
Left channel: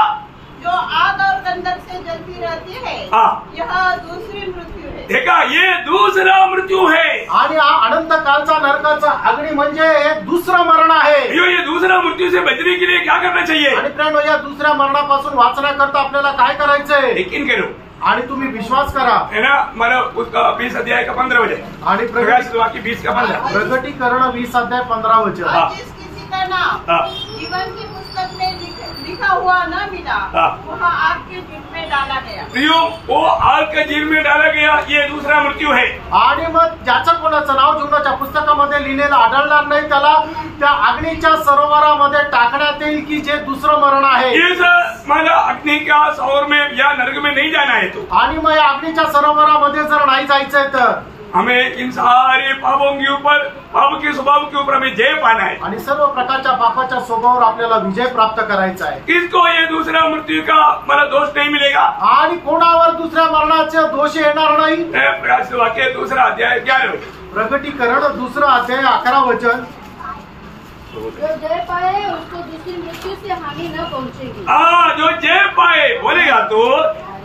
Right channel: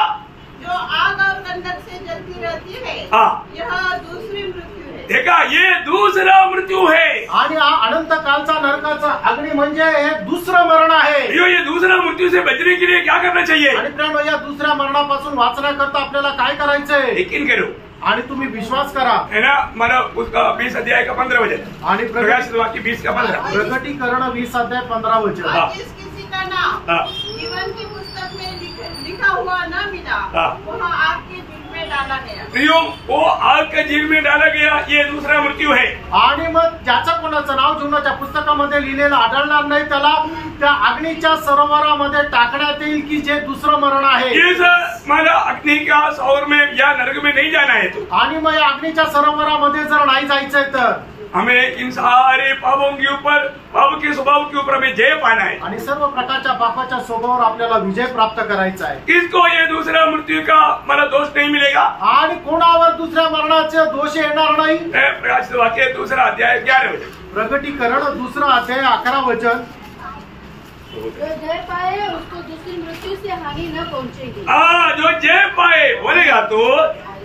जो आग और गंधक से जलती रहती है। हाँ। यह दूसरी मृत्यु है। देखा, ये दूसरा मृत्यू है। आणि हा अनंत कालचा नरकाचा अग्नी म्हणजे हे दुसरं मरण आहे। ये दूसरा मृत्यू से बचने के लिए क्या करना चाहिए? आणि प्रियांनो, या दुसऱ्या मरणापासून वाचण्याकरता आपल्याला काय करायचंय? यकीन करो आणि तुम्ही विश्वास करा। है ना, मला उसका 20 अध्याय का 15 वचन आणि प्रकाशित वाक्य 20 का 15। प्रकटीकरण 20 अध्याय 15 वचन। हाँ। और जिस किसी का नाम हाँ। जीवन की पुस्तक में लिखा हुआ न मिला, हाँ। वह आग के झील में डाला गया। प्रियो, वो आग के झील में डाला गया, ये दूसरा मृत्यू है। आणि मग ज्याचं कोणाचं नाव जीवनाच्या पुस्तकामध्ये लिहिलेलं आढळणार नाही त्याला त्या अग्नीच्या सरोवरामध्ये टाकण्यात येईल की जे दुसरं मरण आहे। इस मला अग्नि का सौर में या नरक में नहीं जाना है तो आणि मग या अग्नीच्या सरोवरामध्ये जर नाही जायचंय तर हमें इन सारे पापों के ऊपर, पाप के स्वभाव के ऊपर हमें जय पाना है। आणि सर्व प्रकारच्या पापाच्या स्वभावावर आपल्याला विजय प्राप्त करायचा आहे। किसको ये दूसरा मृत्यू का मला दोष नहीं मिलेगा? आणि कोणावर दुसऱ्या मरणाचे दोष येणार नाही। प्रकाशित वाक्य दूसरा अध्याय 11 वचन। प्रकटीकरण 2 अध्याय 11 वचन। जो जय पाए उसको दूसरी मृत्यु से हानि न पहुँचेगी। जो जय पाए बोलेगा तो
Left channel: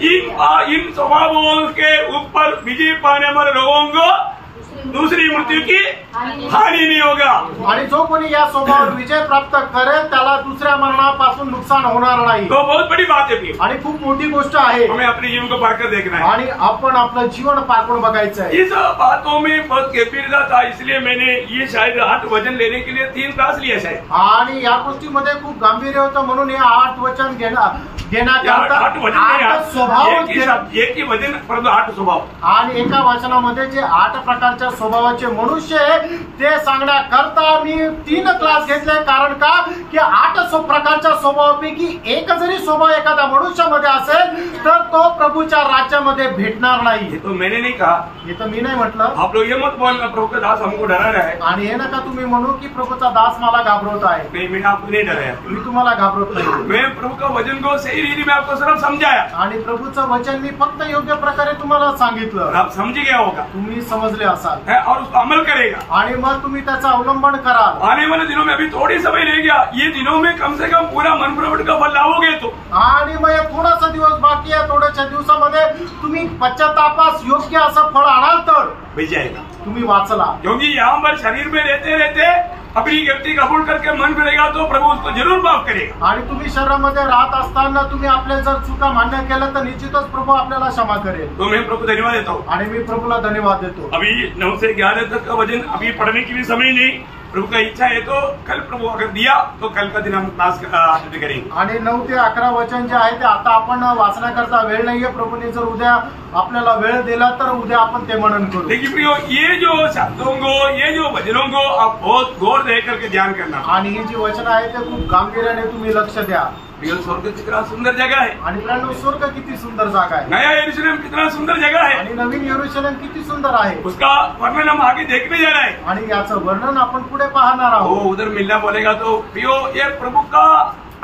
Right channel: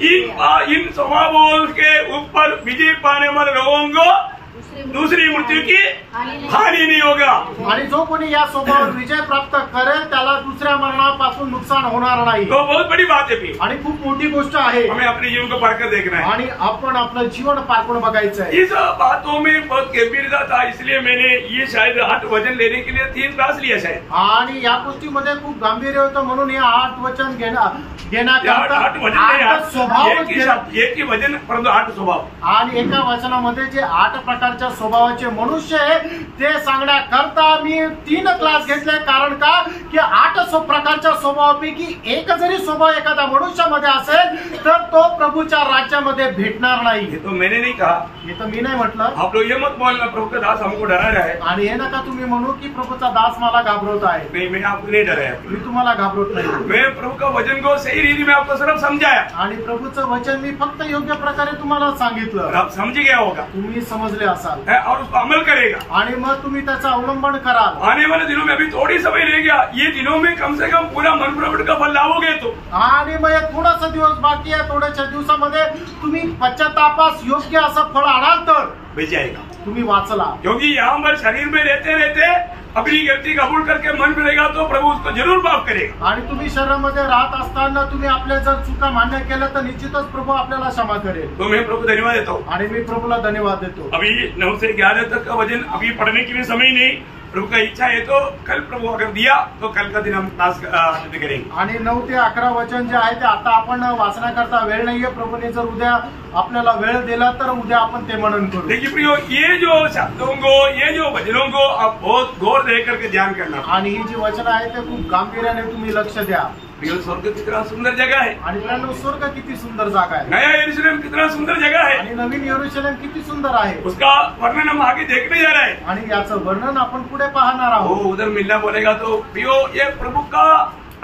इन स्वभावों के ऊपर विजय पाने वाले लोगों को दूसरी मृत्यू की हानि नहीं होगा। आणि जो कोणी या स्वभावावर विजय प्राप्त करेल त्याला दुसऱ्या मरणापासून नुकसान होणार नाही। तो बहुत बड़ी बात है प्रिय। आणि खूप मोठी गोष्ट आहे। हमें अपने जीवन को पारकर देखना है आणि आपण आपलं जीवन पारखून बघायचं आहे। इस बातों में बहुत गंभीरता था, इसलिए मैंने ये शायद 8 वचन लेने के लिए 3 क्लास लिया शायद। आणि या गोष्टीमध्ये खूप गांभीर्य होतं म्हणून हे 8 वचन घेण्याकरता 8 वचन 8 स्वभाव एक ही वचन परंतु 8 स्वभाव। आणि एका वचनामध्ये जे 8 प्रकारच्या स्वभावाचे मनुष्य आहे ते सांगण्याकरता मी 3 क्लास घेतले। कारण का की 8 प्रकारच्या स्वभावापैकी एक जरी स्वभाव एखाद्या मनुष्यामध्ये असेल तर तो प्रभूच्या राज्यामध्ये भेटणार नाही। ये तो मैंने नहीं कहा, हे तर मी नाही म्हटलं। आप लोग ये मत बोलना प्रभु का दास हमको डरा रहा है। आणि हे नका तुम्ही म्हणू की प्रभूचा दास मला घाबरवत आहे। नहीं, मैं आपको नहीं डराया, मी तुम्हाला घाबरत नाही। मैं प्रभु का वचन को सही रीति में आपको सिर्फ समझाया। आणि प्रभूचं वचन मी फक्त योग्य प्रकारे तुम्हाला सांगितलं, आप समझ गया होगा तुम्ही समजले असाल है, और उसको अमल करेगा। आणि मग तुम्ही त्याचं अवलंबन कराल। आने वाले दिनों में, अभी थोड़ी समय रह गया, ये दिनों में कम से कम पूरा मन प्रवट का फल लाओगे तो। आणि मग हे थोडासा दिवस बाकी आहे, थोड्याशा दिवसामध्ये तुम्ही पश्चातापास योग्य असं फळ आणाल तर बच जाएगा। तुम्ही वाचला। क्योंकि यहाँ पर शरीर में रहते रहते अपनी गलती कबूल करके मन मिलेगा तो प्रभु उसको जरूर माफ करेगा। आणि तुम्ही शरीरामध्ये राहत असताना तुम्ही आपल्या जर चुका मान्य केल्या तर निश्चितच प्रभू आपल्याला क्षमा करेल। तो मैं प्रभु धन्यवाद देता हूँ। आणि मी प्रभूला धन्यवाद देतो। अभी 9 से 11 तक का वचन अभी पढ़ने के लिए समय नहीं, प्रभु का इच्छा है तो कल प्रभु अगर दिया तो कल का दिन हम क्लास अटेंड करेंगे। आणि 9 ते 11 वचन जे आहे ते आता आपण वाचण्याकरता वेळ नाहीये। प्रभूने जर उद्या आपल्याला वेळ दिला तर उद्या आपण ते मनन करू। देखिए प्रियो, ये जो शब्दों को, ये जो वचनों को आप बहुत गौर दे करके ध्यान करना। आणि ही जी वचन आहे ते खूप गांभीर्याने तुम्ही लक्ष द्या। प्रियो, स्वर्ग कितना सुंदर जगह है। आणि प्रियांनो, स्वर्ग किती सुंदर जागा आहे। नया यरूशलेम कितना सुंदर जगह है। आणि नवीन यरूशलेम किती सुंदर आहे। उसका वर्णन हम आगे देखने जा रहे हैं। आणि याचं वर्णन आपण पुढे पाहणार आहोत। उधर मिलना बोलेगा तो प्रियो, ये प्रभु का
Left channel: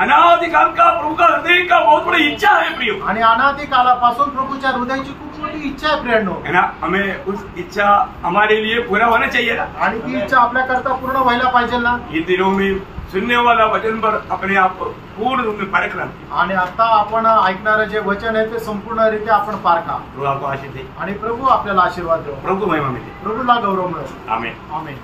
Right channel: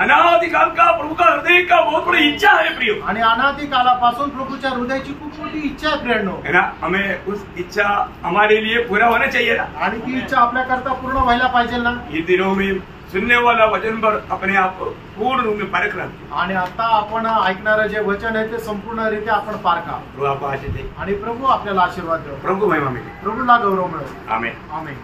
अनादिकाल का, प्रभु का हृदय का बहुत बड़ी इच्छा है प्रियो। आणि अनादि कालापासून प्रभूच्या हृदयाची खूप मोठी इच्छा आहे प्रियांनो। है ना, हमें उस इच्छा हमारे लिए पूरा होना चाहिए ना। आणि ती इच्छा आपल्याकरता पूर्ण व्हायला पाहिजे ना। इन दिनों में सुनने वाला वचन पर अपने आप को पूर्ण रूप में परखना। आणि आता आपण ऐकणारं जे वचन आहे ते संपूर्णरित्या आपण पारखा। प्रभु आपको आशीष दे। आणि प्रभू आपल्याला आशीर्वाद देव। प्रभु को महिमा मिले। प्रभूला गौरव मिळो। आमेन। आमेन।